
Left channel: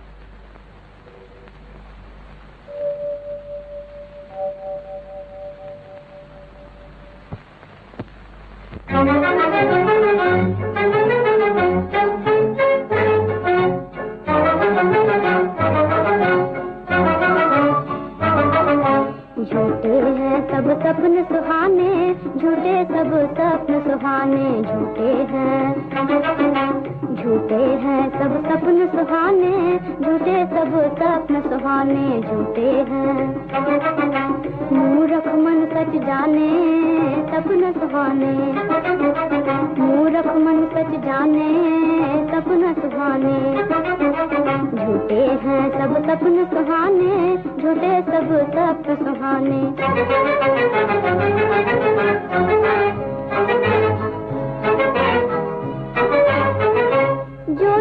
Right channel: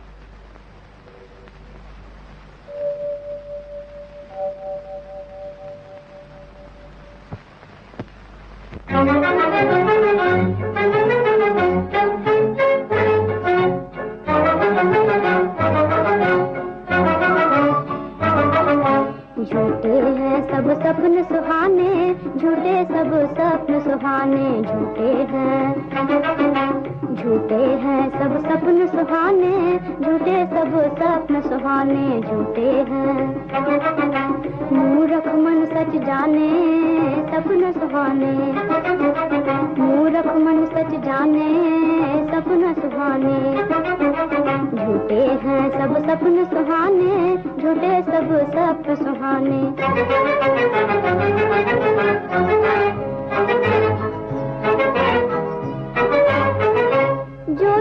झूठे हैं सब सपन सुहाने, झूठे सब सपन सुहाने, झूठे हैं सब सपन सुहाने, झूठे सब सपन सुहाने, झूठे हैं। मूर्ख मन सच जाने सपन सुहाने, मूर्ख मन सच जाने सपन सुहाने, झूठे हैं सब सपन सुहाने, झूठे सब सपन सुहाने।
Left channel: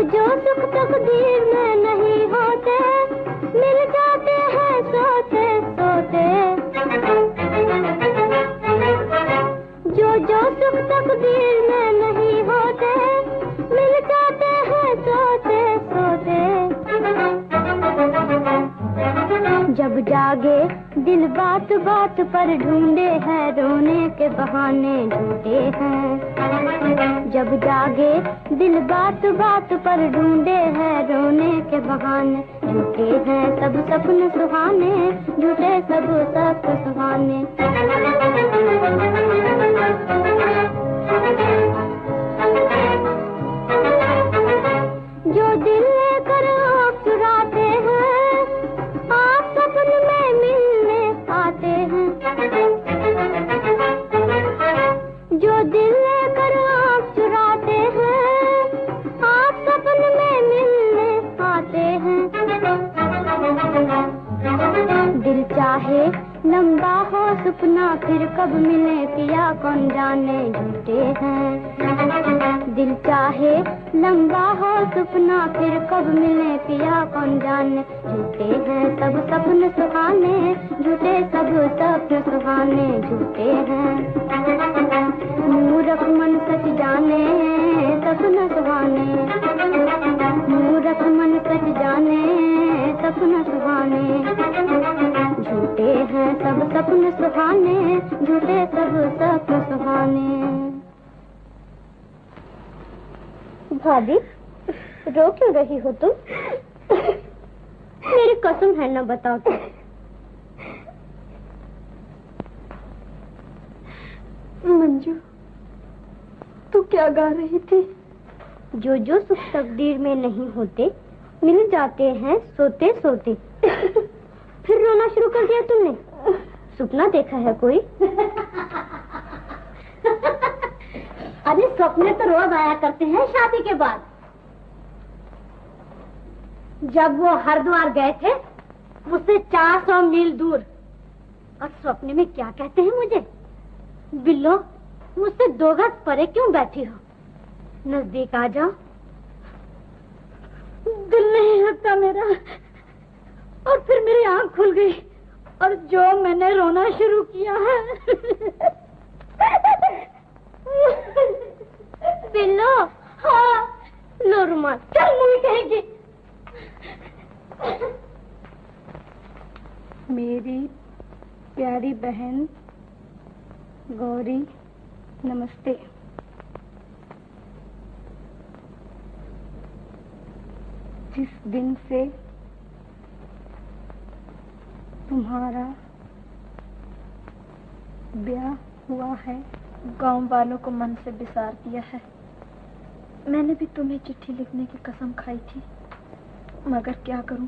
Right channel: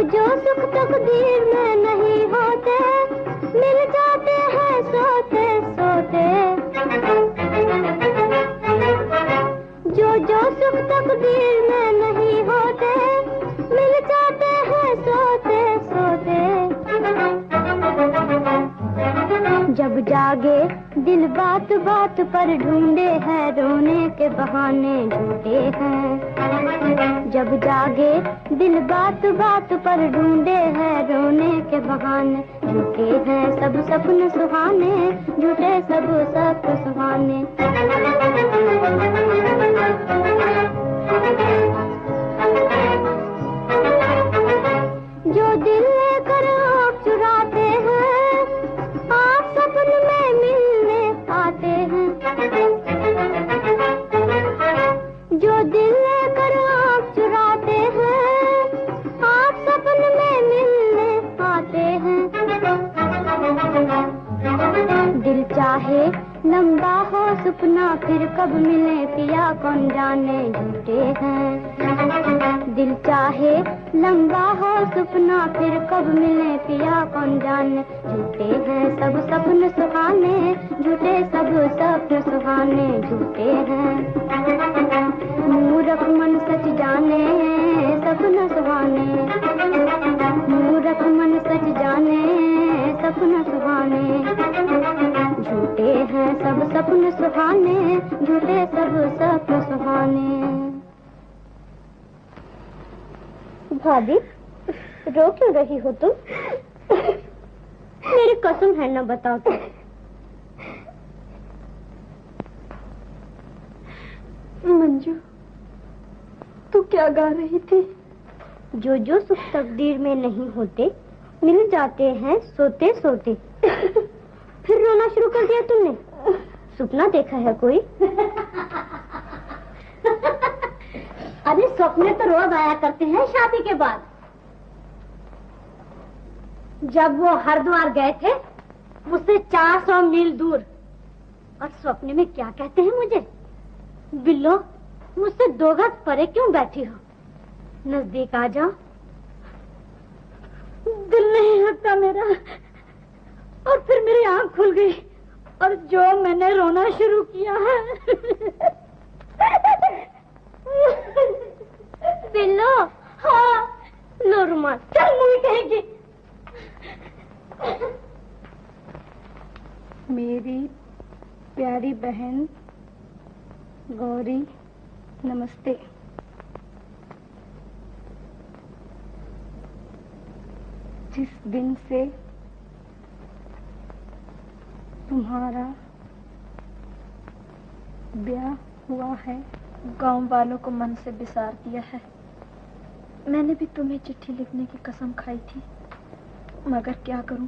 जो सुख तकदीर में नहीं होते, मिल जाते हैं सोते सोते। जो सुख तकदीर में नहीं होते, मिल जाते हैं सोते सोते। जब जागे दिल बात बात पर ढूंढे हैं रोने के बहाने, झूठे हैं। जब जागे दिल बात बात पर ढूंढे हैं रोने के बहाने, झूठे हैं सब सपन सुहाने, झूठे सब सपन सुहाने। जो दिल लेकर आप चुराते हैं, आप सपन में मिलने आते हैं। जो दिल लेकर आप चुराते हैं, आप सपन में मिलने आते हैं। दिल चाहे लंबा हो सपना, फिर कब मिले पिया कौन जाने, झूठे हैं। दिल चाहे लंबा हो सपना, फिर कब मिले पिया कौन जाने, झूठे हैं सब सपन सुहाने, झूठे सब सपन सुहाने, झूठे हैं। मूर्ख मन सच जाने सपन सुहाने, मूर्ख मन सच जाने सपन सुहाने, झूठे हैं सब सपन सुहाने, झूठे सब सपन सुहाने। भाभी, रो क्यों रही हो तुम? मेरी कसम है, न बताओ तुम। मंजू, तू क्या गा रही थी? जो सुख तकदीर में नहीं होते, मिल जाते हैं सोते सोते। फिर रोना शुरू कर दिया तुमने? सपना देखा है कोई? अरे सपने तो रोज आया करते हैं शादी के बाद। जब वो हरिद्वार गए थे, मुझसे 400 मील दूर, और सपने में क्या कहते हैं मुझे? बिल्लो, मुझसे 2 गज परे क्यों बैठी हो? नजदीक आ जाओ। दिल नहीं लगता मेरा, और फिर मेरी आंख खुल गई, और जो मैंने रोना शुरू किया है। बिल्लो, हाँ, लो रुमाल, चल मुझे कहेगी। मेरी प्यारी बहन गौरी, नमस्ते। जिस दिन से तुम्हारा ब्याह हुआ है, गांव वालों को मन से बिसार दिया है। मैंने भी तुम्हें चिट्ठी लिखने की कसम खाई थी, मगर क्या करूं,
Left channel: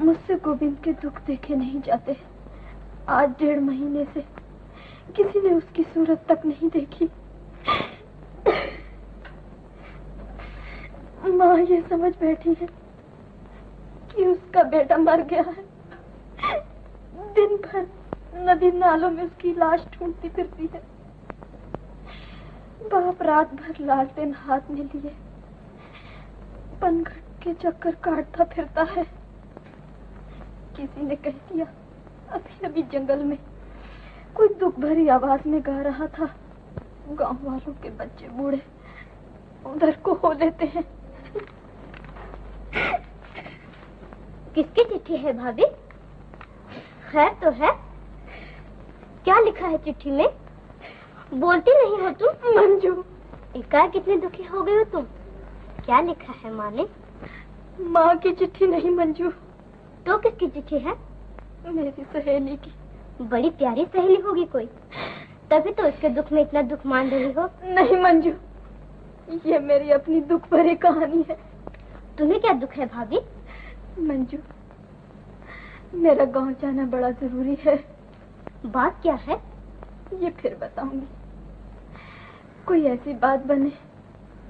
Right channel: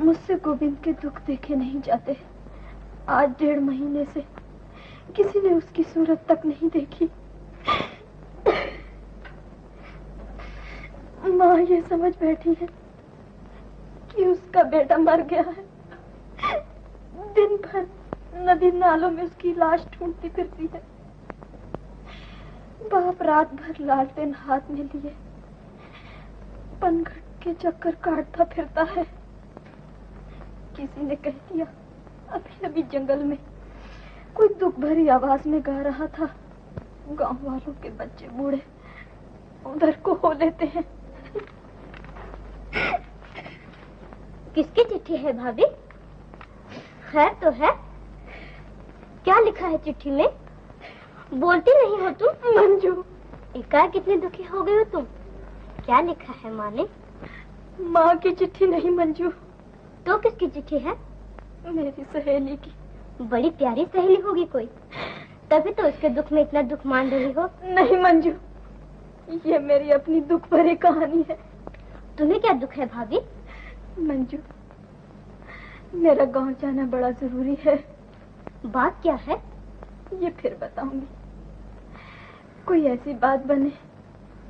मुझसे गोविंद के दुख देखे नहीं जाते। आज 1.5 महीने से किसी ने उसकी सूरत तक नहीं देखी। माँ ये समझ बैठी है कि उसका बेटा मर गया है। दिन भर नदी नालों में उसकी लाश ढूंढती फिरती है। बाप रात भर लालटेन हाथ में लिए पनघट के चक्कर काटता फिरता है। किसी ने कह दिया अभी अभी जंगल में कोई दुख भरी आवाज में गा रहा था। गांव वालों के बच्चे बूढ़े उधर को हो लेते हैं। किसकी चिट्ठी है भाभी? खैर तो है। क्या लिखा है चिट्ठी में? बोलती नहीं हो तुम। मंजू, एकाएक कितनी दुखी हो गई हो तुम? क्या लिखा है माँ ने? माँ की चिट्ठी नहीं मंजू। तो किसकी चिट्ठी है? मेरी सहेली की। बड़ी प्यारी सहेली होगी कोई, तभी तो उसके दुख में इतना दुख मान रही हो। नहीं मंजू, ये मेरी अपनी दुख भरी कहानी है। तुम्हें क्या दुख है भाभी? मंजू, मेरा गांव जाना बड़ा जरूरी है। बात क्या है? ये फिर बताऊंगी। कोई ऐसी बात बने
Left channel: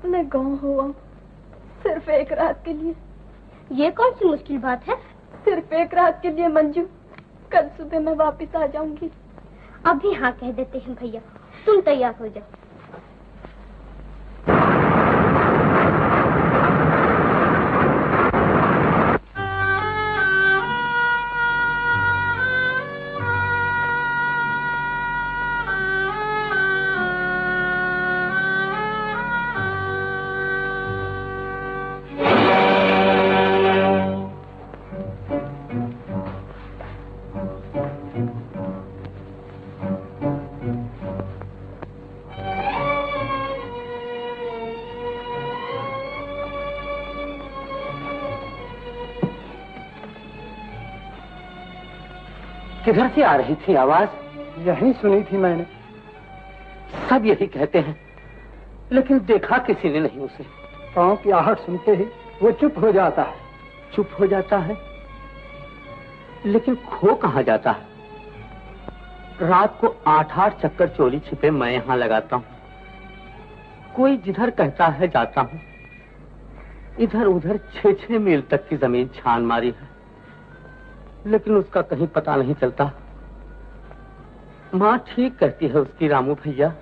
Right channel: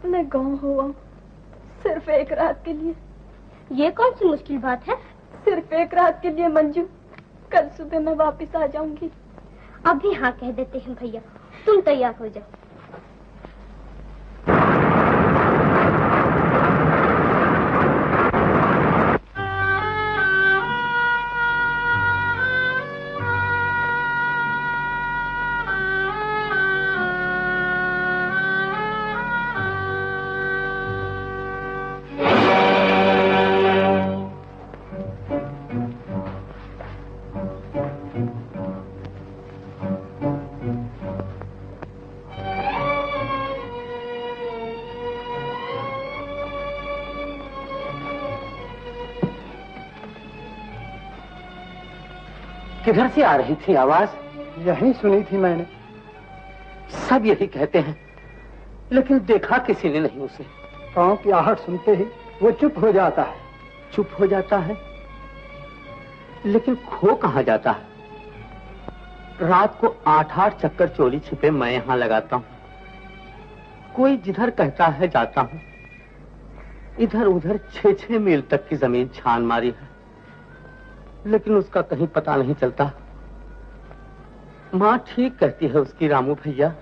मैं गांव हो आऊं, सिर्फ एक रात के लिए। ये कौन सी मुश्किल बात है? सिर्फ एक रात के लिए मंजू। कल सुबह मैं वापस आ जाऊंगी। अभी हाँ कह देते हैं भैया, तुम तैयार हो जाओ। किधर से आ रही थी आवाज? यही सुनी थी मैंने। सब यही कहते हैं, लेकिन देखा किसी ने नहीं उसे। पाँव की आहट सुनते ही वो चुप हो जाता है। चुप हो जाता है, लेकिन खो कहाँ जाता है? रात को 8-8 चक्कर चोरी छिपे मैं यहाँ लगाता हूँ। कोई जिधर कहता है जाता हूँ। इधर उधर 6-6 मील तक की जमीन छान मारी है, लेकिन उसका कहीं पता नहीं चलता। माँ ठीक कहती है उसकी रामू भैया,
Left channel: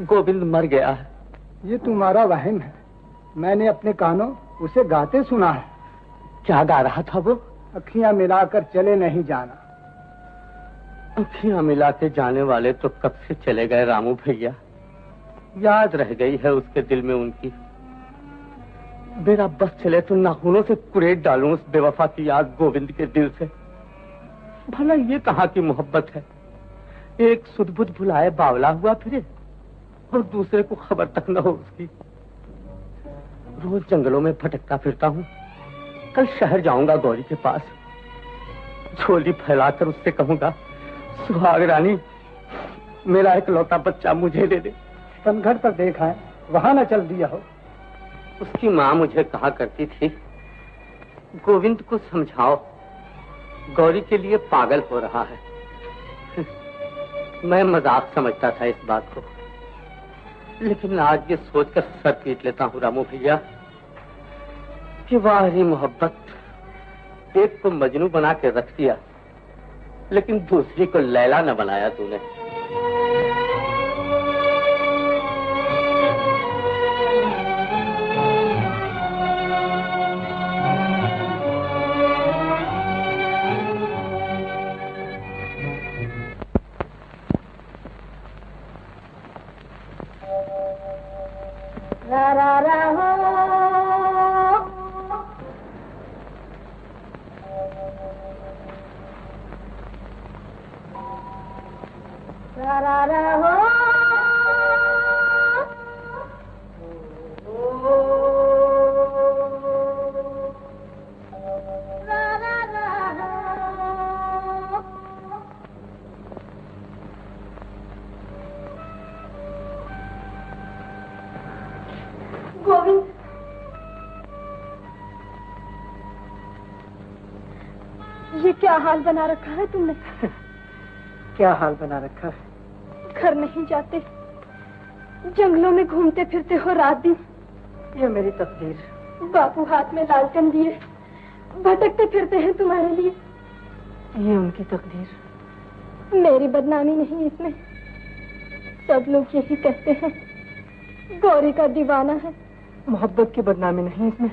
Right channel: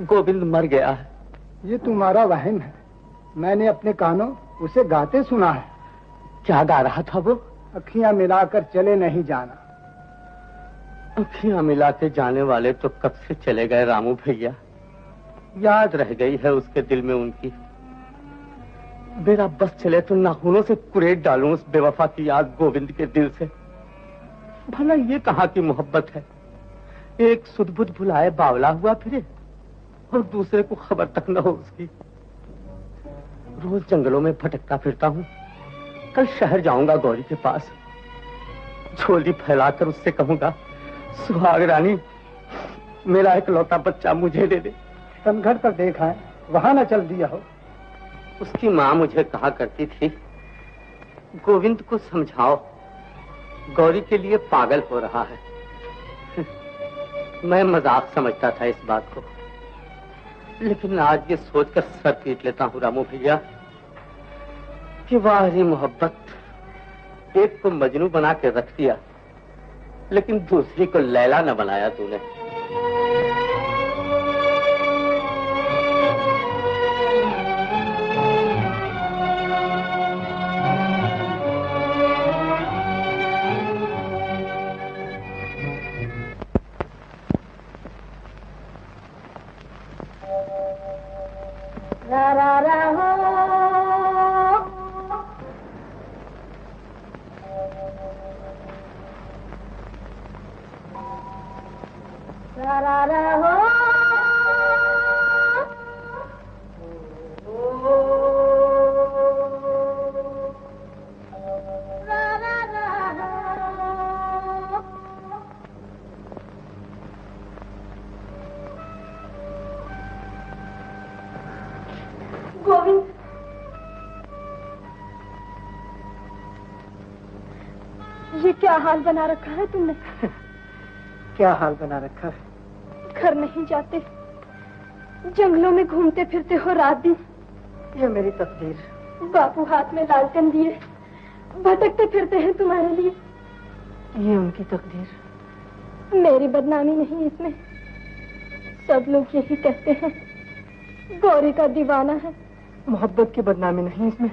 गोविंद मर गया है। ये तुम्हारा वहम है। मैंने अपने कानों उसे गाते सुना है। क्या गा रहा था वो? अखियां मिलाकर चले नहीं जाना। अखियां मिला के जाने वाले तो कब से चले गए रामू भैया। याद रह गई है उसके दिल में उनकी। मेरा बस चले तो नाखूनों से कुरेद डालूं उस बेवफा की याद गोविंद के दिल से। भला ये कहाँ की मोहब्बत है? एक सुध-बुध भुलाए बावला हुआ फिरे और दूसरे को खबर तक न हो उसकी। रोज जंगलों में भटकता फिरता हूँ। कल शहर जाऊंगा गौरी के पास। झोली फैलाकर उससे कहूंगा, सुहाग रानी, मेरा एक लौता बच्चा मुझे दे दे। पनघट पर देखा है, वहां न चल दिया हो। उसकी माँ मुझे कहा करती थी, गोविंद को समझाओ, गौरी के लिए पागल हो रहा है। मैं मजाक समझता था इस बात को, लेकिन आज ये सोचकर सर पीट लेता हूँ रामू भैया कि वाह रे मोहब्बत, एक को मजनू बना के रख दिया, लेकिन दूसरी को लैला न बनाया तूने। रा रा रा हो, रा रा रा हो, रा रा रा हो। गोविंद, ये क्या हाल बना रखा है तुमने? क्या हाल बना रखा है? घर नहीं जाते, जंगलों में घूमते फिरते हो रात दिन। ये मेरी तकदीर। बापू हाथ में लालटेन लिए भटकते फिरते हैं तुम्हारे लिए। ये उनकी तकदीर। मेरी बदनामी नहीं इसमें। सब लोग यही कहते हैं गौरी का दीवाना है। मोहब्बत की बदनामी नहीं इसमें।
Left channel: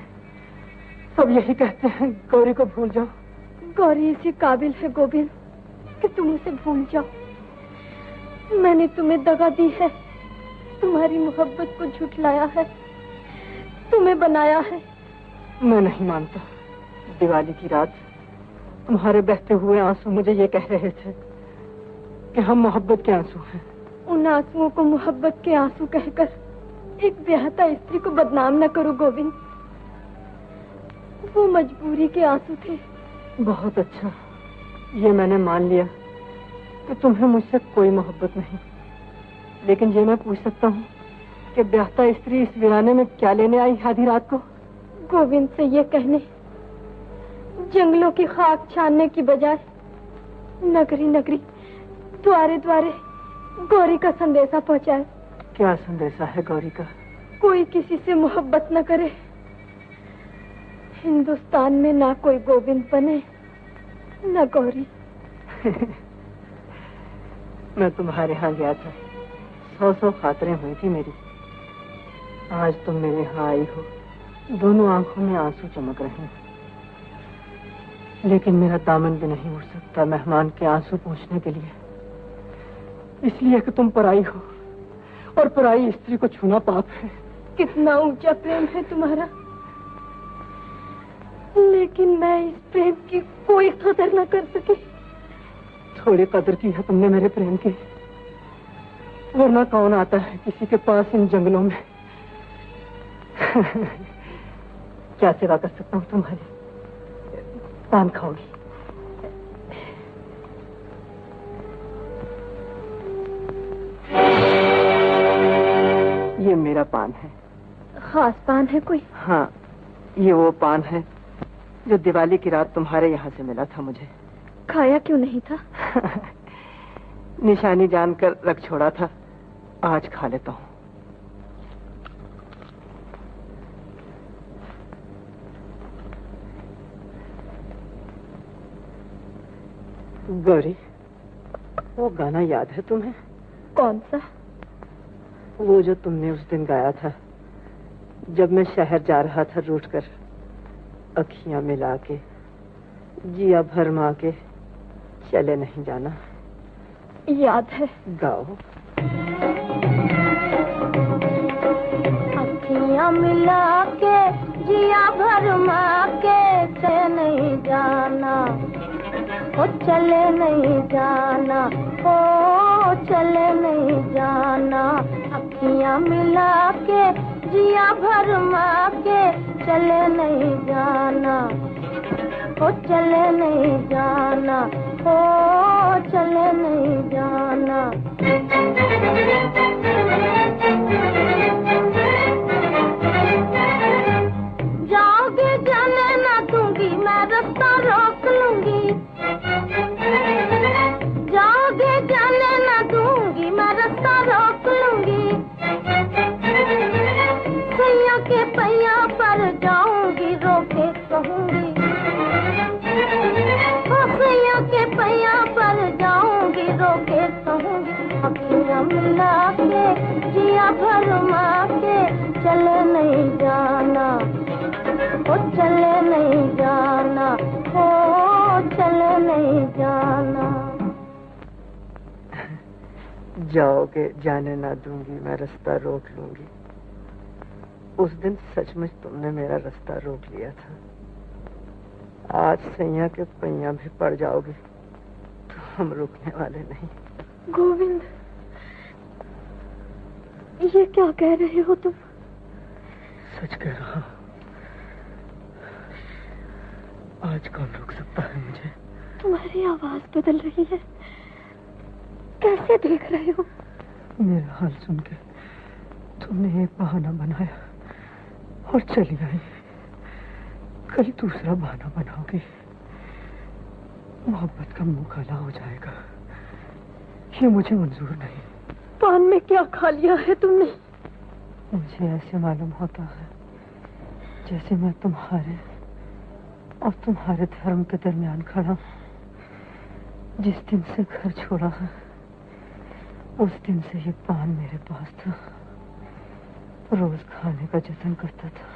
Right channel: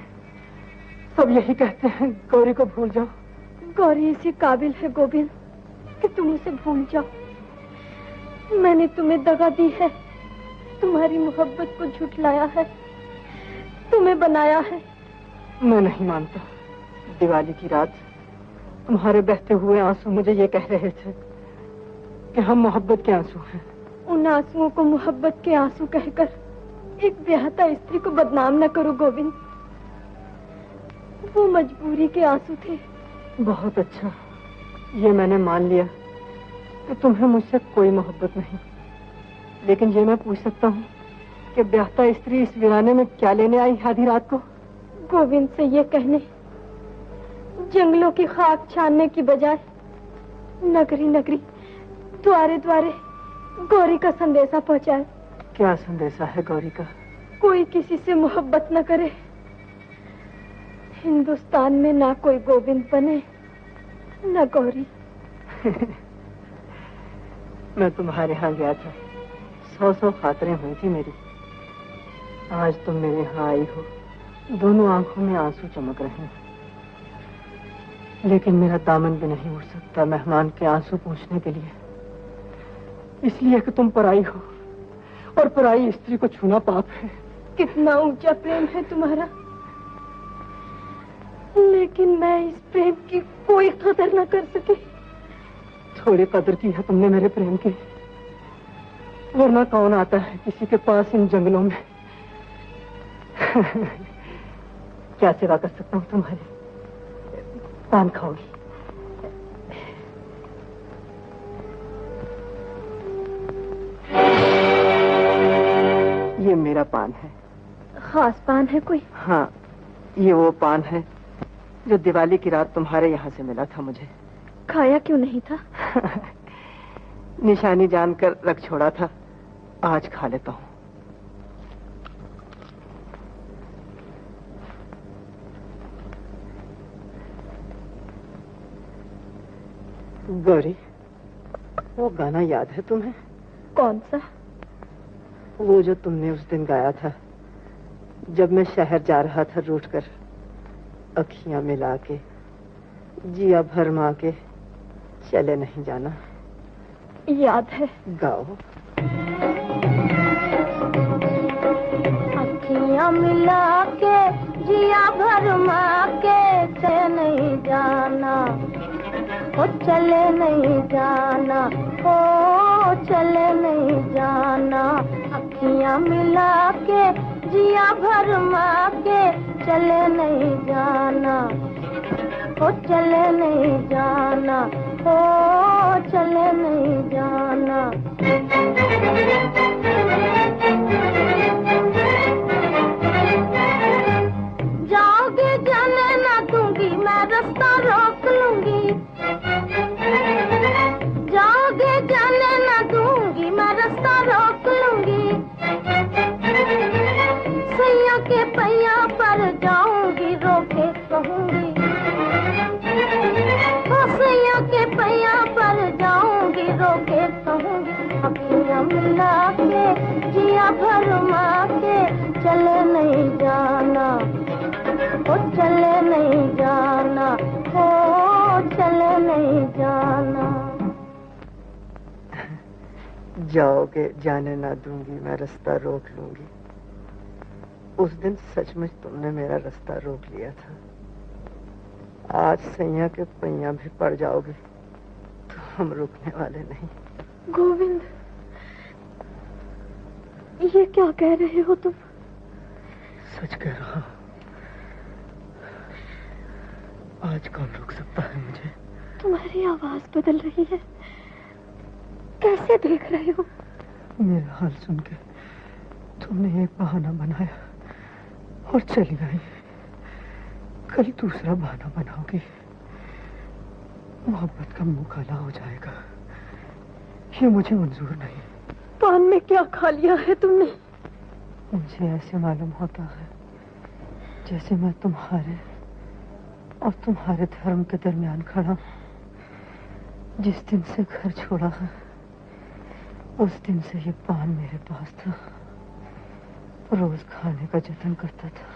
सब यही कहते हैं गौरी को भूल जाओ। गौरी इसी काबिल है गोविंद कि तुम उसे भूल जाओ। मैंने तुम्हें दगा दी है, तुम्हारी मोहब्बत को झुठलाया है, तुम्हें बनाया है। मैं नहीं मानता। दिवाली की रात तुम्हारे बहते हुए आंसू मुझे ये कह रहे थे कि हम मोहब्बत के आंसू हैं। उन आंसुओं को मोहब्बत के आंसू कहकर एक ब्याहता स्त्री को बदनाम न करो गोविंद। वो मजबूरी के आंसू थे। बहुत अच्छा, ये मैंने मान लिया कि तुम्हें मुझसे कोई मोहब्बत नहीं। लेकिन ये मैं पूछ सकता हूँ कि ब्याहता स्त्री इस वीराने में क्या लेने आई आधी रात को? गोविंद से ये कहने जंगलों की खाक छानने की बजाय नगरी नगरी द्वारे द्वारे गौरी का संदेशा पहुंचाए। क्या संदेशा है गौरी का? कोई किसी से मोहब्बत न करे। हिंदुस्तान में ना कोई गोविंद बने न गौरी। मैं तुम्हारे यहाँ गया था, 100 खातरें हुई थी मेरी। आज तुम मेरे यहाँ आई हो, दोनों आंखों में आंसू चमक रहे हैं। लेकिन मेरा दामन भी नहीं उठ सकता मेहमान के आंसू पोंछने के लिए, इसलिए कि तुम पराई हो और पराई स्त्री को छूना पाप है। कितना ऊंचा प्रेम है तुम्हारा, लेकिन मैं इस प्रेम की कोई कदर न कर सकी। थोड़ी कदर की है तुमने मेरे प्रेम की, वरना कौन आता है किसी के पास इन जंगलों में। क्या सेवा कर सकता हूँ तुम्हारी? पान खाओगी? ये मेरा पान है। खास पान है कोई? हाँ, ये वो पान है जो दिवाली की रात तुम्हारे यहाँ से मिला था मुझे। खाया क्यों नहीं था? निशानी जानकर रख छोड़ा था, आज खा लेता हूँ। गौरी, वो गाना याद है तुम्हें? कौन सा? वो जो तुमने उस दिन गाया था जब मैं शहर जा रहा था रूठ कर, अखियां मिला के जिया भरमा के चले नहीं जाना। याद है। गाओ। अखियां मिला के जिया भरमा के चले नहीं जाना, ओ चले नहीं जाना, ओ चले नहीं जाना। अखियां मिला के जिया भरमा के चले नहीं जाना, ओ चले नहीं जाना, ओ चले नहीं जाना। जाओगे जाने ना दूंगी, मैं रास्ता रोक लूंगी। जाओगे जाने ना दूंगी, मैं रास्ता रोक लूंगी। सैया के पैया पर जाऊंगी, रोके कहूंगी। सैया के पैया पर जाऊंगी, रोके कहूंगी। अखियां मिला के जिया भरमा के चले नहीं जाना, ओ चले नहीं जाना, ओ चले नहीं जाना। जाओगे जाने ना दूंगी, मैं रास्ता रोक लूंगी। उस दिन सचमुच तुमने मेरा रास्ता रोक लिया था। आज सैया के पैया भी पड़ जाओगे तो हम रुकने वाले नहीं। गोविंद, ये क्या कह रहे हो तुम? सच कह रहा हूँ। आज कौन रोक सकता है मुझे? तुम्हारी आवाज बदल रही है। कैसे देख रहे हो? मेरा हाल सुन के तुमने एक बहाना बनाया और चली आई। कल दूसरा बहाना बनाओगी, मोहब्बत का मुंह काला हो जाएगा। ये मुझे मंजूर नहीं। पान में क्या खा लिया है तुमने? मुझे ऐसे मालूम होता है जैसे मैं तुम्हारे और तुम्हारे धर्म के दरमियान खड़ा हूं। जिस दिन से घर छोड़ा है उस दिन से ये पान मेरे पास था। रोज खाने का जतन करता था,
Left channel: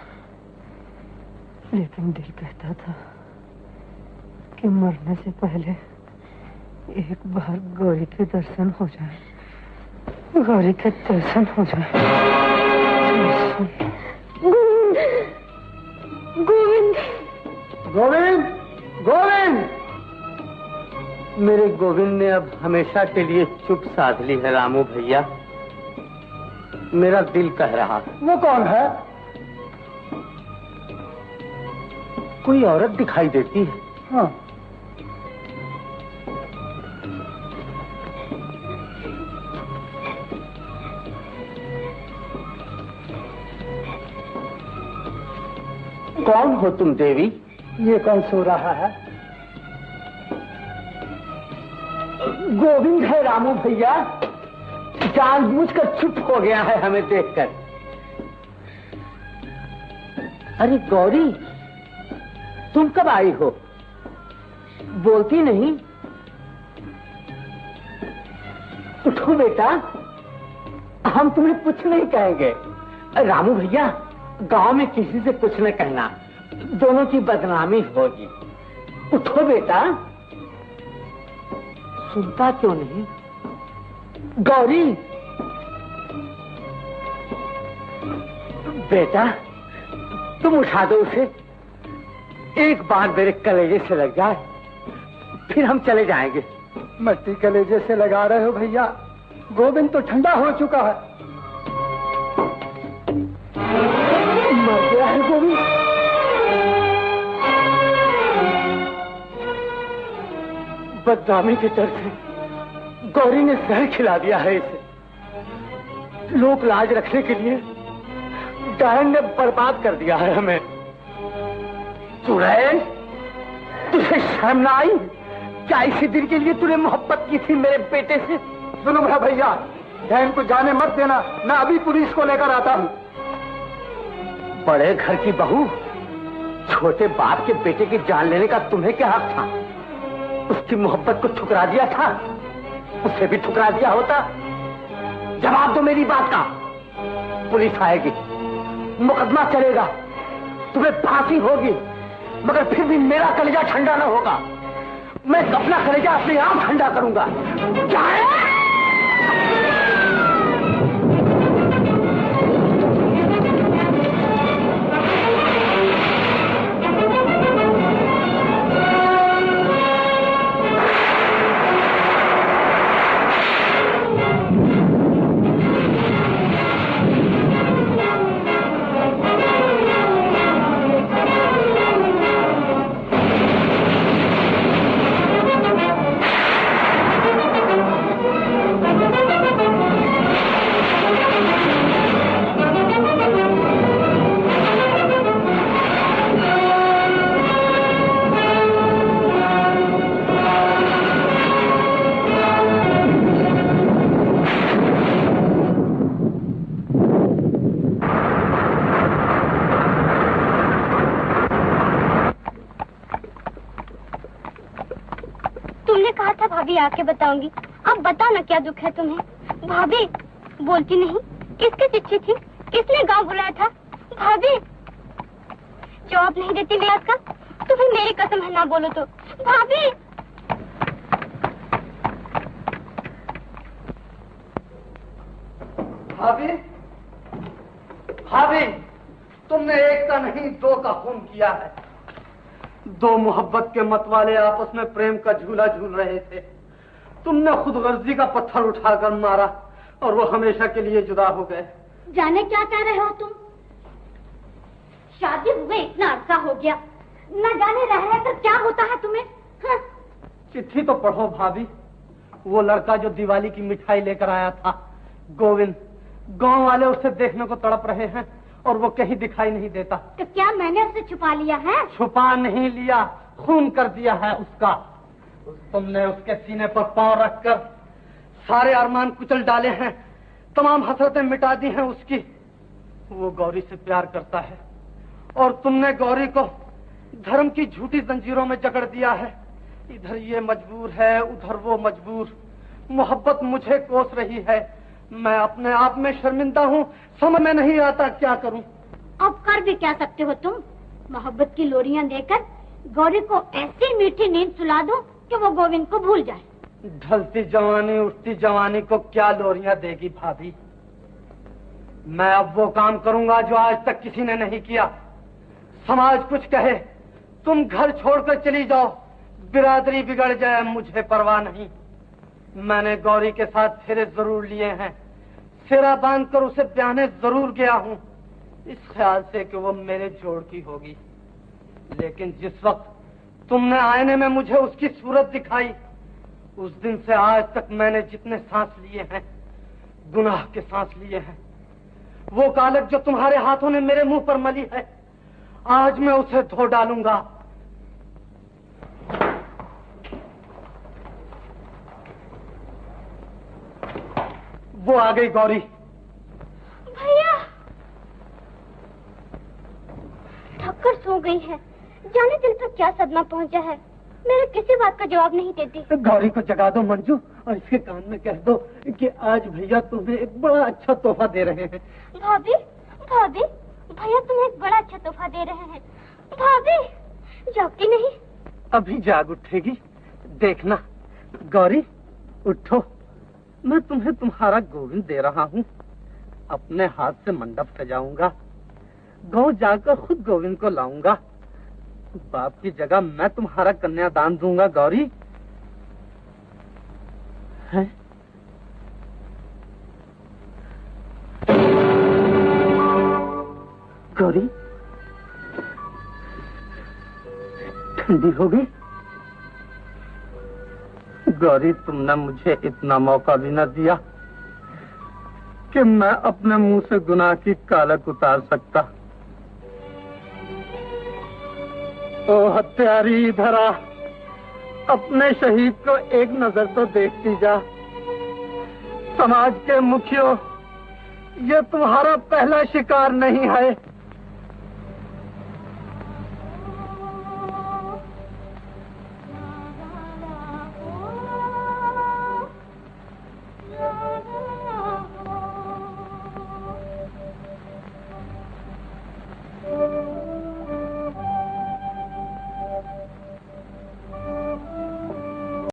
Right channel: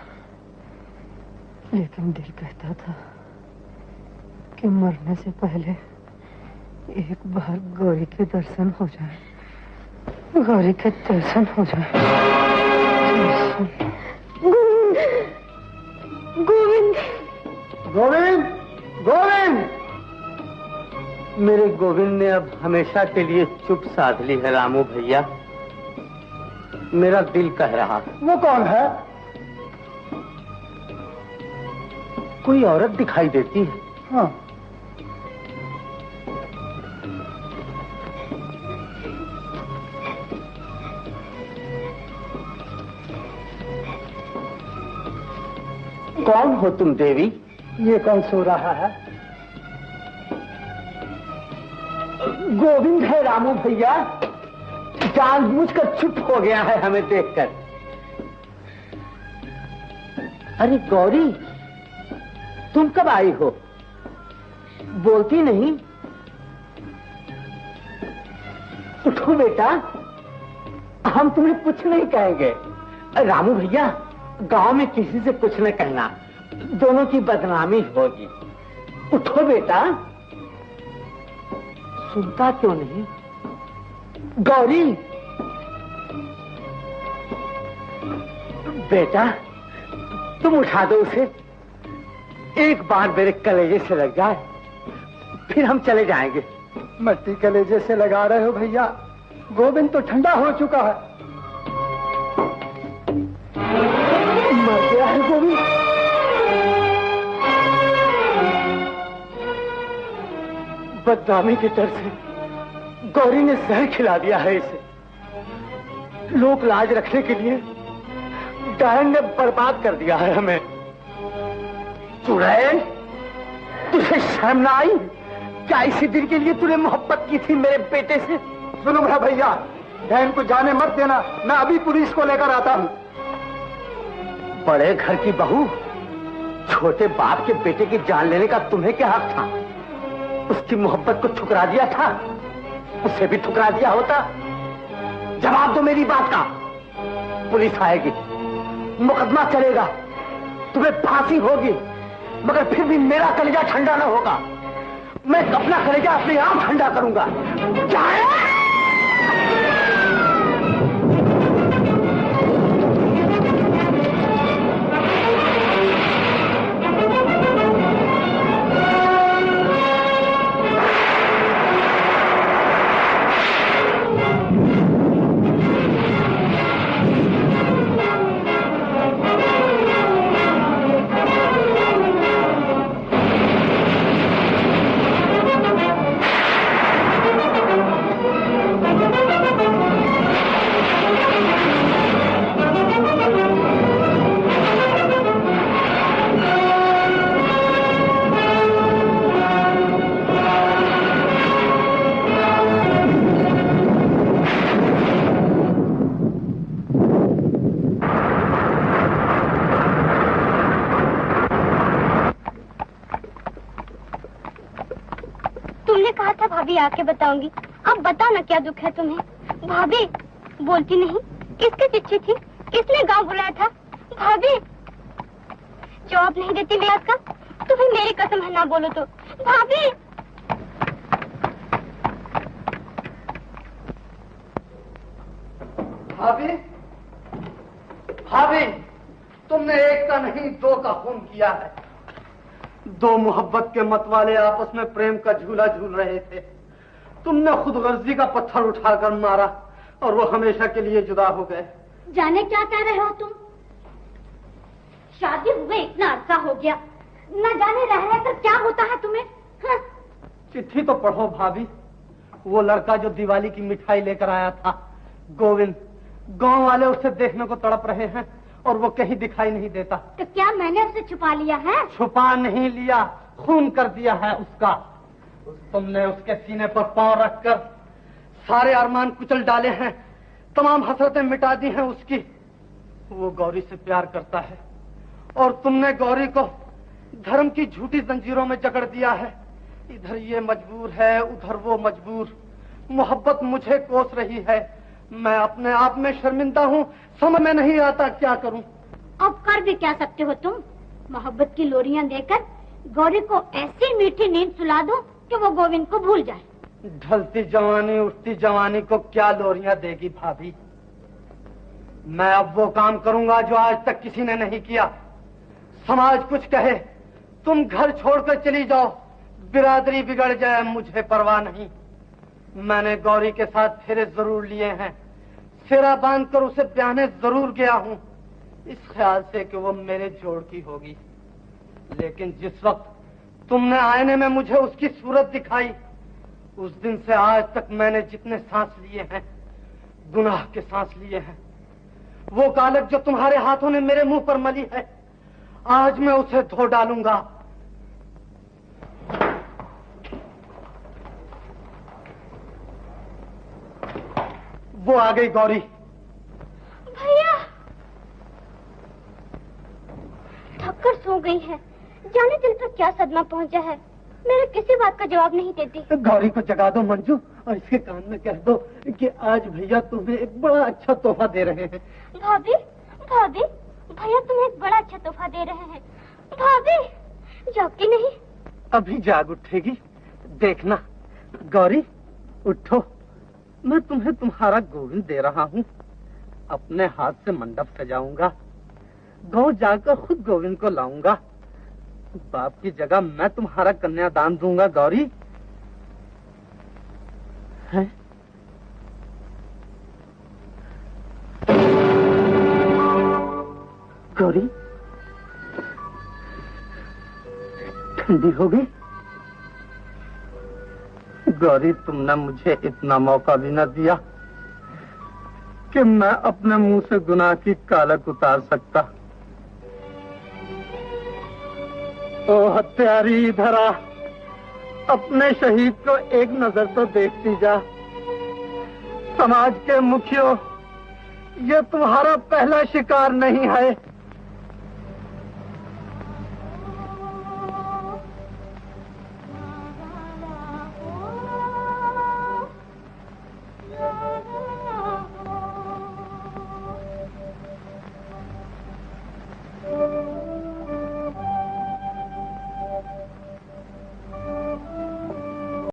लेकिन दिल कहता था कि मरने से पहले एक बार गौरी के दर्शन हो जाए, गौरी के दर्शन हो जाए। गोविंद, गोविंद, गोविंद! मेरे गोविंद ने अब हमेशा के लिए चुप साध ली है रामू भैया। मेरा दिल कह रहा है। वो कौन है? कोई औरत दिखाई देती है। हाँ, कौन हो तुम देवी? ये कौन सो रहा है? गोविंद है रामू भैया। जानबूझकर चुप हो गया है हमें देखकर। अरे गौरी, तुम कब आई हो? बोलती नहीं। उठो बेटा, हम तुम्हें कुछ नहीं कहेंगे। रामू भैया, गांव में किसी से कुछ न कहना, दोनों की बदनामी होगी। उठो बेटा। सुनता क्यों नहीं? गौरी, बेटा तुम उठा दो उसे। एक बार मेरे कलेजे से लग जाए, फिर हम चले जाएंगे। मट्टी कलेजे से लगा रहे हो भैया? गोविंद तो ठंडा हो चुका है। मर गया है गोविंद। बदनामी के डर से गौरी ने जहर खिला दिया है इसे। लोक लाज रखने के लिए डायन ने बर्बाद कर दिया है हमें। चुड़ैल, तुझे शर्म ना आई? क्या इसी दिन के लिए तूने मोहब्बत की थी मेरे बेटे से? सुनो मेरा भैया, डायन को जाने मत देना, मैं अभी पुलिस को लेकर आता हूँ। बड़े घर की बहू, छोटे बाप के बेटे की जान लेने का तुम्हें क्या हक था? उसकी मोहब्बत को ठुकरा दिया था, उसे भी ठुकरा दिया होता। जवाब दो मेरी बात का। पुलिस आएगी, मुकदमा चलेगा, तुम्हें फांसी होगी, मगर फिर भी मेरा कलेजा ठंडा न होगा। मैं अपना कलेजा अपने आप ठंडा करूंगा। भाभी आके बताऊंगी। अब बता ना क्या दुख है तुम्हें? भाभी बोलती नहीं। किसकी चिट्ठी थी? किसने गांव बुलाया था? भाभी जवाब नहीं देती मैं का, तो फिर मेरी कसम है ना बोलो तो। भाभी भाभी, भाभी, तुमने एक का नहीं दो का खून किया है। दो मोहब्बत के मतवाले आपस में प्रेम का झूला झूल रहे थे। तुमने खुद गर्जी का पत्थर उठाकर मारा और वो हमेशा के लिए जुदा हो गए। जाने क्या कह रहे हो तुम? शादी हुए इतना अरसा हो गया, न जाने रह रहकर क्या होता है तुम्हें? हाँ? चिट्ठी तो पढ़ो भाभी। वो लड़का जो दिवाली की मिठाई लेकर आया था, गोविंद, गांव वाले उसे देखने को तड़प रहे हैं और वो कहीं दिखाई नहीं देता। तो क्या मैंने उसे छुपा लिया है? छुपा नहीं लिया, खून कर दिया है उसका। तुमने उसके सीने पर पांव रखकर सारे अरमान कुचल डाले हैं, तमाम हसरतें मिटा दी हैं उसकी। वो गौरी से प्यार करता है और तुमने गौरी को धर्म की झूठी जंजीरों में जकड़ दिया है। इधर ये मजबूर है, उधर वो मजबूर। मोहब्बत मुझे कोस रही है, मैं अपने आप में शर्मिंदा हूँ, समझ में नहीं आता क्या करूँ। अब कर भी क्या सकते हो तुम? मोहब्बत की लोरियां देकर गौरी को ऐसी मीठी नींद सुला दो कि वो गोविंद को भूल जाए। ढलती जवानी उठती जवानी को क्या लोरियां देगी भाभी? मैं अब वो काम करूंगा जो आज तक किसी ने नहीं किया। समाज कुछ कहे, तुम घर छोड़कर चली जाओ, बिरादरी बिगड़ जाए, मुझे परवाह नहीं। मैंने गौरी के साथ फेरे जरूर लिए हैं, फेरा बांधकर उसे ब्याहने जरूर गया हूं, इस ख्याल से कि वो मेरे जोड़ की होगी। लेकिन जिस वक्त तुमने आईने में मुझे उसकी सूरत दिखाई, उस दिन से आज तक मैंने जितने सांस लिए हैं, गुनाह के सांस लिए हैं। वो कालक जो तुम्हारे हाथों ने मेरे मुंह पर मली है, आज मैं उसे धो डालूंगा। वो आ गई गौरी। भैया थककर सो गई है, जाने दिल पर क्या सदमा पहुंचा है, मेरे किसी बात का जवाब नहीं देती। गौरी को जगा दो मंजू, और इसके कान में कह दो कि आज भैया तुम्हें एक बड़ा अच्छा तोहफा दे रहे हैं। भाभी भाभी, भैया तुम्हें एक बड़ा अच्छा तोहफा दे रहे हैं। भाभी जागती नहीं? अभी जाग उठेगी, देखना। गौरी उठो, मैं तुम्हें तुम्हारा गोविंद दे रहा हूँ। अपने हाथ से मंडप सजाऊंगा, गांव जाकर खुद गोविंद को लाऊंगा। बाप की जगह मैं तुम्हारा कन्यादान दूंगा। गौरी है? गौरी ठंडी हो गई। गौरी तुमने मुझे इतना मौका भी न दिया कि मैं अपने मुंह से गुनाह की कालक उतार सकता। ओ हत्यारी धरा, अपने शहीद को एक नजर तो देखती जा। समाज के मुखियों, ये तुम्हारा पहला शिकार नहीं है।